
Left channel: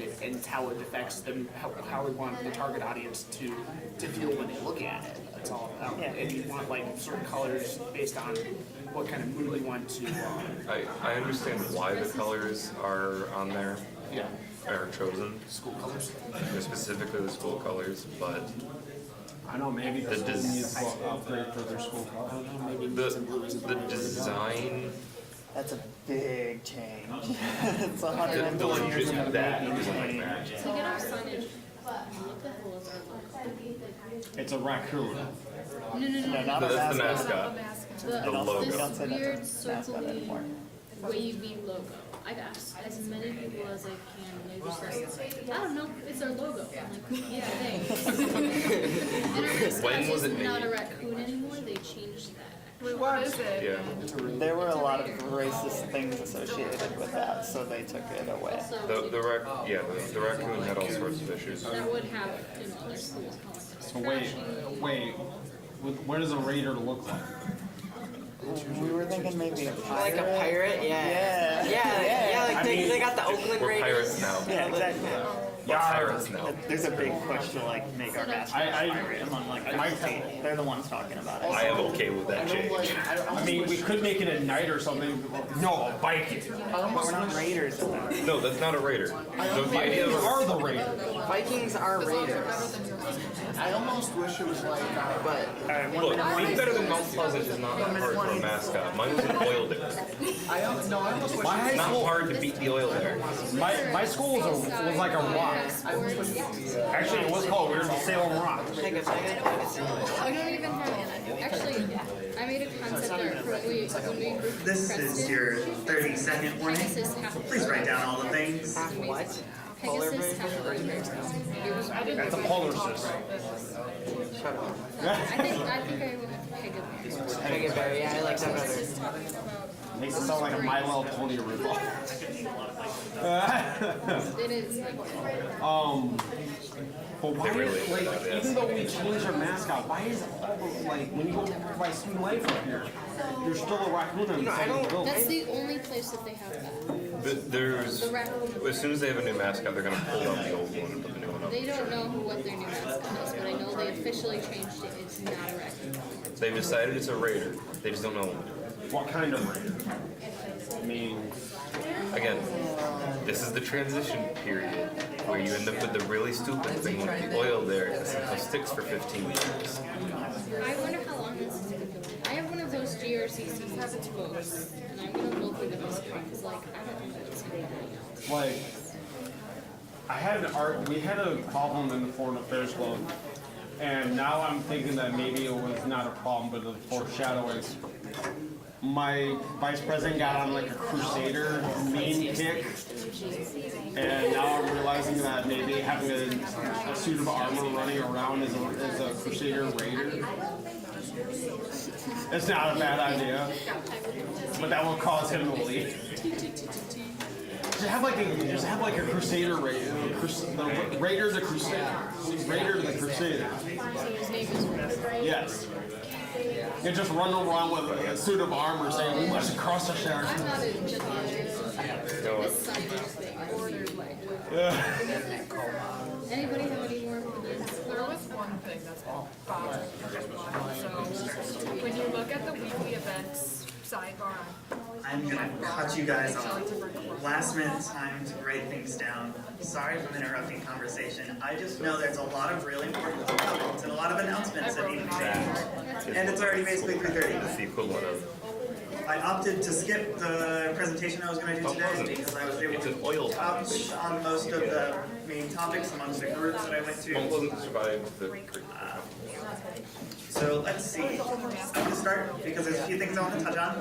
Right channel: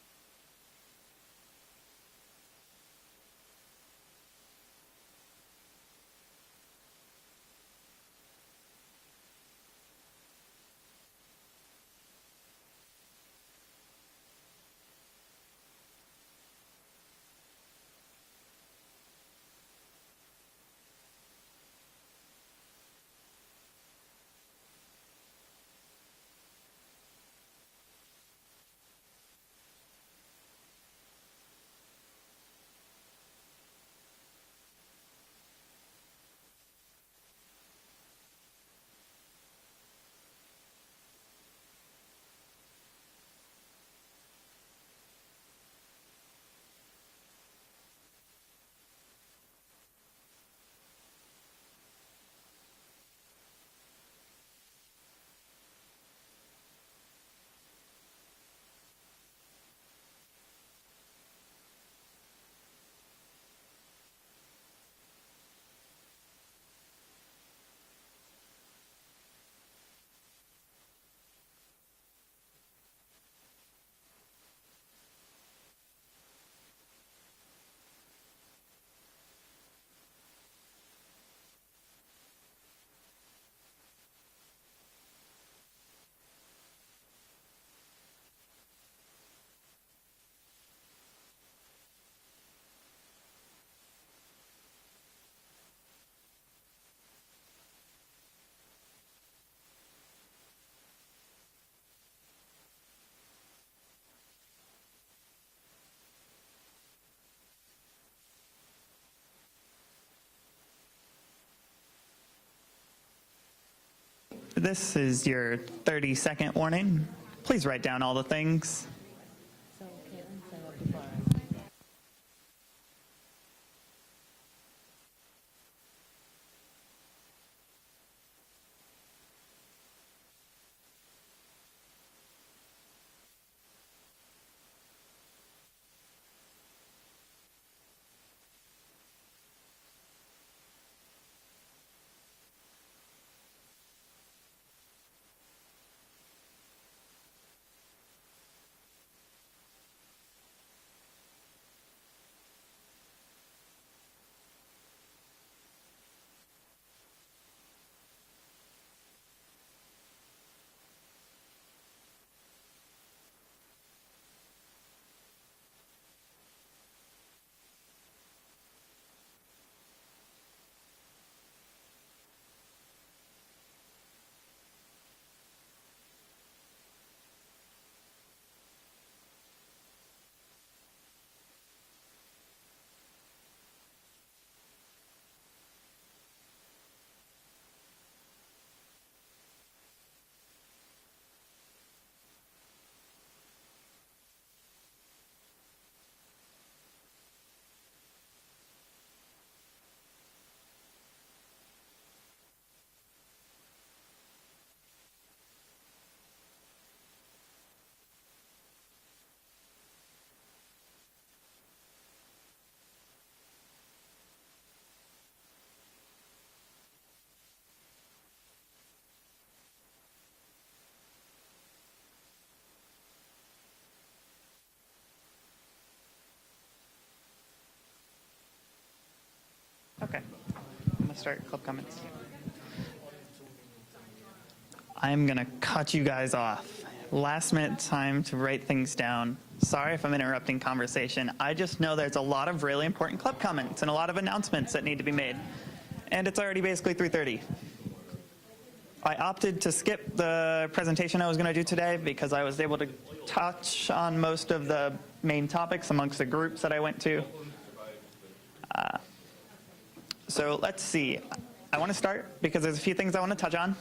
it's how it affects them, how we want the target audience to feel when they look at it. That's all about. And you want like certain colors based on what kind of mood you want to. I understand why the colors are on there. Yeah. Are chosen. School colors. Specifically the school colors, but I know maybe the school needs to upgrade for their school colors. the design. That's a big change. It's The 120 years in the that making. isn't like that. To get our signage, what the hell is our logo? It's a raccoon. No, not a That's the mascot. mascot. The logo. This Don't say weird that's a mascot circly anymore. wavy logo. I've asked as many people as I can, and they're just like, I don't know, it's our logo. I'm like, yeah, thanks. And our mascot When was is it not made? a raccoon anymore, they changed that. What is it? Yeah. There were a lot of racist things associated with that, so they took it away. Also, The raccoon had all sorts of issues. that would have in other schools calling it So wait, What does a raider look like? We were thinking maybe a Like a pirate, yeah. Yeah, like they got the Oakland We're Raiders. pirates now. Yeah, exactly. We're pirates now. There's a big push to like make our mascot pirate among like the state. They're the ones talking about it. I am okay with that change. I mean, we could make it a knight or something. No, a Viking. But we're not raiders. No, that's not a raider. So the idea Vikings of are the raiders. Vikings are raiders. I almost wish it was like, But look, being better than Mount Pleasant is not that hard for a mascot. Mine was an oil dip. I almost wish It's not hard to beat the oil there. My school was like a rock. Actually, it was called Weird Salem Rock. I don't even have actually. I made a concept art for when we grouped. This is your 30-second warning. Please write down all the things. what? Pegasus That's a polar system. I think I went Pegasus. Pegaberry, yeah, I like that better. Makes it sound like a My Little Pony ripoff. It is. But why, like, even though we changed our mascot, why is it all the, like, when you go by Student Life up here, there's still a raccoon on the side of the building? That's the only place that they have that. There's, The raccoon. as soon as they have a new mascot, they're gonna pull out the old one and put the new one up. They don't know what their new mascot is, but I know they officially changed it. It's not a raccoon. They've decided it's a raider. They just don't know. What kind of raider? I mean, Again, this is the transition period where you end up with the really stupid thing with the oil there that somehow sticks for 15 years. I wonder how long this is going to go. I have one of those GRCC books, and I'm going to go through the history because, like, I don't think that's going to be like, we had a problem in the Foreign Affairs Club, and now I'm thinking that maybe it was not a problem, but a foreshadowing. My vice president got on like a Crusader meme kick, and now I'm realizing that maybe having a suit of armor running around as a Crusader Raider, it's not a bad idea, but that will cause him to leave. Just have like a Crusader Raider, the Raider the Crusader, Raider the Crusader. His name is Yes. You just run around with a suit of armor saying, we must cross the shore. I'm not in this signage thing. Ordered like. Anybody have any more opinions? There was one thing that's all So when you look at the weekly events sidebar, I'm gonna cut you guys off. Last minute time to write things down. Sorry if I'm interrupting conversation. I just know there's a lot of really important club comments and a lot of announcements that need to be made. And it's already basically 3:30. It's the equivalent of I opted to skip the presentation I was going to do today because I was able to touch on most of the main topics amongst the groups that I went to. So let's see. I want to start because there's a few things I want to touch on.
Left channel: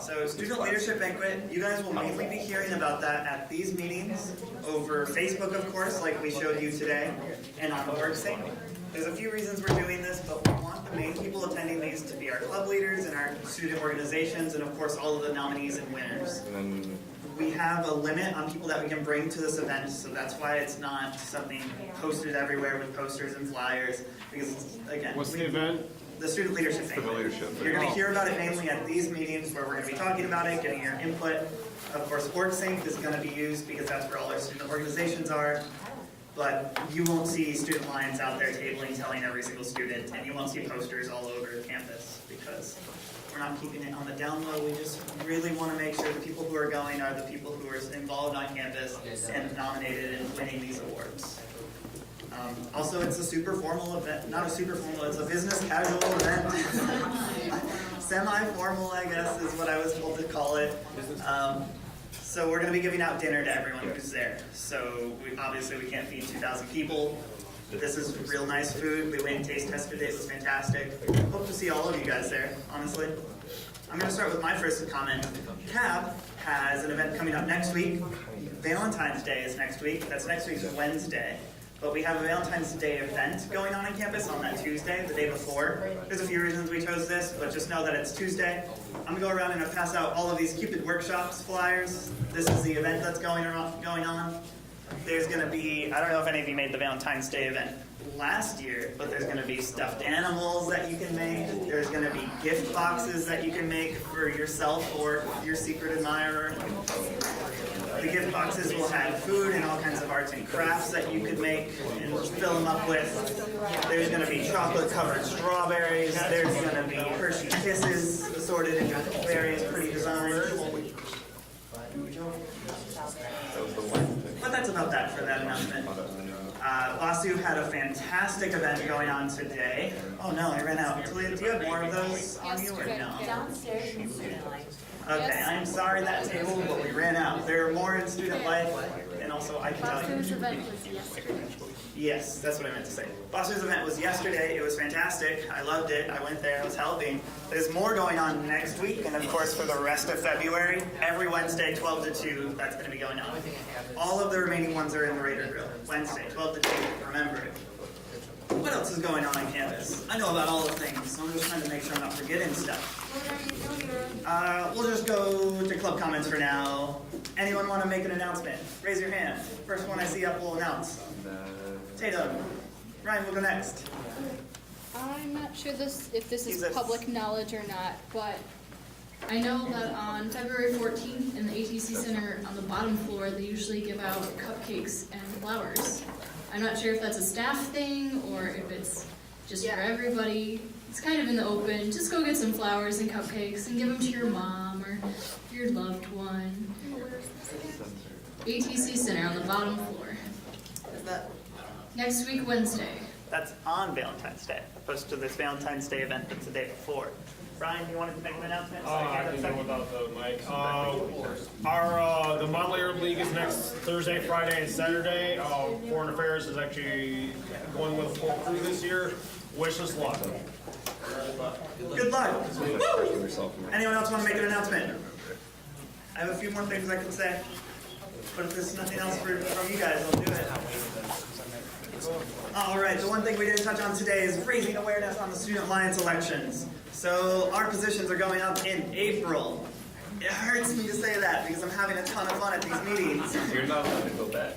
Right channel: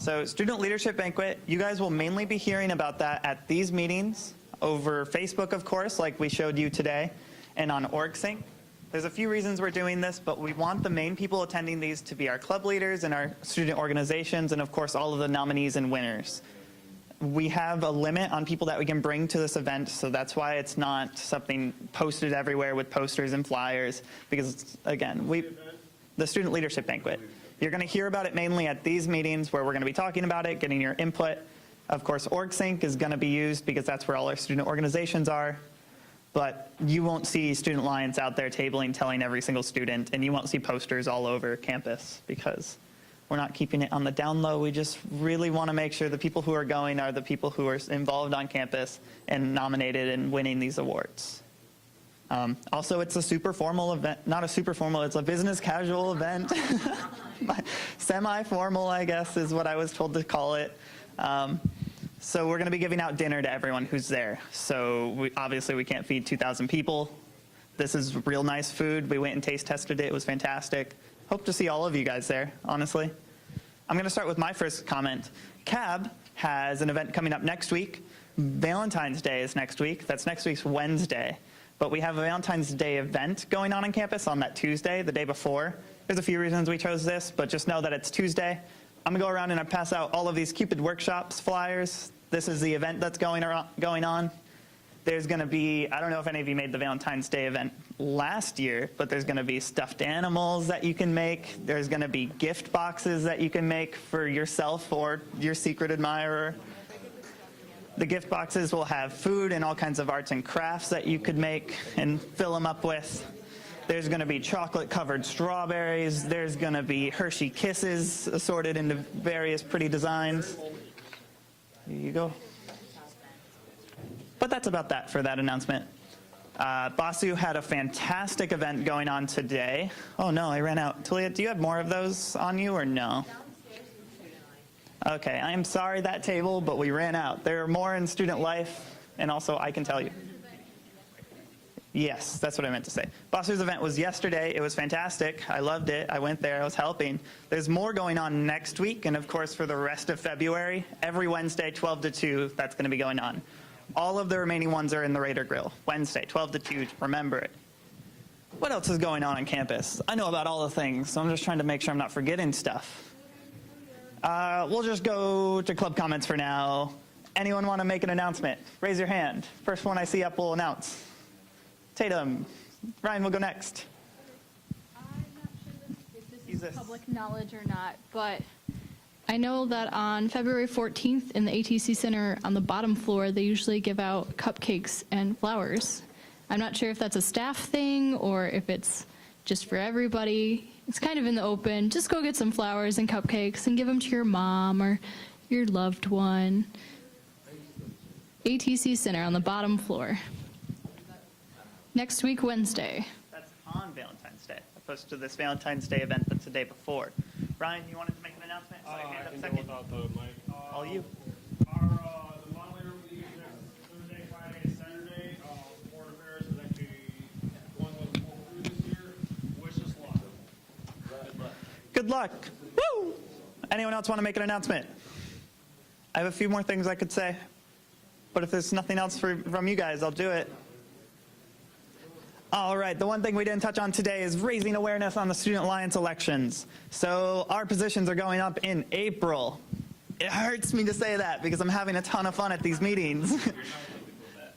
So Student Leadership Banquet, you guys will mainly be hearing about that at these meetings over Facebook, of course, like we showed you today, and on OrgSync. There's a few reasons we're doing this, but we want the main people attending these to be our club leaders and our student organizations, and of course all of the nominees and winners. We have a limit on people that we can bring to this event, so that's why it's not something posted everywhere with posters and flyers, because again, What's the event? The Student Leadership Banquet. You're going to hear about it mainly at these meetings where we're going to be talking about it, getting your input. Of course, OrgSync is going to be used because that's where all our student organizations are. But you won't see student lines out there tabling telling every single student, and you won't see posters all over campus because we're not keeping it on the down low. We just really want to make sure the people who are going are the people who are involved on campus and nominated and winning these awards. Also, it's a super formal event, not a super formal, it's a business casual event. Semi-formal, I guess, is what I was told to call it. So we're going to be giving out dinner to everyone who's there. So obviously we can't feed 2,000 people. This is real nice food. We went and taste tested it. It was fantastic. Hope to see all of you guys there, honestly. I'm going to start with my first comment. CAB has an event coming up next week. Valentine's Day is next week. That's next week's Wednesday. But we have a Valentine's Day event going on campus on that Tuesday, the day before. There's a few reasons we chose this, but just know that it's Tuesday. I'm going to go around and I pass out all of these Cupid Workshops flyers. This is the event that's going on. There's going to be, I don't know if any of you made the Valentine's Day event last year, but there's going to be stuffed animals that you can make. There's going to be gift boxes that you can make for yourself or your secret admirer. The gift boxes will have food and all kinds of arts and crafts that you could make and fill them up with. There's going to be chocolate-covered strawberries. There's going to be Hershey Kisses assorted into various pretty designs. There you go. But that's about that for that announcement. Basu had a fantastic event going on today. Oh no, I ran out. Talia, do you have more of those on you or no? Okay, I'm sorry that table, but we ran out. There are more in student life, and also I can tell you. Basu's event was yesterday. Yes, that's what I meant to say. Basu's event was yesterday. It was fantastic. I loved it. I went there. I was helping. There's more going on next week, and of course for the rest of February, every Wednesday, 12 to 2, that's going to be going on. All of the remaining ones are in the Raider Grill. Wednesday, 12 to 2. Remember it. What else is going on campus? I know about all the things, so I'm just trying to make sure I'm not forgetting stuff. We'll just go to club comments for now. Anyone want to make an announcement? Raise your hand. First one I see up will announce. Tatum. Ryan will go next. I'm not sure if this is public knowledge or not, but I know that on February 14th in the ATC Center on the bottom floor, they usually give out cupcakes and flowers. I'm not sure if that's a staff thing or if it's just for everybody. It's kind of in the open. Just go get some flowers and cupcakes and give them to your mom or your loved one. ATC Center on the bottom floor. Next week, Wednesday. That's on Valentine's Day, opposed to this Valentine's Day event that's the day before. Ryan, you wanted to make an announcement? I can go without the mic. The Model League is next Thursday, Friday, and Saturday. Foreign Affairs is actually going with a full crew this year. Wish us luck. Good luck. Woo! Anyone else want to make an announcement? I have a few more things I could say, but if there's nothing else from you guys, I'll do it. All right, the one thing we didn't touch on today is raising awareness on the Student Alliance elections. So our positions are going up in April. It hurts me to say that because I'm having a ton of fun at these meetings. You're not going to go back.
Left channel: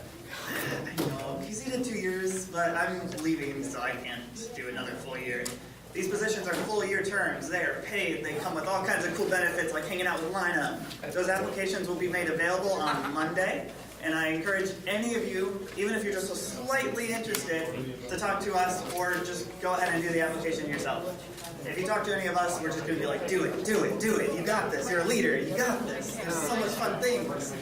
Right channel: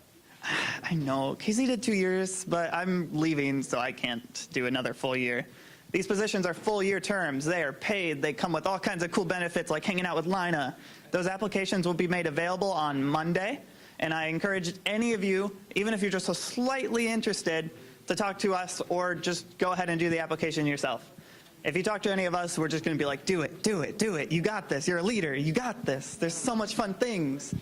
I know, Casey did 2 years, but I'm leaving, so I can't do another full year. These positions are full-year terms. They are paid. They come with all kinds of cool benefits like hanging out with Lina. Those applications will be made available on Monday. And I encourage any of you, even if you're just so slightly interested, to talk to us or just go ahead and do the application yourself. If you talk to any of us, we're just going to be like, do it, do it, do it. You got this. You're a leader. You got this. There's so much fun things.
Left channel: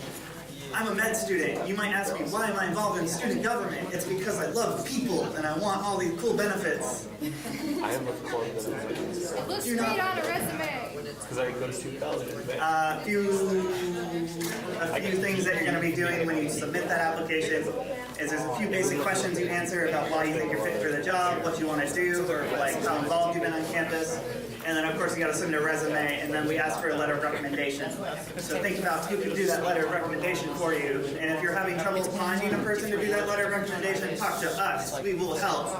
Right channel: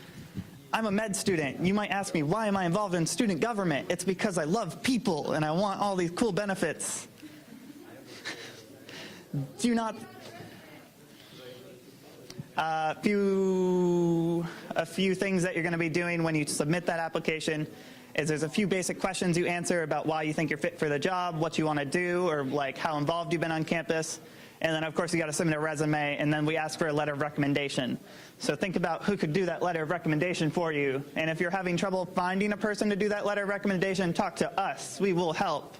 I'm a med student. You might ask me, why am I involved in student government? It's because I love people and I want all these cool benefits. I have a quote that Looks Do you not- great on a resume. because I go to 2000. A few things that you're going to be doing when you submit that application is there's a few basic questions you answer about why you think you're fit for the job, what you want to do, or like how involved you've been on campus. And then of course you got to submit a resume, and then we ask for a letter of recommendation. So think about who could do that letter of recommendation for you. And if you're having trouble finding a person to do that letter of recommendation, talk to us. We will help.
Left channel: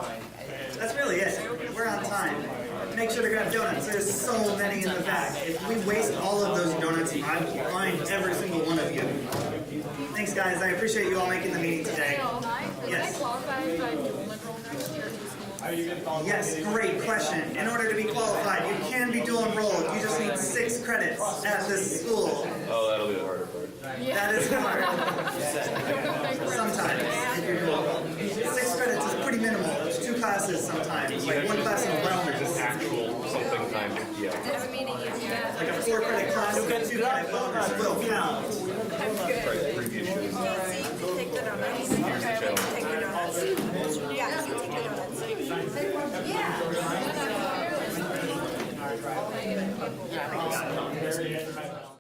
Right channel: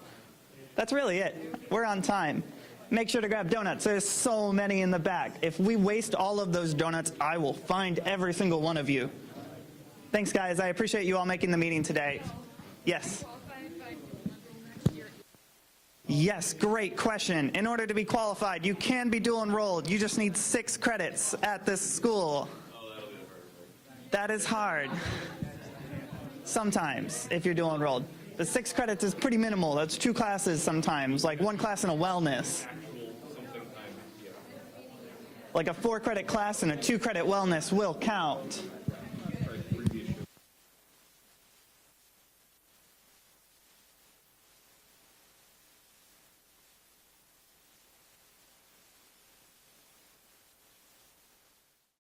That's really it. We're on time. Make sure to grab donuts. There's so many in the back. If we waste all of those donuts, I will find every single one of you. Thanks, guys. I appreciate you all making the meeting today. Yes. Yes, great question. In order to be qualified, you can be dual enrolled. You just need 6 credits at this school. Oh, that'll be the harder part. That is hard. Sometimes, if you're dual enrolled. The 6 credits is pretty minimal. That's 2 classes sometimes, like 1 class in a wellness. Actual something time, yeah. Like a 4-credit class and a 2-credit wellness will count.